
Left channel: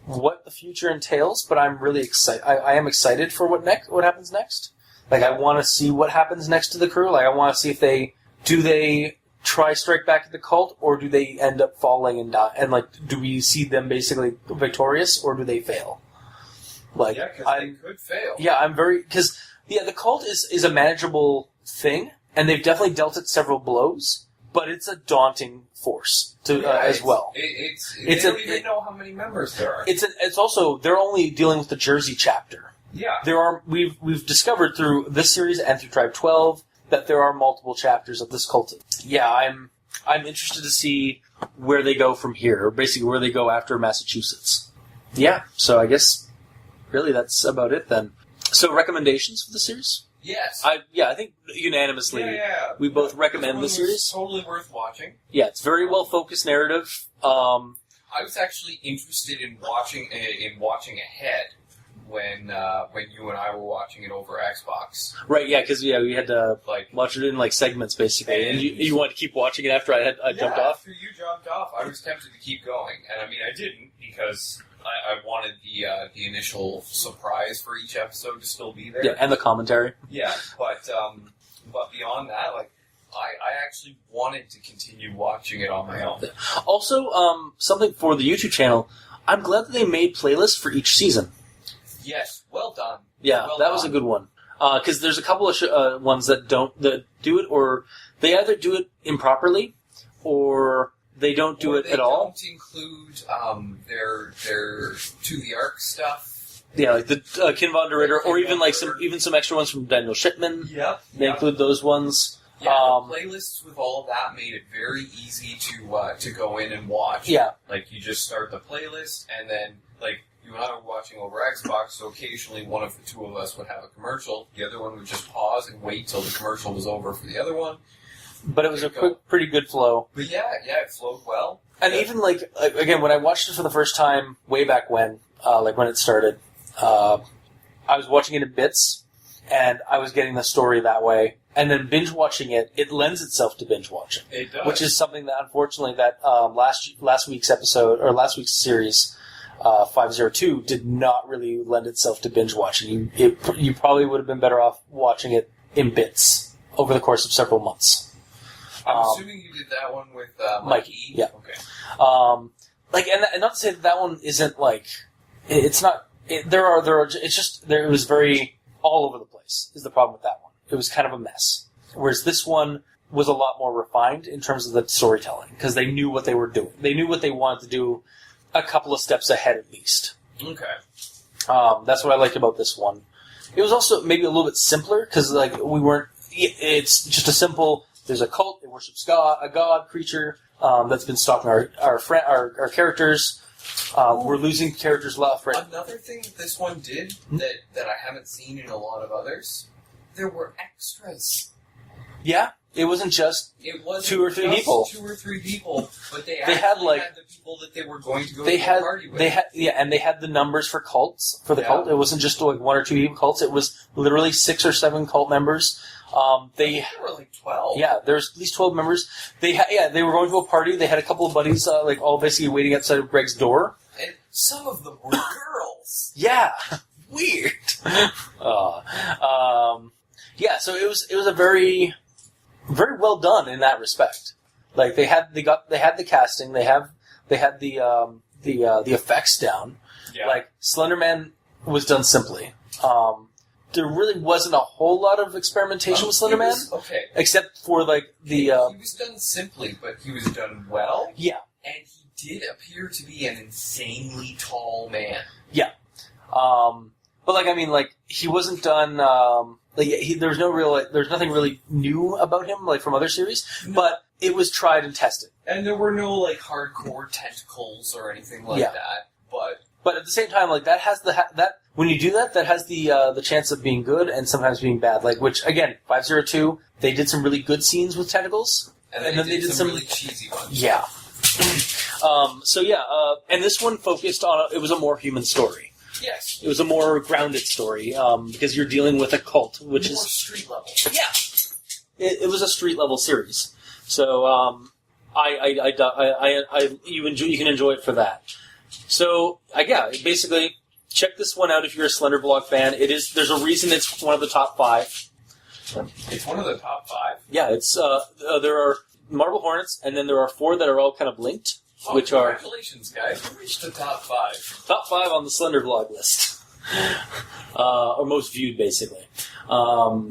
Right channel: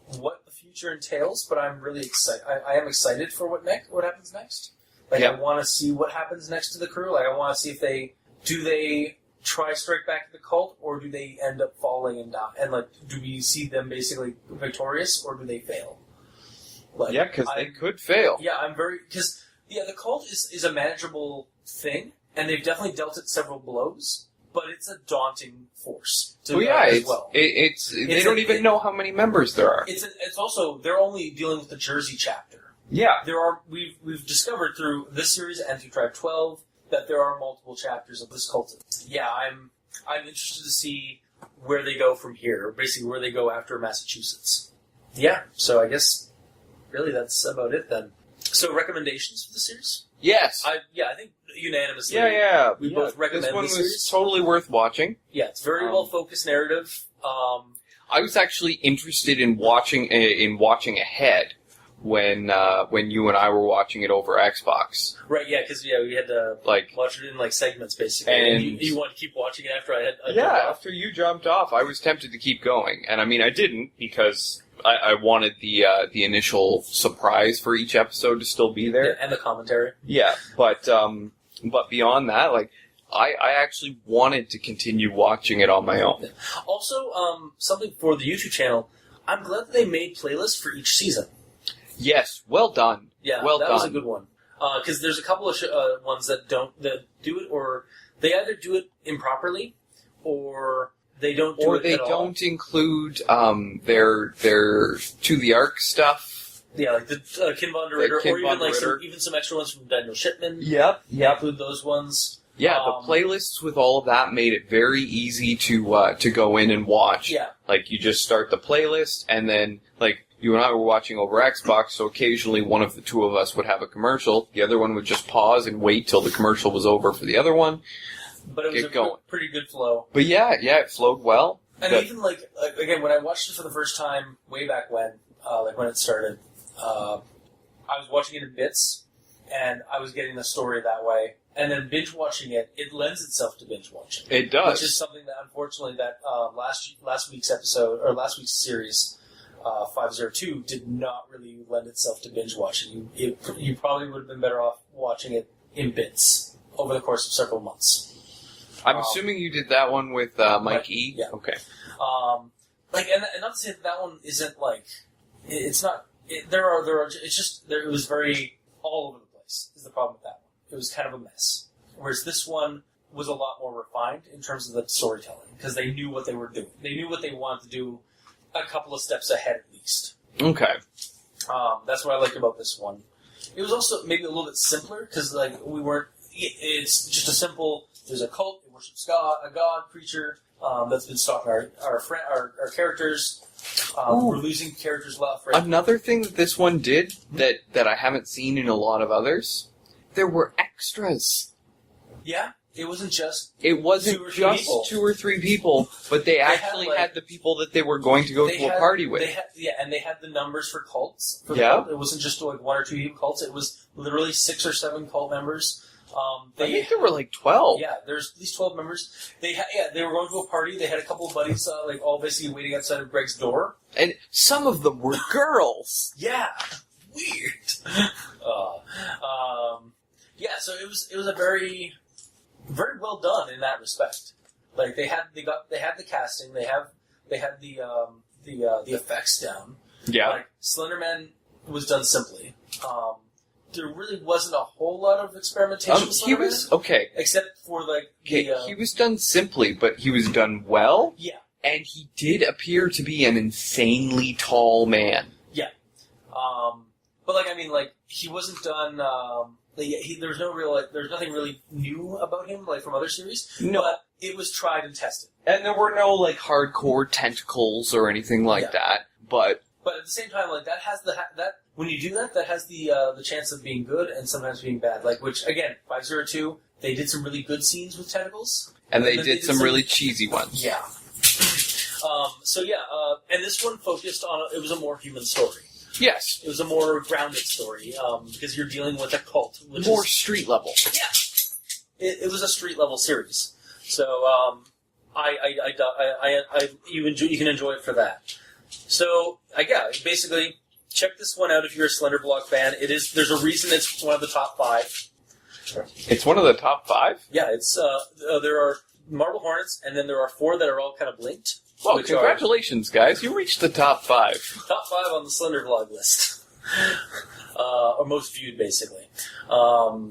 what the future entails, but I'm really excited. I am excited for what happens next. Like I want to see what happens next to the crew. Like I want to see if they try strike back at the cult, or do they end up falling and die? And like, do we see them basically victorious, or do they fail? Like, yeah, because they could fail. Yeah, the cult is a manageable thing, and they've definitely dealt it several blows, but it's a daunting force as well. They don't even know how many members there are. It's also they're only dealing with the Jersey chapter. Yeah, we've discovered through this series and through Tribe 12 that there are multiple chapters of this cult. Yeah, I'm interested to see where they go from here, or basically where they go after Massachusetts. Yeah, so I guess really that's about it then. So recommendations for the series? Yes. I think unanimously. We both recommend this the series. Was totally worth watching. Yeah, it's very well focused narrative. I was actually interested in watching ahead when you and I were watching it over Xbox. Right, yeah, because we had to watch it in segments basically. And you wanted to keep watching it after I jumped off? After you jumped off, I was tempted to keep going, and I mean I didn't because I wanted the initial surprise for each episode to still be there. Yeah, and the commentary. Yeah, but beyond that, I actually wanted to continue watching it on my own. Also, something for the YouTube channel, I'm glad that they made playlists for each season. Yes, well done. Yeah, well that done. was a good one. Because there's a couple of ones that do it, or they either do it improperly, or they don't do it at all. Or they don't include their To the Ark stuff. Yeah, like the Kin von der Ritter, or even some extra ones from Daniel Shipman. Yep. Include those ones. Yeah, the playlists with all of that made it very easy to go in and watch. Yeah. You just start the playlist, and then, you and I were watching over Xbox, so occasionally one of the two of us would have a commercial. The other one would just pause and wait till the commercial was over for the other one. But it was pretty good flow. But yeah, it flowed well. And even, again, when I watched it for the first time, way back when, when it started, I was watching it in bits, and I was getting the story that way. And then binge watching it lends itself to binge watching. It does. Which is something that, unfortunately, that last week's episode, or last week's series, 502, did not really lend itself to binge watching. You probably would have been better off watching it in bits over the course of several months. I'm assuming you did that one with Mike E? Yeah. Okay. And not to say that one isn't, it's not, it was very all over the place, is the problem with that one. It was kind of a mess. Whereas this one was a lot more refined in terms of the storytelling, because they knew what they were doing. They knew what they wanted to do a couple of steps ahead at least. Okay. That's what I liked about this one. It was also maybe a little bit simpler, because we weren't... It's just a simple... There's a cult, it worships a god creature that's been stalking our characters. We're losing characters left, right? Another thing that this one did that I haven't seen in a lot of others, there were extras. Yeah, it wasn't just It wasn't Two or three just people. 2 or 3 people, but they had, actually like- had the people that they were going to go to a party with. And they had the numbers for cults for the Yeah. cult. It wasn't just like 1 or 2 people cults. It was literally 6 or 7 cult members. I think there were like 12. Yeah, there's at least 12 members. They were going to a party. They had a couple of buddies, like all basically waiting outside of Greg's door. And some of them were girls. Yeah, weird. So it was a very, very well done in that respect. Like they had the casting. They had the effects down. Yeah. Like Slenderman was done simply. There really wasn't a whole lot of experimentation with Slenderman. Okay. Except for like the he was done simply, but he was done well. Yeah. And he did appear to be an insanely tall man. Yeah. But like I mean like he wasn't done there's nothing really new about him like from other series. No. But it was tried and tested. And there were no like hardcore tentacles or anything like that. But at the same time like that has that when you do that has the chance of being good and sometimes being bad. Like which again 502 they did some really good scenes with tentacles. and they did some really cheesy ones. Yeah. And this one focused on it was a more human story. Yes. It was a more grounded story because you're dealing with a cult, which More is street level. yeah. It was a street level series, so you can enjoy it for that. So basically check this one out if you're a Slendervlog fan. There's a reason it's one of the top 5. It's one of the top 5? Yeah, it's there are Marble Hornets, and then there are 4 that are all kind of linked. Well, which congratulations, guys. You reached the top 5. Top 5 on the Slendervlog list. Or most viewed, basically. I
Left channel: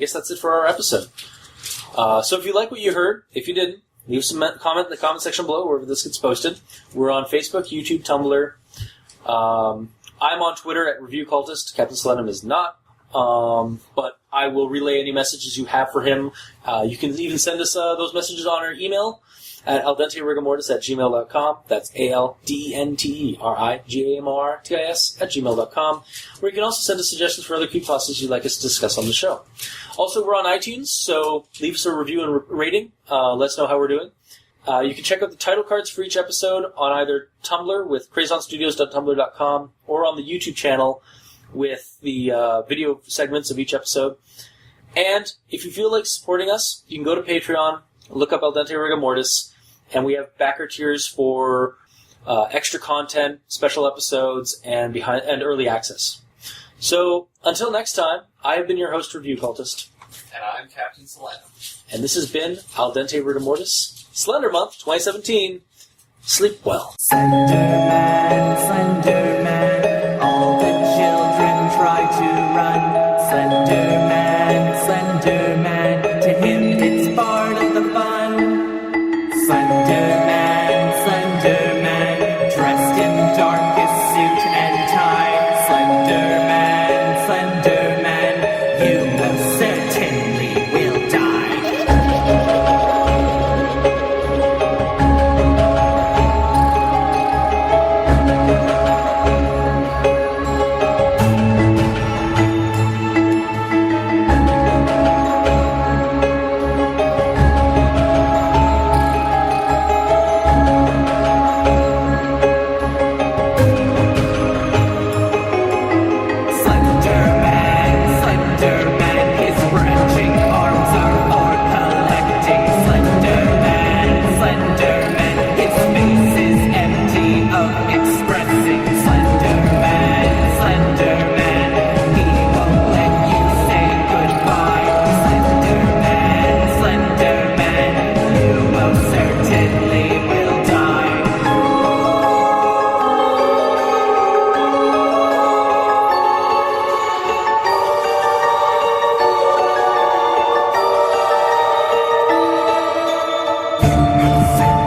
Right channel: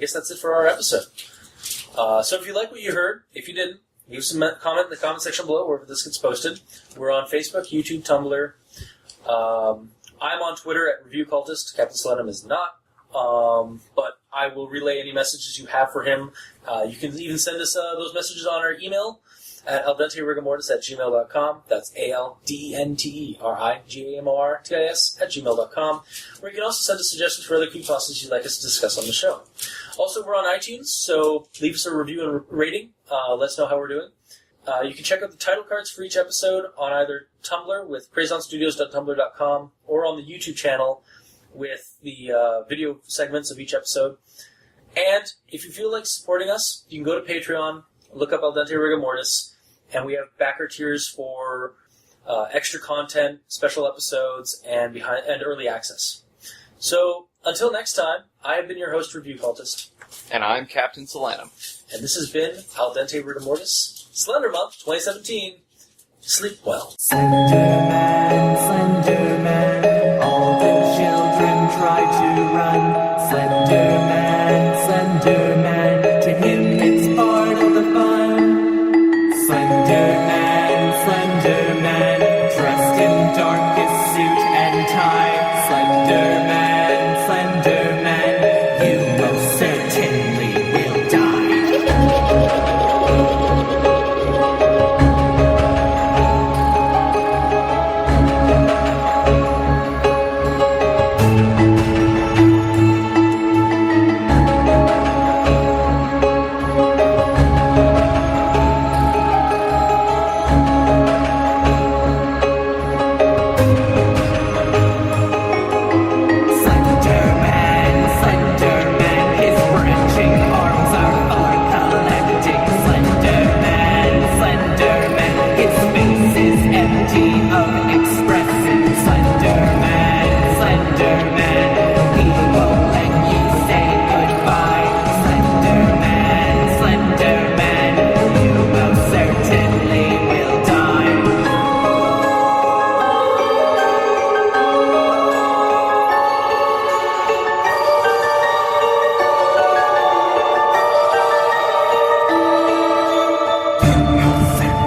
guess that's it for our episode. So if you like what you heard, if you didn't, leave some comment in the comment section below wherever this gets posted. We're on Facebook, YouTube, Tumblr. I'm on Twitter at ReviewCultist. Captain Slenderman is not. But I will relay any messages you have for him. You can even send us those messages on our email at aldenterigamortis@gmail.com. That's ALDENTERIGAMORTIS@gmail.com. Where you can also send us suggestions for other creepypastas you'd like us to discuss on the show. Also, we're on iTunes, so leave us a review and rating. Let us know how we're doing. You can check out the title cards for each episode on either Tumblr with crazonstudios.tumblr.com or on the YouTube channel with the video segments of each episode. And if you feel like supporting us, you can go to Patreon, look up Al Dente Rigor Mortis, and we have backer tiers for extra content, special episodes, and early access. So, until next time, I have been your host, Review Cultist. And I'm Captain Solanum. And this has been Al Dente Rigor Mortis, Slender Month 2017. Sleep well. Slenderman, Slenderman, all the children try to run. Slenderman, Slenderman, to him it's part of the fun. Slenderman, Slenderman, dressed in darkest suit and tie. Slenderman, Slenderman, you most certainly will die.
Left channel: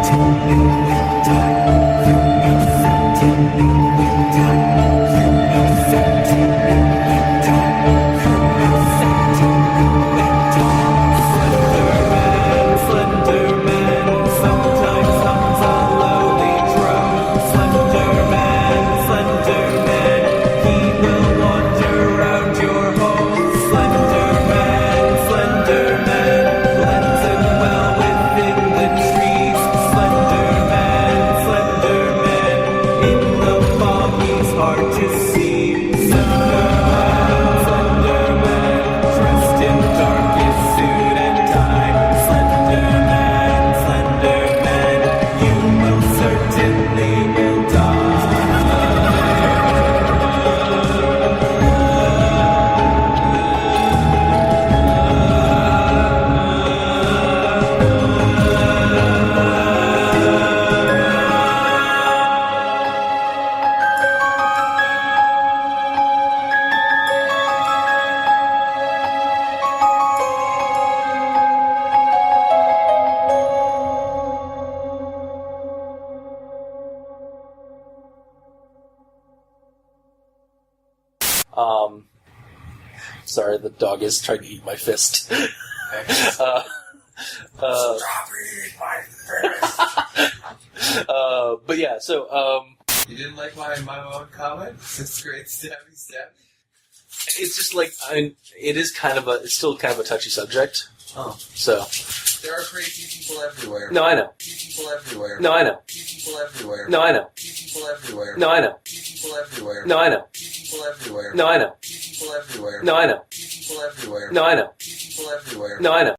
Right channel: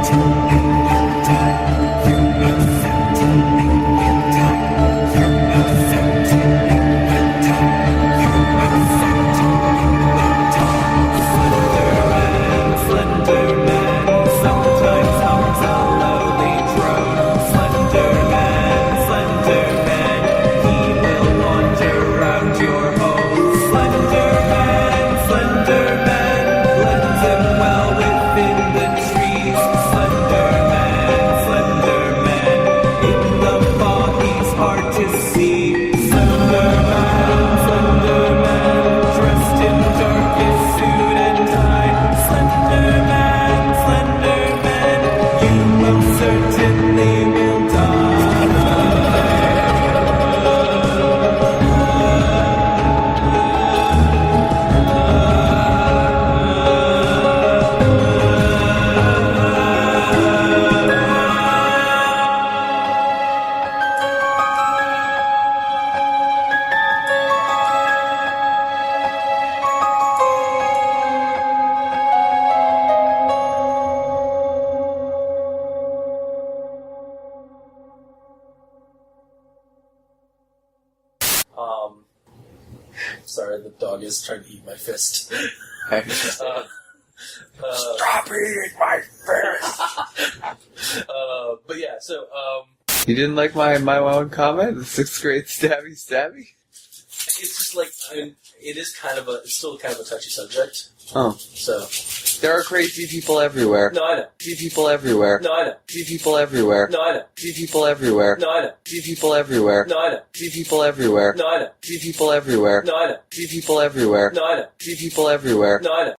Certainly will die. You most certainly Sorry, the dog is trying to eat my fist. Stop eating my fist! But yeah, so You didn't like my one comment? The 6th grade stabby? it's just like it's still kind of a touchy subject. Oh. So There are crazy people everywhere. no, I know. Crazy people everywhere. No, I know. Crazy people everywhere. No, I know. Crazy people everywhere. No, I know. Crazy people everywhere. No, I know. Crazy people everywhere. No, I know. Crazy people everywhere. No, I know. Crazy people everywhere. No, I know. Crazy people everywhere. No, I know.